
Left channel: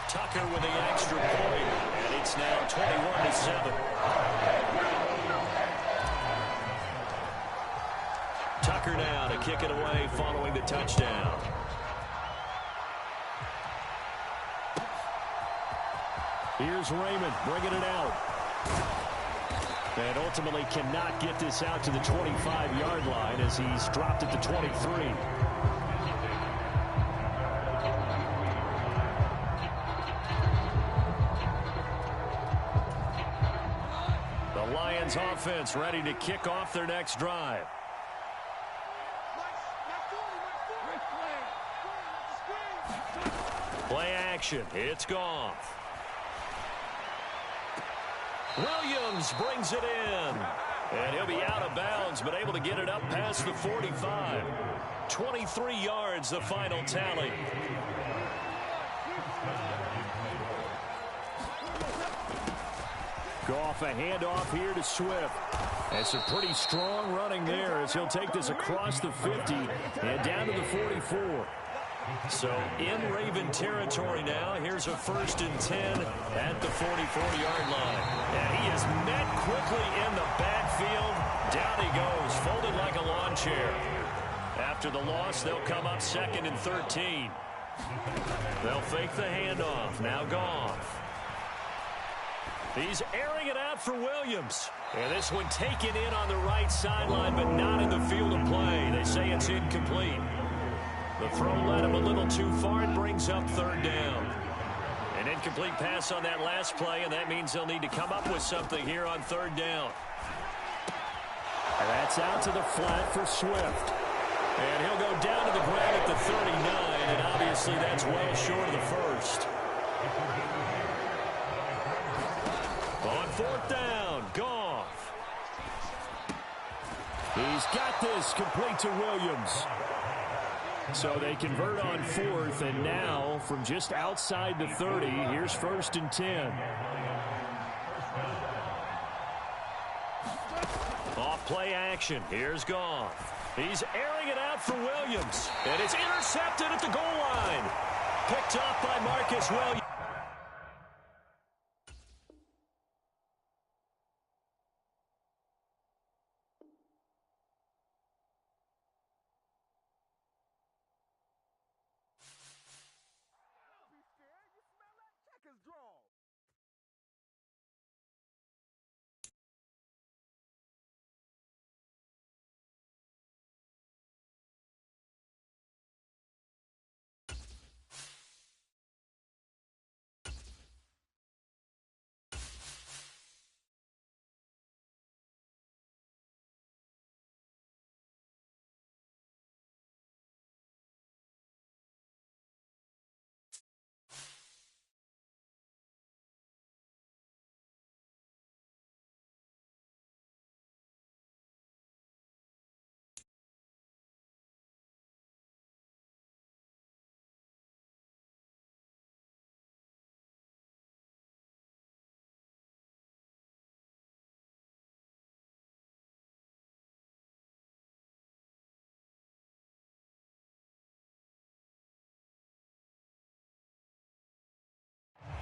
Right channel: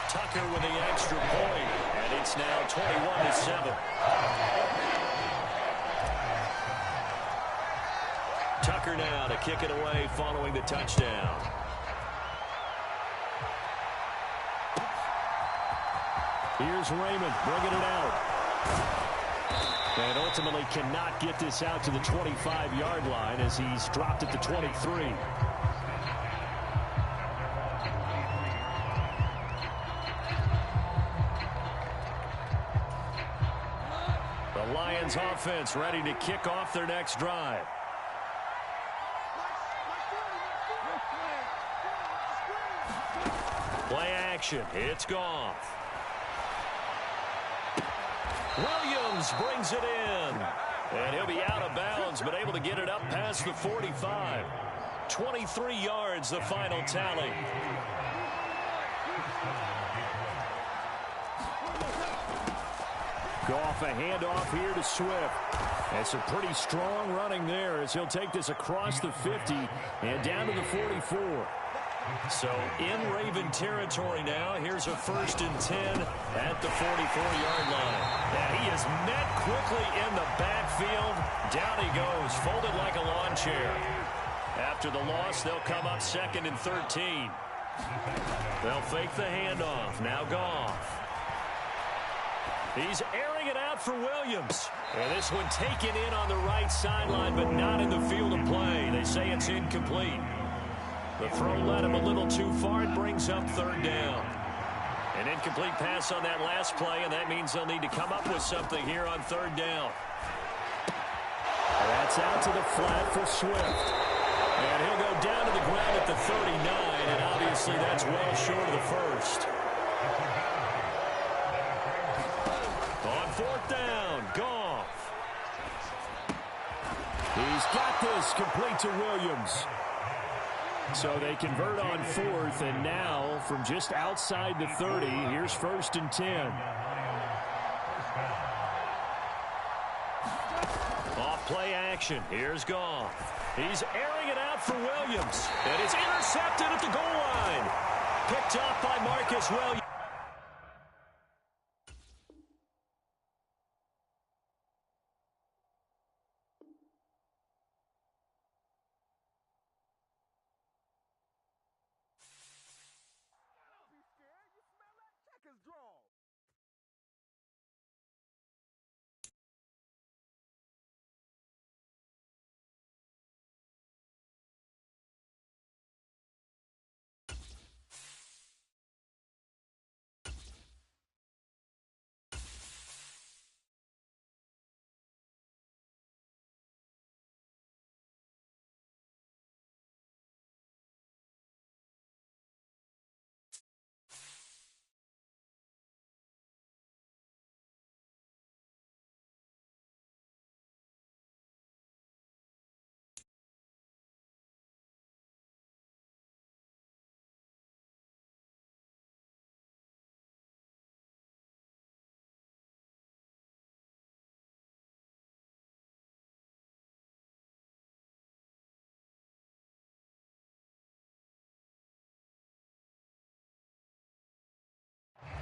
Tucker with the extra point, and it's now 21-7. Tucker now to kick it away following the touchdown. Here's Raymond bringing it out. And ultimately cannot get this out to the 25-yard line as he's dropped at the 23. The Lions offense ready to kick off their next drive. Play action. It's Goff. Williams brings it in. And he'll be out of bounds, but able to get it up past the 45. 23 yards, the final tally. Goff, a handoff here to Swift. That's a pretty strong running there as he'll take this across the 50 and down to the 44. So in Raven territory now. Here's a 1st and 10 at the 44-yard line. And he is met quickly in the backfield. Down he goes, folded like a lawn chair. After the loss, they'll come up 2nd and 13. They'll fake the handoff. Now Goff. He's airing it out for Williams. And this one taken in on the right sideline, but not in the field of play. They say it's incomplete. The throw led him a little too far. It brings up 3rd down. An incomplete pass on that last play, and that means they'll need to come up with something here on 3rd down. And that's out to the flat for Swift. And he'll go down to the ground at the 39, and obviously that's well short of the first. On 4th down, Goff. He's got this complete to Williams. So they convert on 4th, and now from just outside the 30, here's 1st and 10. Off play action. Here's Goff. He's airing it out for Williams. And it's intercepted at the goal line. Picked up by Marcus Williams.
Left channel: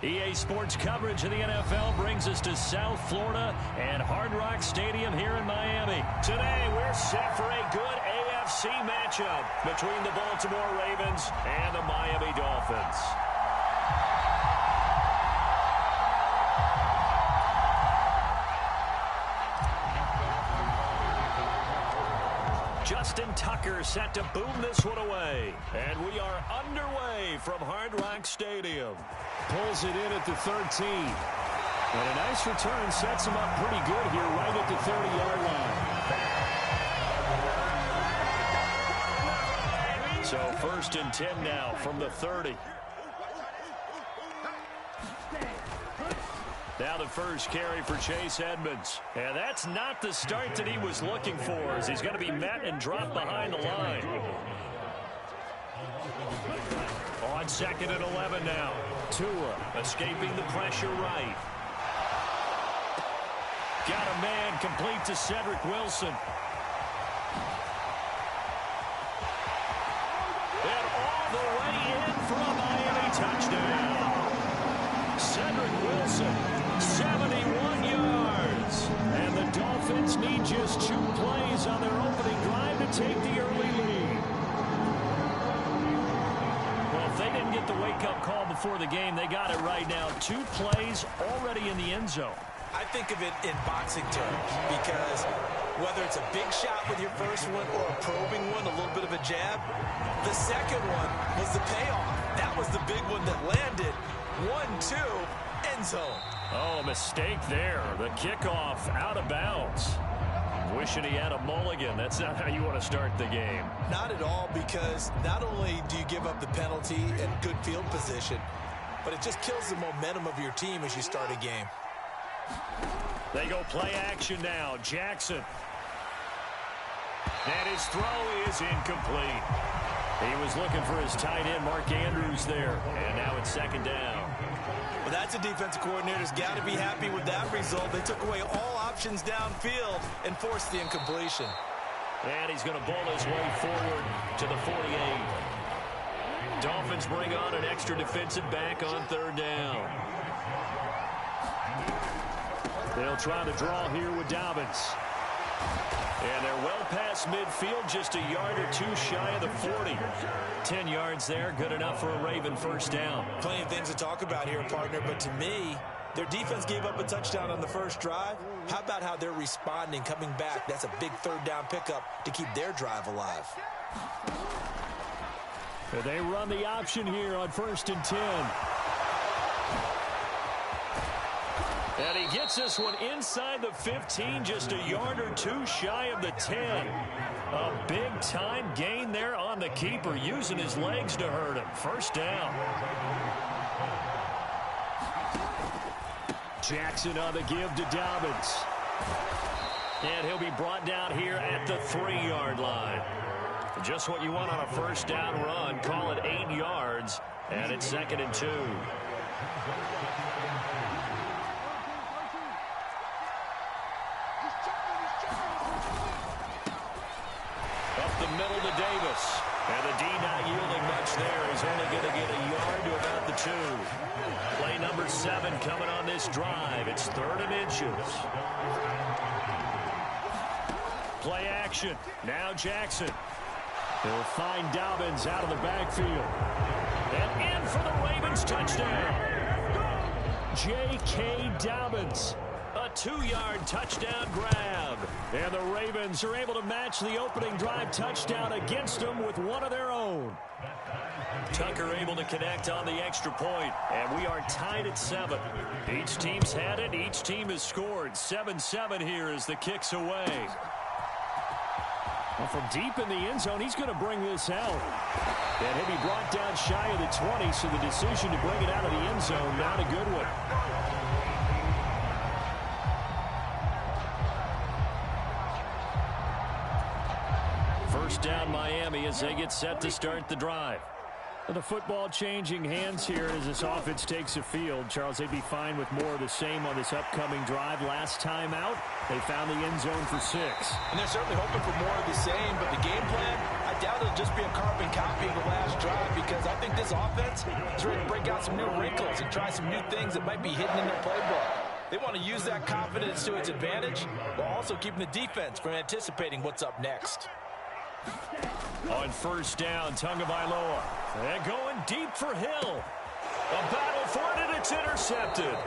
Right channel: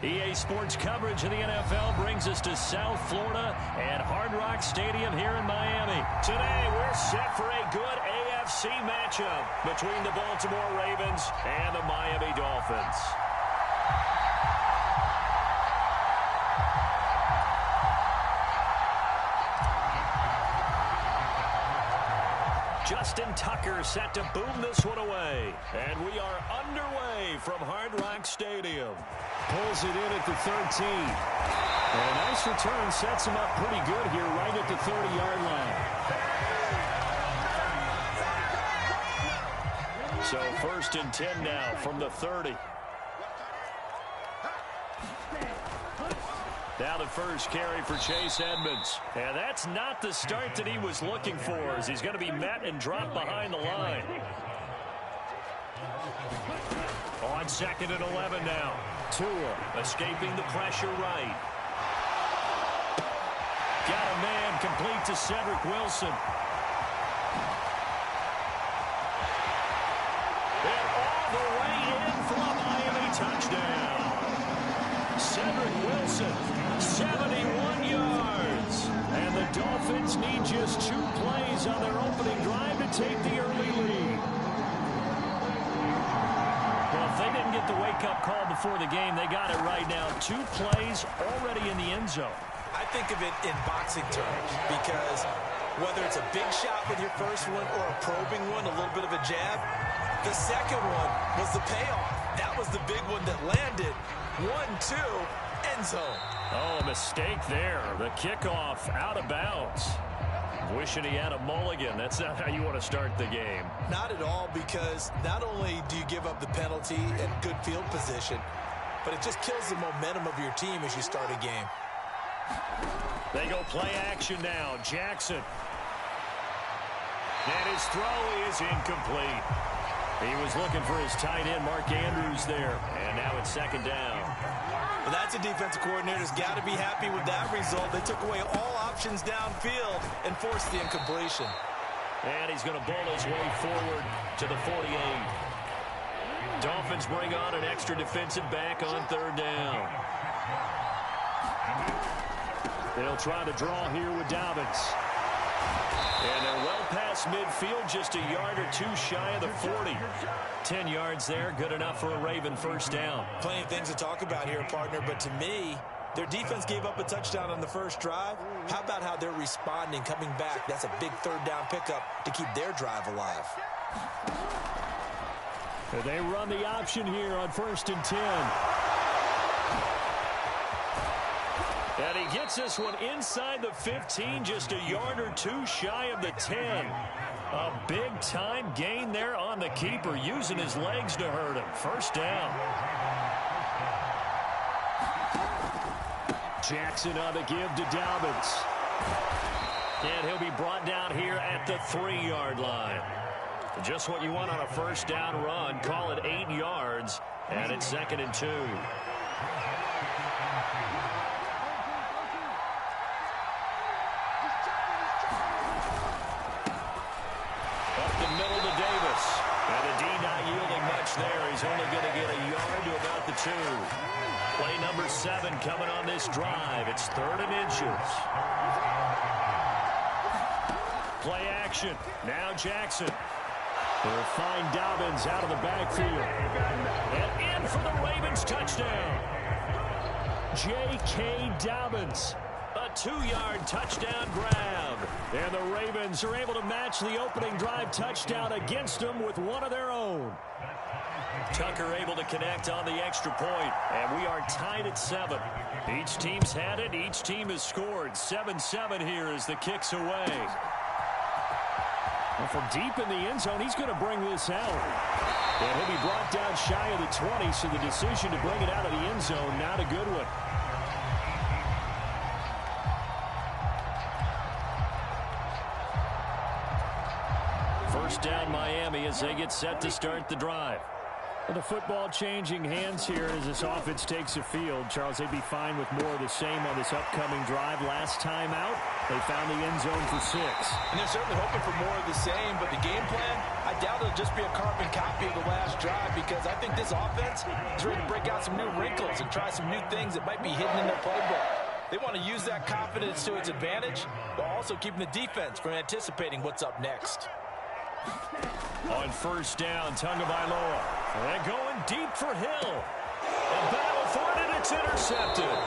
EA Sports coverage of the NFL brings us to South Florida and Hard Rock Stadium here in Miami. Today, we're set for a good AFC matchup between the Baltimore Ravens and the Miami Dolphins. Justin Tucker set to boom this one away. And we are underway from Hard Rock Stadium. Pulls it in at the 13. And a nice return sets him up pretty good here right at the 30-yard line. So 1st and 10 now from the 30. Now the first carry for Chase Edmonds. And that's not the start that he was looking for, as he's going to be met and dropped behind the line. On 2nd and 11 now. Tua escaping the pressure right. Got a man complete to Cedric Wilson. And all the way in for a Miami touchdown. Cedric Wilson, 71 yards. And the Dolphins need just 2 plays on their opening drive to take the early lead. Well, if they didn't get the wake-up call before the game, they got it right now. 2 plays already in the end zone. I think of it in boxing terms, because whether it's a big shot with your first one or a probing one, a little bit of a jab, the second one was the payoff. That was the big one that landed. 1-2, end zone. Oh, a mistake there. The kickoff out of bounds. Wishing he had a mulligan. That's not how you want to start the game. Not at all, because not only do you give up the penalty and good field position, but it just kills the momentum of your team as you start a game. They go play action now. Jackson. And his throw is incomplete. He was looking for his tight end, Mark Andrews, there. And now it's 2nd down. Well, that's a defensive coordinator's got to be happy with that result. They took away all options downfield and forced the incompletion. And he's going to bowl his way forward to the 48. Dolphins bring on an extra defensive back on 3rd down. They'll try to draw here with Dobbins. And they're well past midfield, just a yard or 2 shy of the 40. 10 yards there, good enough for a Raven first down. Plenty of things to talk about here, partner, but to me, their defense gave up a touchdown on the first drive. How about how they're responding, coming back? That's a big 3rd down pickup to keep their drive alive. They run the option here on 1st and 10. And he gets this one inside the 15, just a yard or 2 shy of the 10. A big-time gain there on the keeper, using his legs to hurt him. First down. Jackson on the give to Dobbins. And he'll be brought down here at the 3-yard line. Just what you want on a first down run. Call it 8 yards, and it's 2nd and 2. Up the middle to Davis. And the D not yielding much there. He's only going to get a yard to about the 2. Play number 7 coming on this drive. It's 3rd and inches. Play action. Now Jackson. He'll find Dobbins out of the backfield. And in for the Ravens touchdown. J.K. Dobbins. A 2-yard touchdown grab. And the Ravens are able to match the opening drive touchdown against them with one of their own. Tucker able to connect on the extra point, and we are tied at 7. Each team's had it. Each team has scored. 7-7 here as the kick's away. Well, from deep in the end zone, he's going to bring this out. And he'll be brought down shy of the 20, so the decision to bring it out of the end zone, not a good one. First down Miami as they get set to start the drive. The football changing hands here as this offense takes the field. Charles, they'd be fine with more of the same on this upcoming drive. Last time out, they found the end zone for 6. And they're certainly hoping for more of the same, but the game plan, I doubt it'll just be a carbon copy of the last drive, because I think this offense is ready to break out some new wrinkles and try some new things that might be hidden in their playbook. They want to use that confidence to its advantage, while also keeping the defense from anticipating what's up next. On first down, Tagovailoa. And going deep for Hill. A battle for it, and it's intercepted.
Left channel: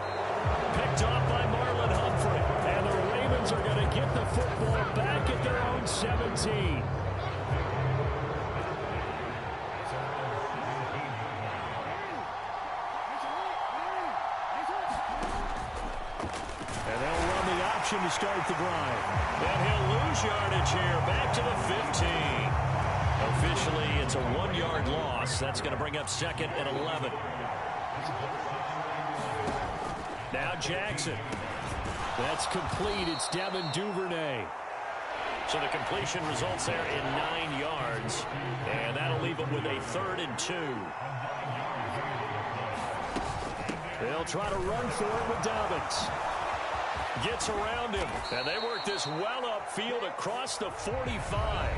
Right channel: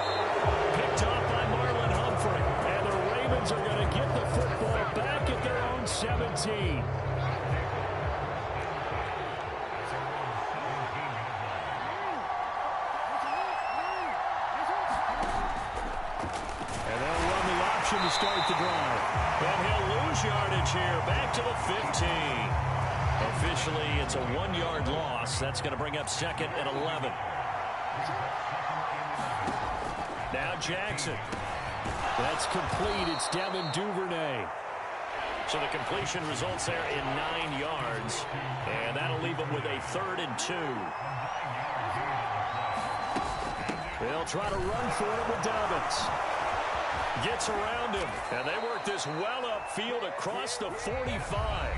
Picked off by Marlon Humphrey. And the Ravens are going to get the football back at their own 17. And they'll run the option to start the drive. And he'll lose yardage here, back to the 15. Officially, it's a 1-yard loss. That's going to bring up 2nd and 11. Now Jackson. That's complete. It's Devin Duvernay. So the completion results there in 9 yards. And that'll leave them with a 3rd and 2. They'll try to run for it with Dobbins. Gets around him. And they work this well upfield across the 45.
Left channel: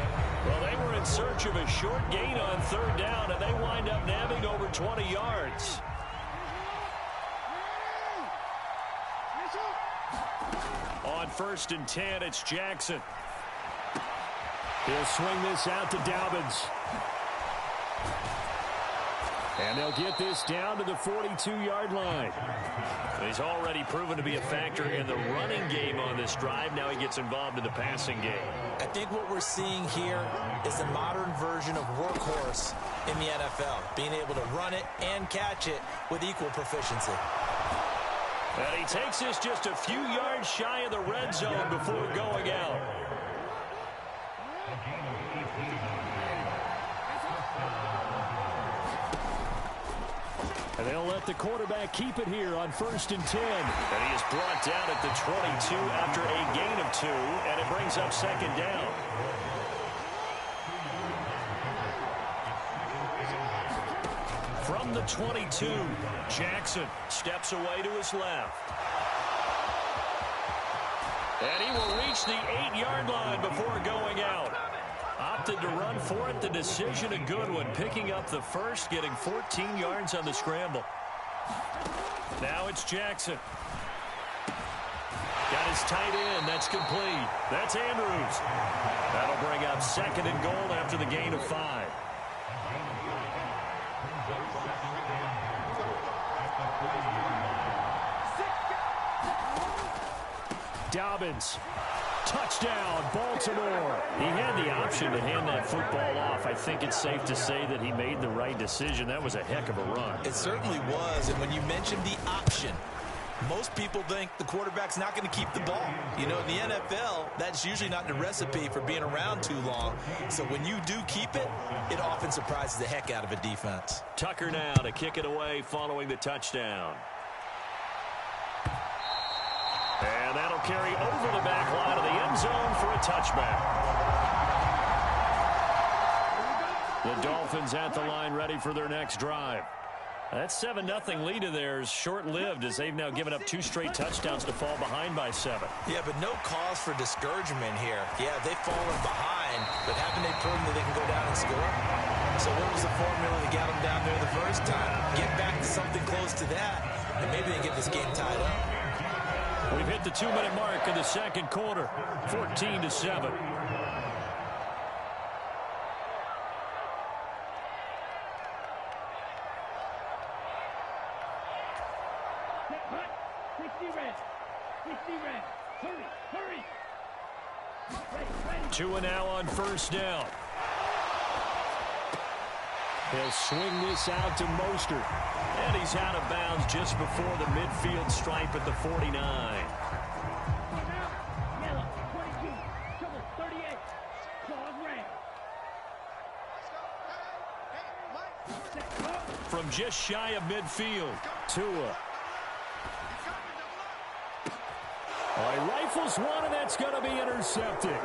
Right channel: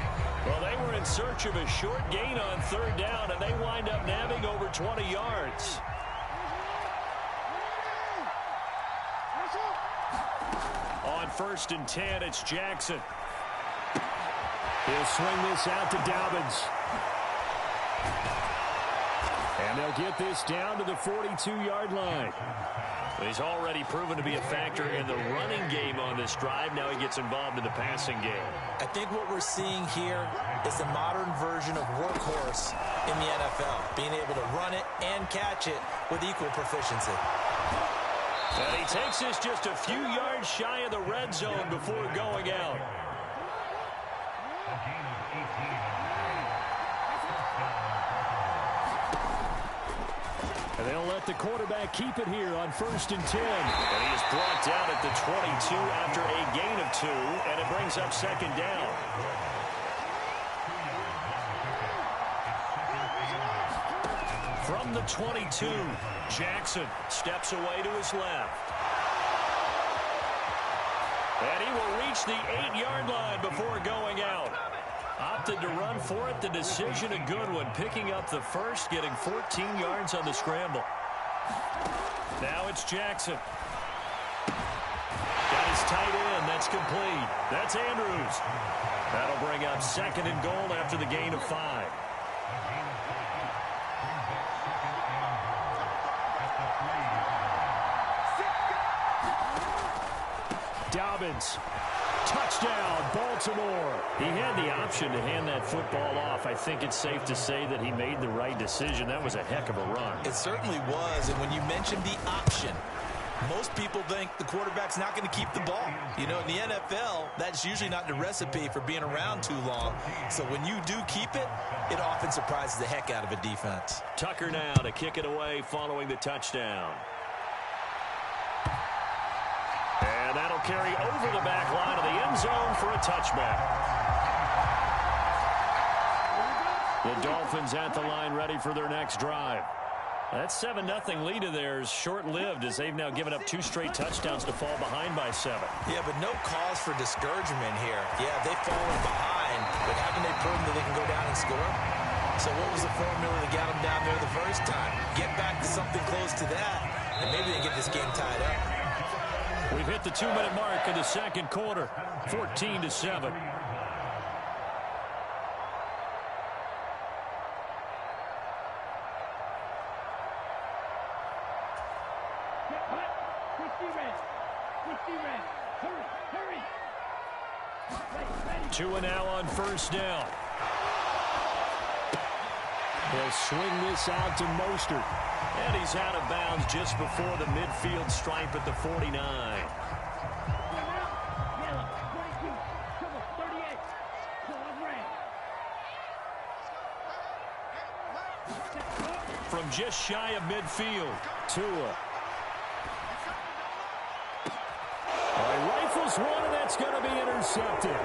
Well, they were in search of a short gain on 3rd down, and they wind up nabbing over 20 yards. On 1st and 10, it's Jackson. He'll swing this out to Dobbins. And they'll get this down to the 42-yard line. He's already proven to be a factor in the running game on this drive. Now he gets involved in the passing game. I think what we're seeing here is the modern version of workhorse in the NFL, being able to run it and catch it with equal proficiency. And he takes this just a few yards shy of the red zone before going out. And they'll let the quarterback keep it here on 1st and 10. And he is brought down at the 22 after a gain of 2, and it brings up 2nd down. From the 22, Jackson steps away to his left. And he will reach the 8-yard line before going out. Opted to run for it. The decision a good one. Picking up the 1st, getting 14 yards on the scramble. Now it's Jackson. Got his tight end. That's complete. That's Andrews. That'll bring up 2nd and goal after the gain of 5. Dobbins. Touchdown, Baltimore. He had the option to hand that football off. I think it's safe to say that he made the right decision. That was a heck of a run. It certainly was, and when you mentioned the option, most people think the quarterback's not going to keep the ball. You know, in the NFL, that's usually not the recipe for being around too long. So when you do keep it, it often surprises the heck out of a defense. Tucker now to kick it away following the touchdown. And that'll carry over the back line of the end zone for a touchback. The Dolphins at the line ready for their next drive. That 7-0 lead of theirs short-lived as they've now given up 2 straight touchdowns to fall behind by 7. Yeah, but no cause for discouragement here. Yeah, they've fallen behind, but haven't they proven that they can go down and score? So what was the formula that got them down there the first time? Get back to something close to that, and maybe they can get this game tied up. We've hit the 2-minute mark in the 2nd quarter, 14-7. Hot. 60 red. 60 red. Hurry. Hurry. Ready. 2 and now on 1st down. He'll swing this out to Mostert. And he's out of bounds just before the midfield stripe at the 49. Yellow. 22. Trouble. 38. Claws red. From just shy of midfield, Tua. He rifles one, and that's going to be intercepted.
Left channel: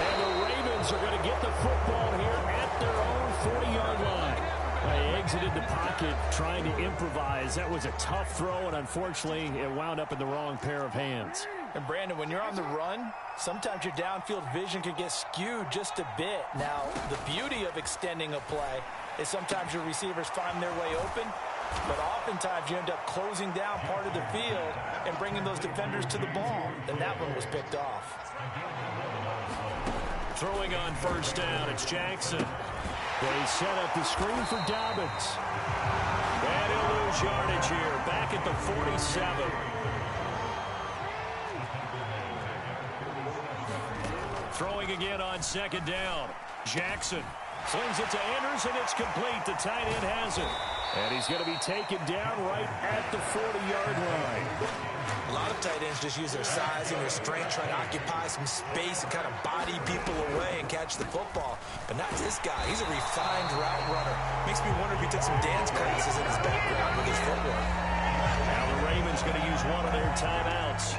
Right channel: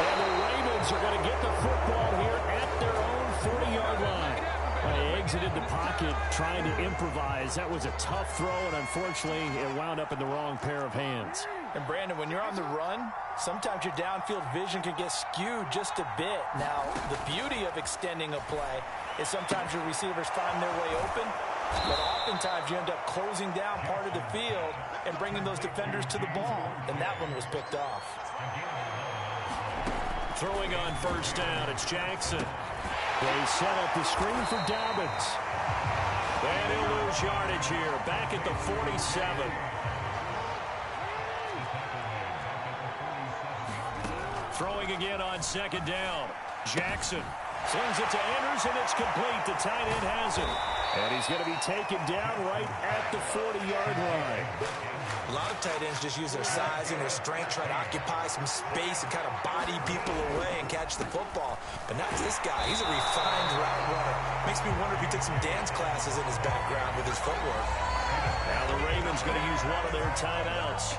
And the Ravens are going to get the football here at their own 40-yard line. They exited the pocket trying to improvise. That was a tough throw, and unfortunately, it wound up in the wrong pair of hands. And Brandon, when you're on the run, sometimes your downfield vision can get skewed just a bit. Now, the beauty of extending a play is sometimes your receivers find their way open, but oftentimes you end up closing down part of the field and bringing those defenders to the ball. And that one was picked off. Throwing on 1st down, it's Jackson. They set up the screen for Dobbins. And he'll lose yardage here, back at the 47. Throwing again on 2nd down. Jackson slings it to Andrews, and it's complete. The tight end has it. And he's going to be taken down right at the 40-yard line. A lot of tight ends just use their size and their strength, try to occupy some space and kind of body people away and catch the football. But not this guy. He's a refined route runner. Makes me wonder if he took some dance classes in his background with his footwork. Now the Ravens going to use one of their timeouts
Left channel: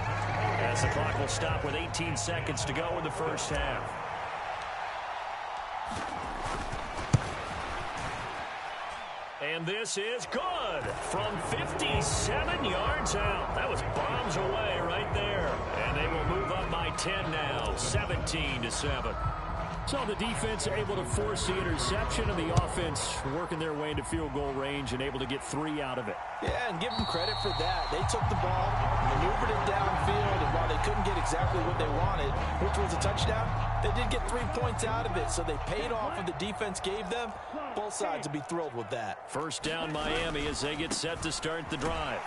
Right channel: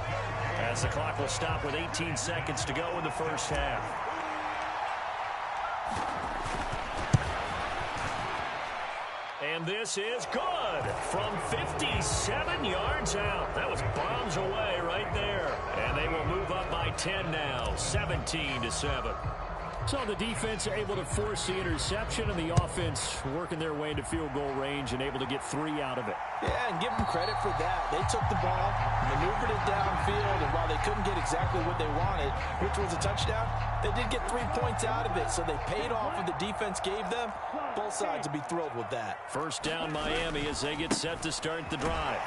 as the clock will stop with 18 seconds to go in the first half. And this is good from 57 yards out. That was bombs away right there. And they will move up by 10 now, 17-7. So the defense able to force the interception, and the offense working their way into field goal range and able to get 3 out of it. Yeah, and give them credit for that. They took the ball, maneuvered it downfield, and while they couldn't get exactly what they wanted, which was a touchdown, they did get 3 points out of it, so they paid off what the defense gave them. Both sides will be thrilled with that. First down Miami as they get set to start the drive.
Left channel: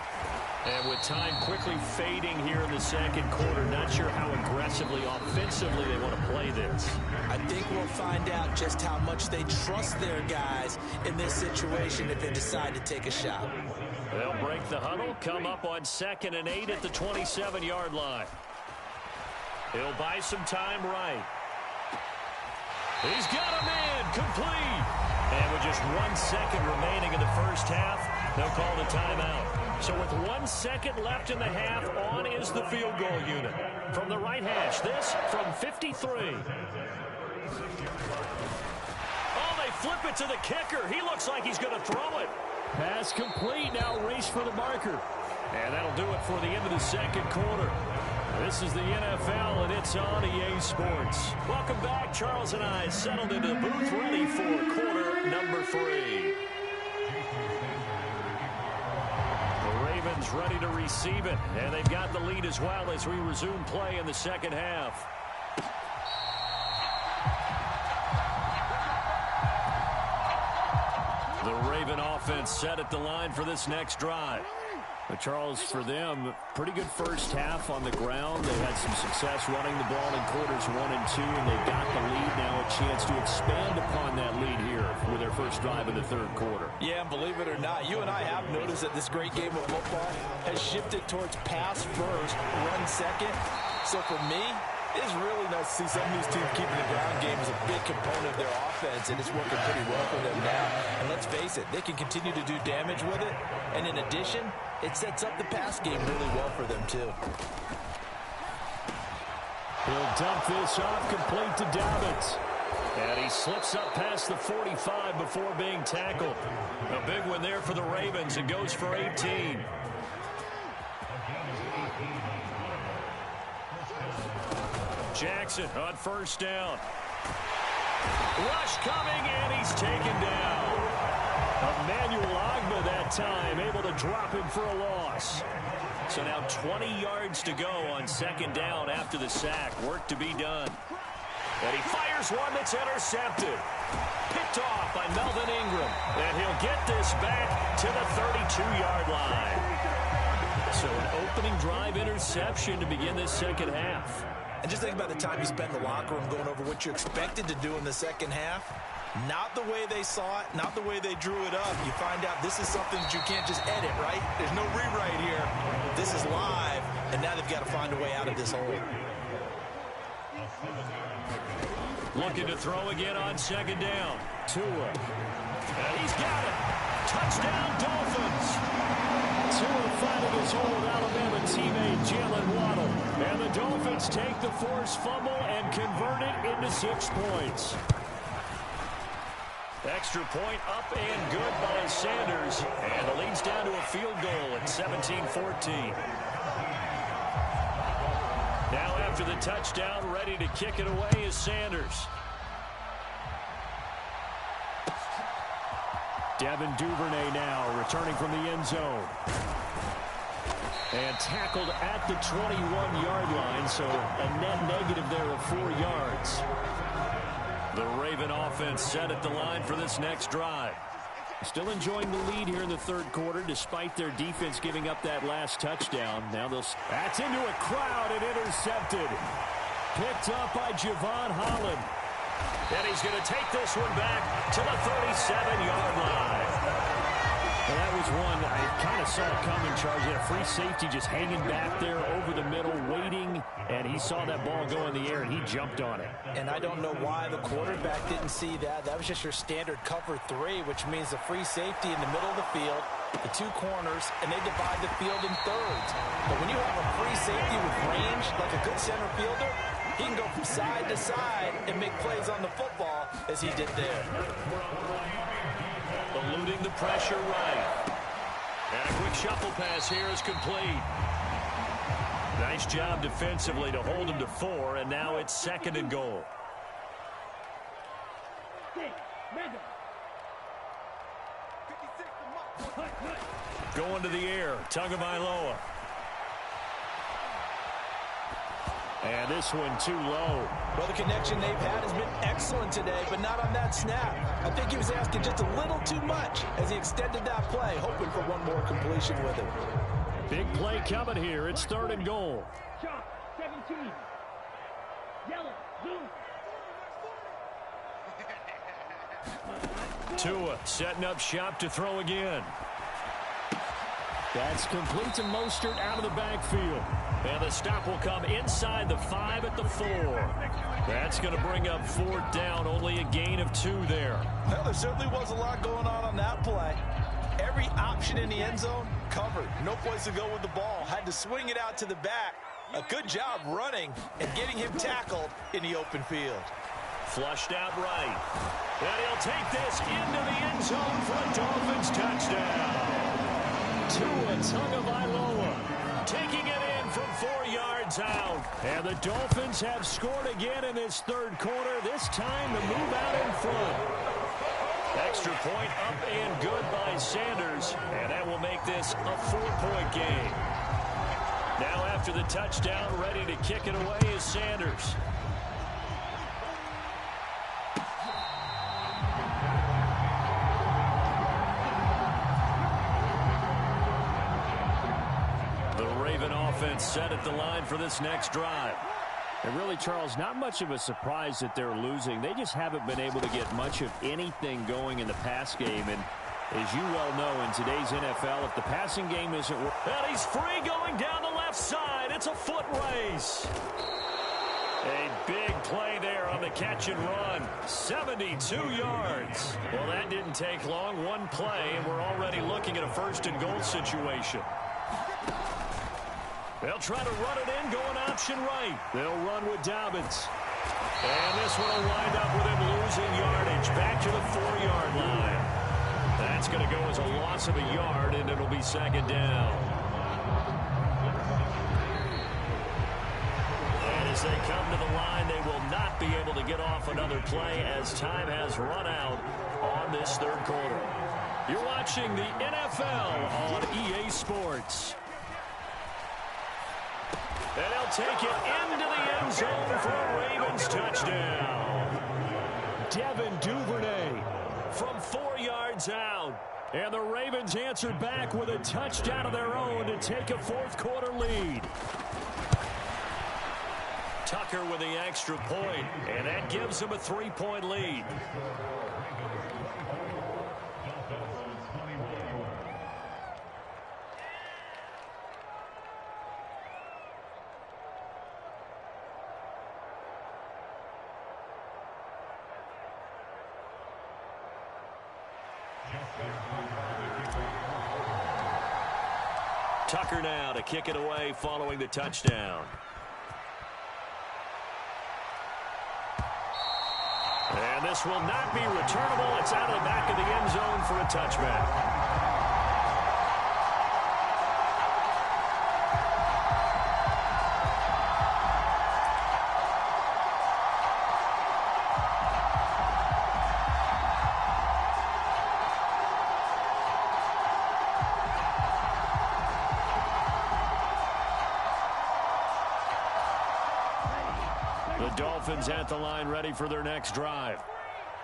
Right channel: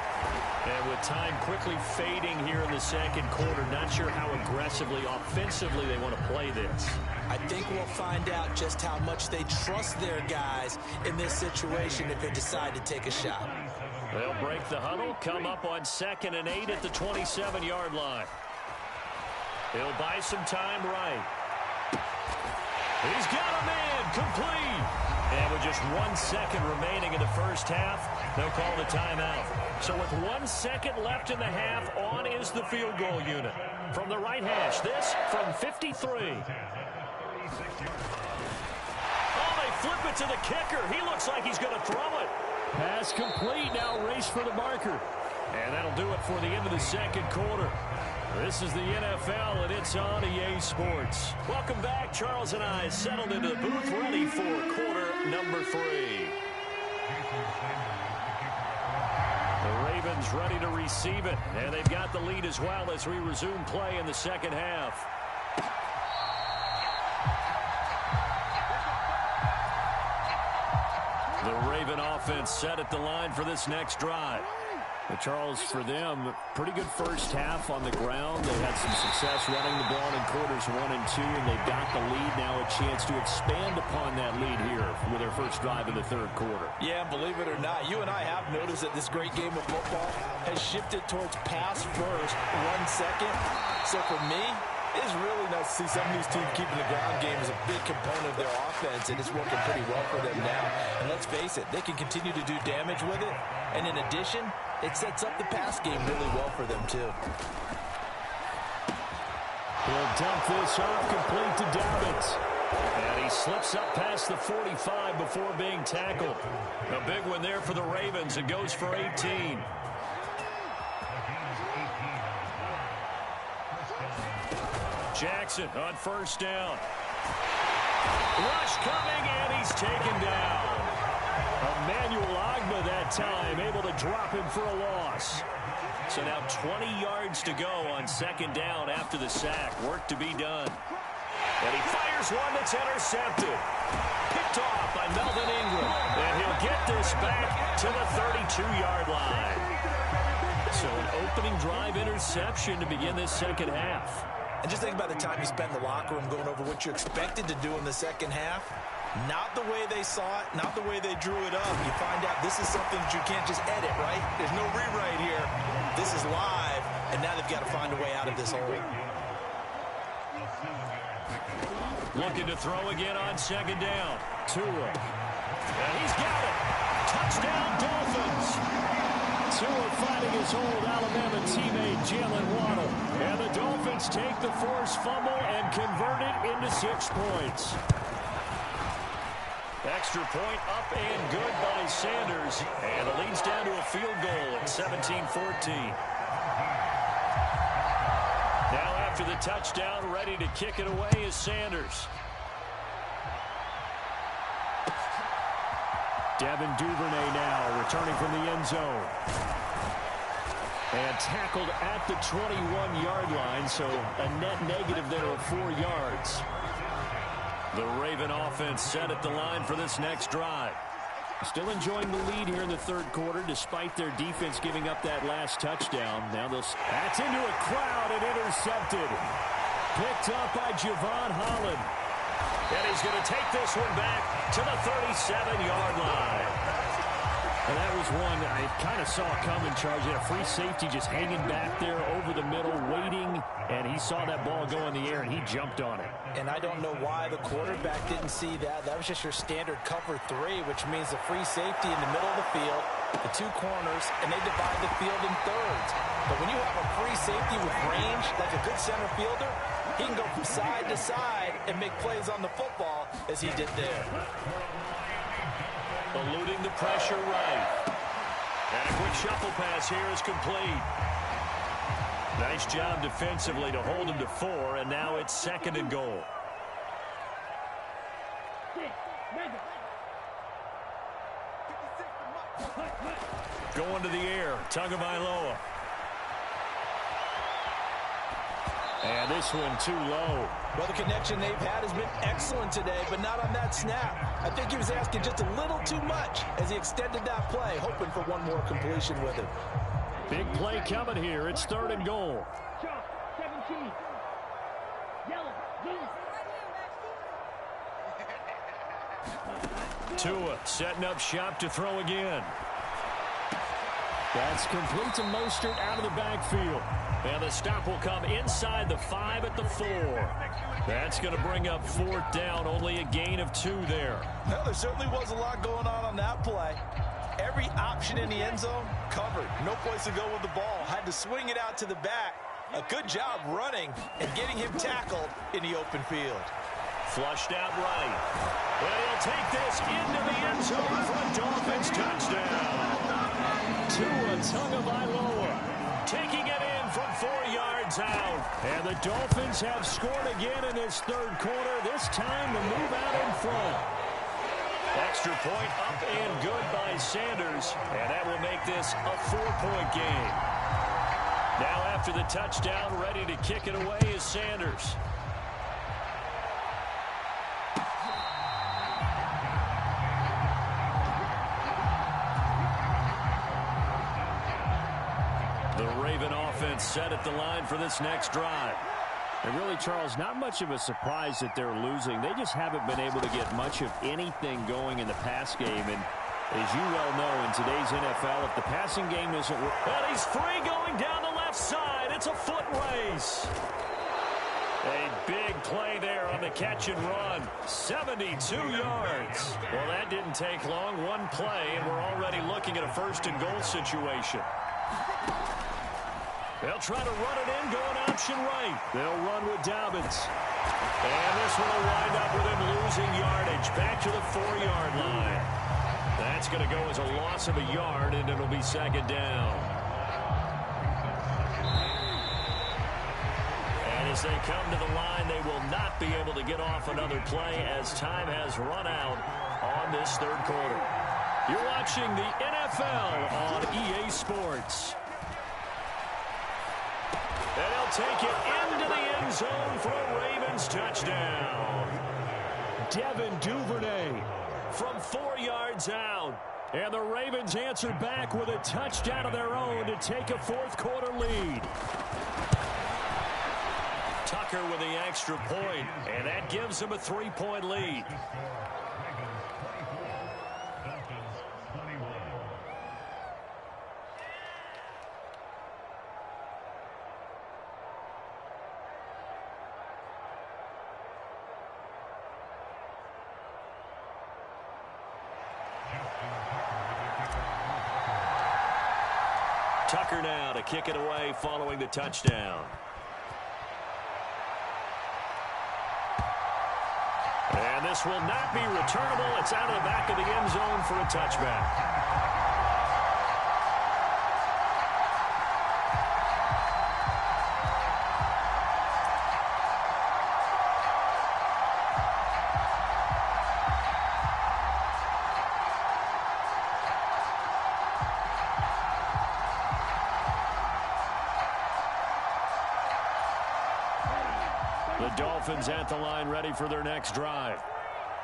And with time quickly fading here in the second quarter, not sure how aggressively, offensively they want to play this. I think we'll find out just how much they trust their guys in this situation if they decide to take a shot. They'll break the huddle, come up on 2nd and 8 at the 27-yard line. He'll buy some time right. He's got a man, complete. And with just 1 second remaining in the first half, they'll call the timeout. So with 1 second left in the half, on is the field goal unit. From the right hash, this from 53. Oh, they flip it to the kicker. He looks like he's going to throw it. Pass complete, now race for the marker. And that'll do it for the end of the second quarter. This is the NFL, and it's on EA Sports. Welcome back. Charles and I settled into the booth, ready for quarter number 3. The Ravens ready to receive it, and they've got the lead as well as we resume play in the second half. The Raven offense set at the line for this next drive. But Charles, for them, pretty good first half on the ground. They had some success running the ball in quarters 1 and 2, and they've got the lead now, a chance to expand upon that lead here with their first drive in the third quarter. Yeah, and believe it or not, you and I have noticed that this great game of football has shifted towards pass first, run second. So for me, it is really nice to see some of these teams keeping the ground game as a big component of their offense, and it's working pretty well for them now. And let's face it, they can continue to do damage with it. And in addition, it sets up the pass game really well for them, too. He'll dump this off complete to Dobbins. And he slips up past the 45 before being tackled. A big one there for the Ravens. It goes for 18. Jackson on first down. Rush coming, and he's taken down. Emmanuel Ogbah that time, able to drop him for a loss. So now 20 yards to go on second down after the sack. Work to be done. And he fires one that's intercepted. Picked off by Melvin Ingram. And he'll get this back to the 32-yard line. So an opening drive interception to begin this second half. And just think about the time you spent in the locker room going over what you expected to do in the second half. Not the way they saw it, not the way they drew it up. You find out this is something that you can't just edit, right? There's no rewrite here. This is live, and now they've got to find a way out of this hole. Looking to throw again on second down. Tua. And he's got it. Touchdown, Dolphins. Tua fighting his old Alabama teammate Jalen Waddle. And the Dolphins take the forced fumble and convert it into 6 points. Extra point up and good by Sanders. And the lead's down to a field goal at 17-14. Now after the touchdown, ready to kick it away is Sanders. Devin Duvernay now returning from the end zone. And tackled at the 21-yard line, so a net negative there of 4 yards. The Raven offense set at the line for this next drive. Still enjoying the lead here in the third quarter, despite their defense giving up that last touchdown. Now that's into a crowd and intercepted. Picked up by Javon Holland. And he's going to take this one back to the 37-yard line. Well, that was one I kind of saw coming, Charles. He had a free safety just hanging back there over the middle, waiting, and he saw that ball go in the air, and he jumped on it. And I don't know why the quarterback didn't see that. That was just your standard cover 3, which means the free safety in the middle of the field, the 2 corners, and they divide the field in thirds. But when you have a free safety with range, like a good center fielder, he can go from side to side and make plays on the football as he did there. Eluding the pressure right. And a quick shuffle pass here is complete. Nice job defensively to hold him to 4, and now it's 2nd and goal. Going to the air, Tagovailoa. And this one too low. Well, the connection they've had has been excellent today, but not on that snap. I think he was asking just a little too much as he extended that play, hoping for one more completion with him. Big play coming here. It's 3rd and goal. Sharp, 17. Yellow, zoom. Tua setting up shop to throw again. That's complete to Mostert out of the backfield. And the stop will come inside the 5 at the 4. That's going to bring up 4th down, only a gain of 2 there. Well, there certainly was a lot going on that play. Every option in the end zone covered. No place to go with the ball. Had to swing it out to the back. A good job running and getting him tackled in the open field. Flushed out right. And he'll take this into the end zone for a Dolphins touchdown. Tua Tagovailoa taking it in from 4 yards out. And the Dolphins have scored again in this 3rd quarter. This time to move out in front. Extra point up and good by Sanders. And that will make this a 4-point game. Now after the touchdown, ready to kick it away is Sanders. The Raven offense set at the line for this next drive. And really, Charles, not much of a surprise that they're losing. They just haven't been able to get much of anything going in the pass game. And as you well know, in today's NFL, if the passing game isn't working. And he's free going down the left side. It's a foot race. A big play there on the catch and run. 72 yards. Well, that didn't take long. One play, and we're already looking at a 1st and goal situation. They'll try to run it in, going option right. They'll run with Dobbins. And this one will wind up with him losing yardage back to the 4-yard line. That's going to go as a loss of a yard, and it'll be 2nd down. And as they come to the line, they will not be able to get off another play as time has run out on this 3rd quarter. You're watching the NFL on EA Sports. And he'll take it into the end zone for a Ravens touchdown. Devin Duvernay from 4 yards out. And the Ravens answer back with a touchdown of their own to take a 4th quarter lead. Tucker with the extra point, and that gives him a 3-point lead. Tucker now to kick it away following the touchdown. And this will not be returnable. It's out of the back of the end zone for a touchback. The Dolphins at the line ready for their next drive.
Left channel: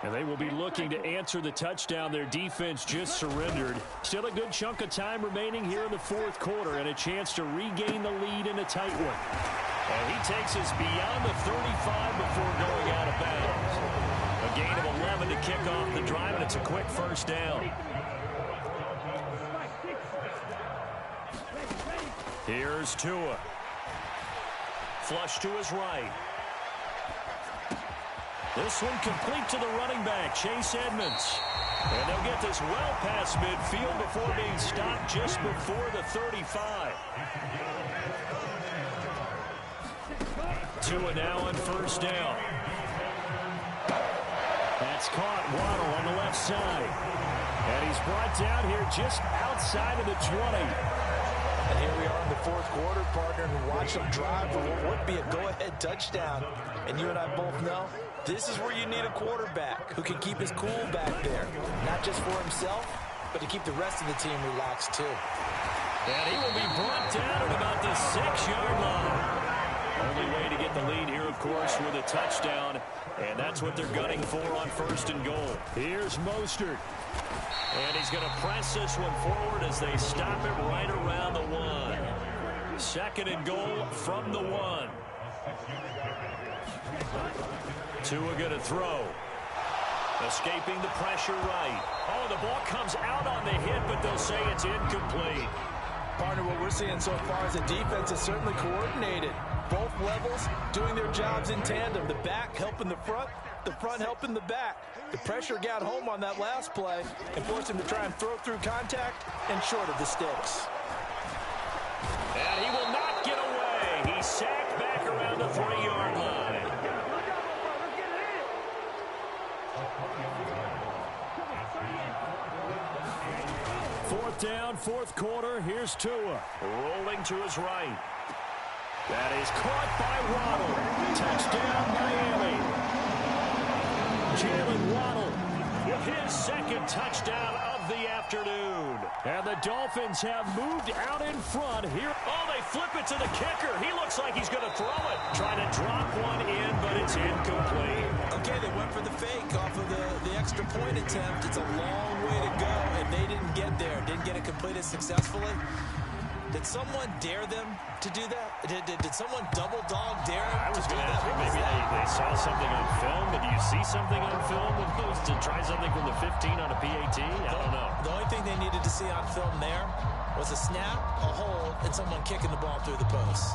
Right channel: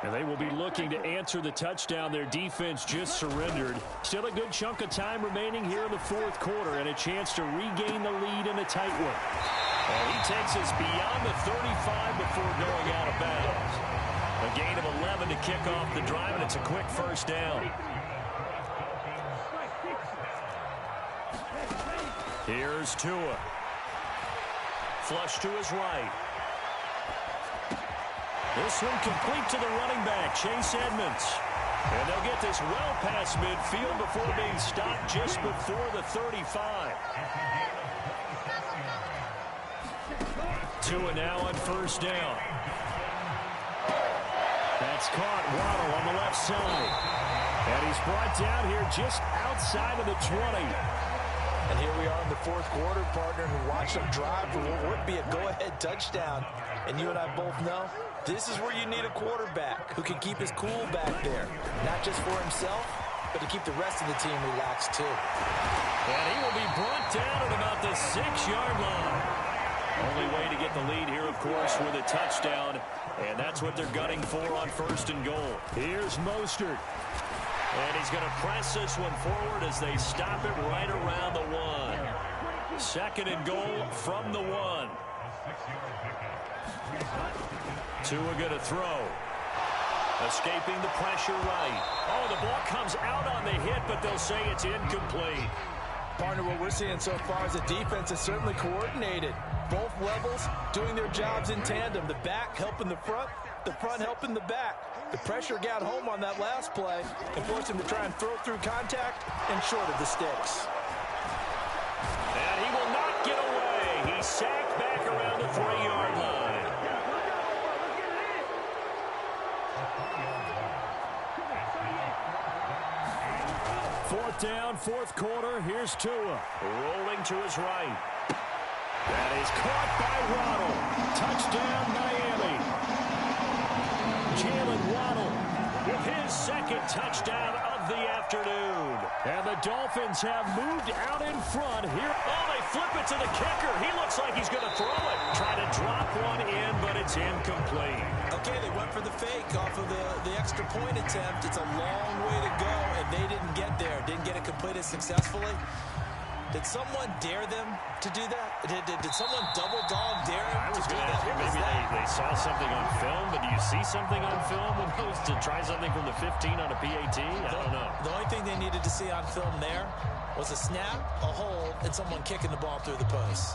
And they will be looking to answer the touchdown their defense just surrendered. Still a good chunk of time remaining here in the 4th quarter and a chance to regain the lead in a tight one. And he takes us beyond the 35 before going out of bounds. A gain of 11 to kick off the drive, and it's a quick 1st down. Here's Tua. Flush to his right. This one complete to the running back, Chase Edmonds. And they'll get this well past midfield before being stopped just before the 35. Tua now on first down. That's caught. Waddle on the left side. And he's brought down here just outside of the 20. And here we are in the fourth quarter, partner, and watch them drive for what would be a go-ahead touchdown. And you and I both know this is where you need a quarterback who can keep his cool back there. Not just for himself, but to keep the rest of the team relaxed too. And he will be brought down at about the 6-yard line. Only way to get the lead here, of course, with a touchdown. And that's what they're gunning for on first and goal. Here's Mostert. And he's going to press this one forward as they stop it right around the 1. Second and goal from the 1. Tua going to throw. Escaping the pressure right. Oh, the ball comes out on the hit, but they'll say it's incomplete. Partner, what we're seeing so far is the defense is certainly coordinated. Both levels doing their jobs in tandem. The back helping the front helping the back. The pressure got home on that last play and forced him to try and throw through contact and short of the sticks. And he will not get away. He's sacked back around the 3-yard line. Fourth down, fourth quarter. Here's Tua. Rolling to his right. That is caught by Waddle. Touchdown, Miami. Jalen Waddle With his second touchdown of the afternoon. And the Dolphins have moved out in front here. Oh, they flip it to the kicker. He looks like he's going to throw it. Try to drop one in, but it's incomplete. Okay, they went for the fake off of the extra point attempt. It's a long way to go, and they didn't get there. Didn't get it completed successfully. Did someone dare them to do that? Did someone double dog dare them I was to do going to that? ask you, maybe they saw something on film, but do you see something on film with those to try something from the 15 on a PAT? I don't know. The only thing they needed to see on film there was a snap, a hold, and someone kicking the ball through the post.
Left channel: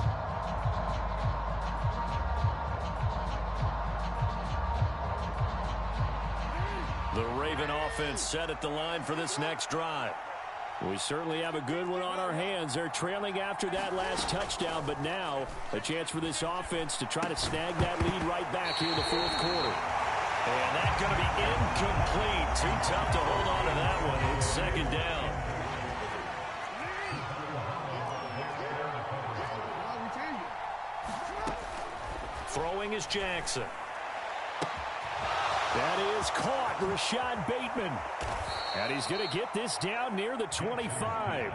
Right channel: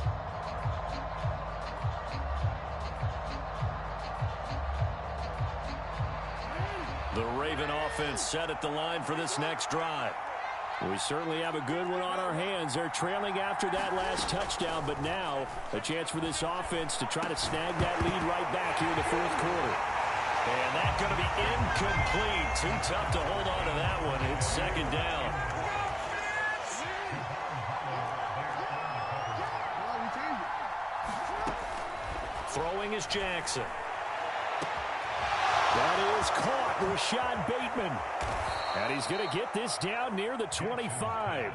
The Raven offense set at the line for this next drive. We certainly have a good one on our hands. They're trailing after that last touchdown, but now a chance for this offense to try to snag that lead right back here in the fourth quarter. And that's going to be incomplete. Too tough to hold on to that one. It's second down. Throwing is Jackson. That is caught, Rashad Bateman. And he's going to get this down near the 25.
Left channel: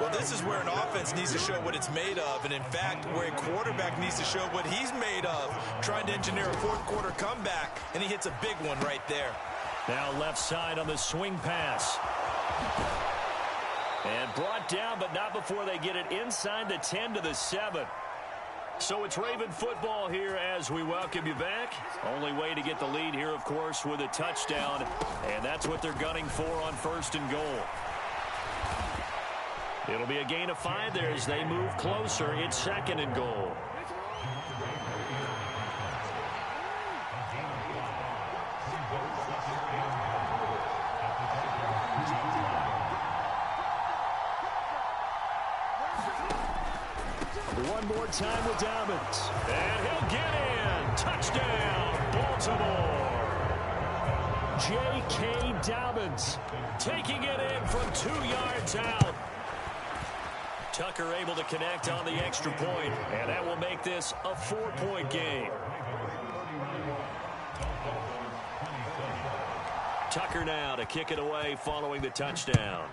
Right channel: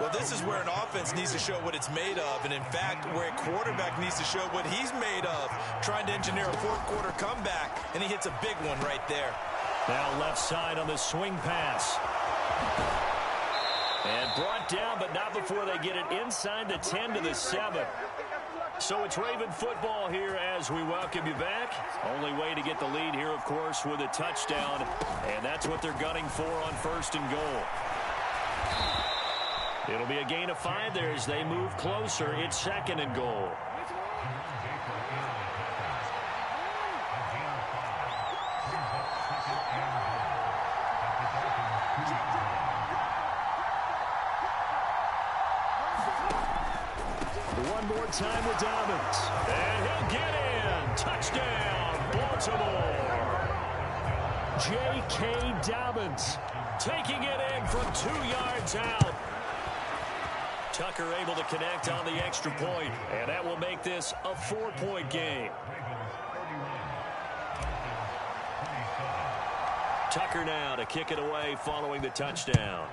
Well, this is where an offense needs to show what it's made of, and in fact, where a quarterback needs to show what he's made of, trying to engineer a fourth quarter comeback, and he hits a big one right there. Now left side on the swing pass. And brought down, but not before they get it inside the 10 to the 7. So it's Raven football here as we welcome you back. Only way to get the lead here, of course, with a touchdown. And that's what they're gunning for on first and goal. It'll be a gain of 5 there as they move closer. It's second and goal. One more time with Dobbins. And he'll get in. Touchdown, Baltimore. J.K. Dobbins taking it in from 2 yards out. Tucker able to connect on the extra point, and that will make this a 4-point game. Tucker now to kick it away following the touchdown.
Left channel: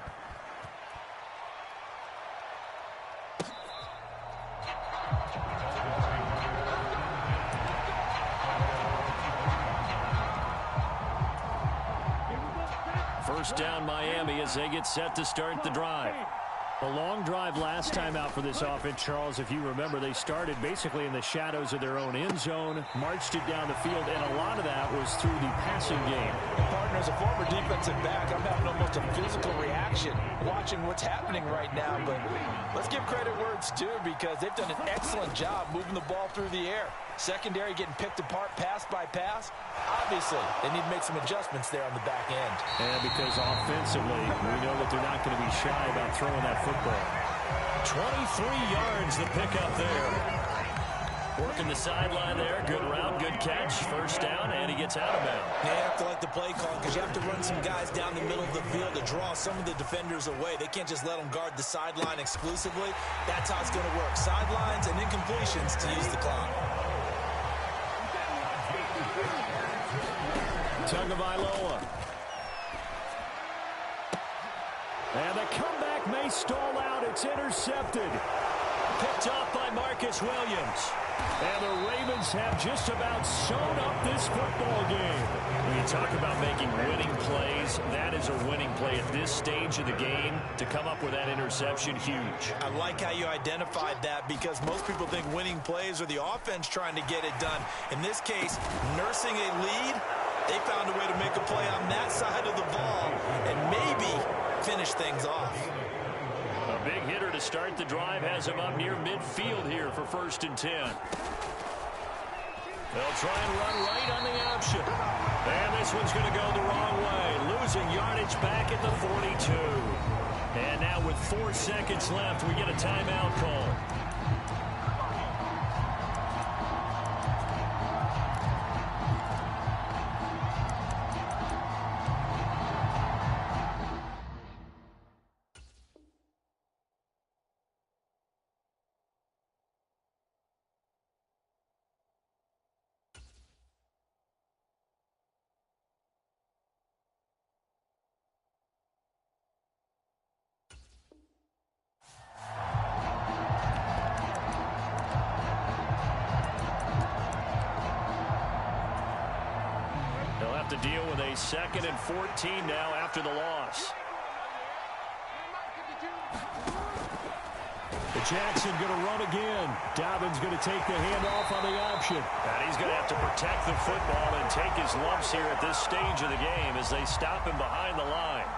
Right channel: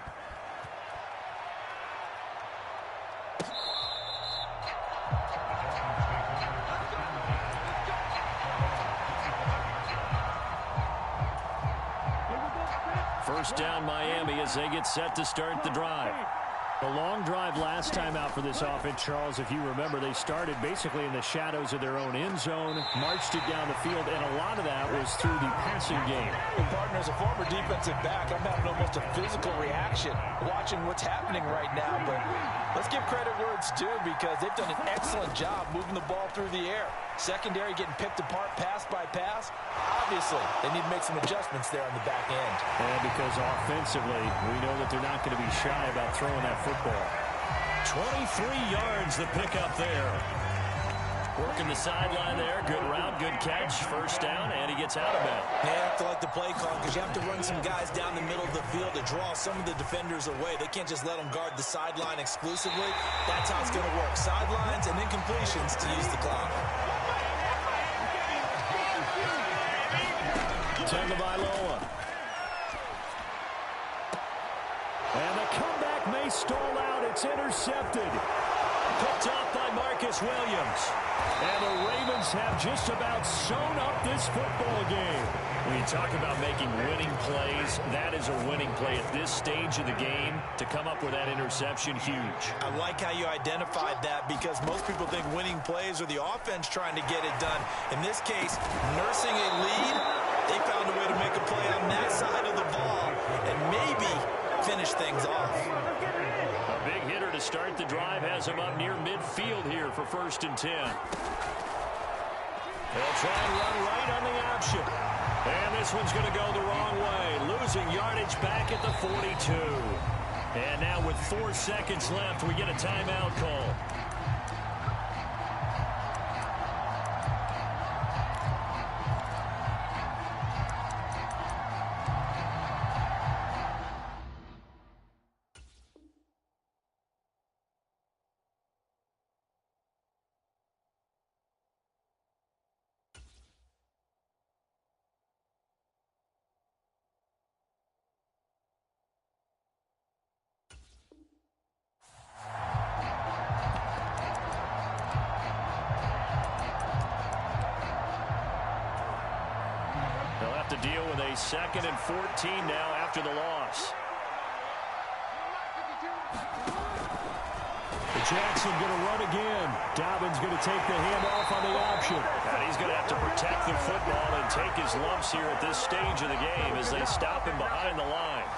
First down Miami as they get set to start the drive. The long drive last time out for this offense, Charles, if you remember, they started basically in the shadows of their own end zone, marched it down the field, and a lot of that was through the passing game. And partner, as a former defensive back, I'm having almost a physical reaction watching what's happening right now. But let's give credit where it's due, because they've done an excellent job moving the ball through the air. Secondary getting picked apart pass by pass. Obviously, they need to make some adjustments there on the back end. And because offensively, we know that they're not going to be shy about throwing that football. 23 yards the pickup there. Working the sideline there. Good route, good catch. First down, and he gets out of bounds. They have to like the play call because you have to run some guys down the middle of the field to draw some of the defenders away. They can't just let them guard the sideline exclusively. That's how it's going to work. Sidelines and incompletions to use the clock. Tagovailoa. And the comeback may stall out. It's intercepted. Picked off by Marcus Williams. And the Ravens have just about sewn up this football game. When you talk about making winning plays, that is a winning play at this stage of the game. To come up with that interception, huge. I like how you identified that, because most people think winning plays are the offense trying to get it done. In this case, nursing a lead, they found a way to make a play on that side of the ball and maybe finish things off. A big hitter to start the drive has him up near midfield here for 1st and 10. They'll try and run right on the option. And this one's going to go the wrong way. Losing yardage back at the 42. And now with 4 seconds left, we get a timeout call. They'll have to deal with a 2nd and 14 now after the loss. Jackson going to run again. Dobbins going to take the handoff on the option. And he's going to have to protect the football and take his lumps here at this stage of the game as they stop him behind the line.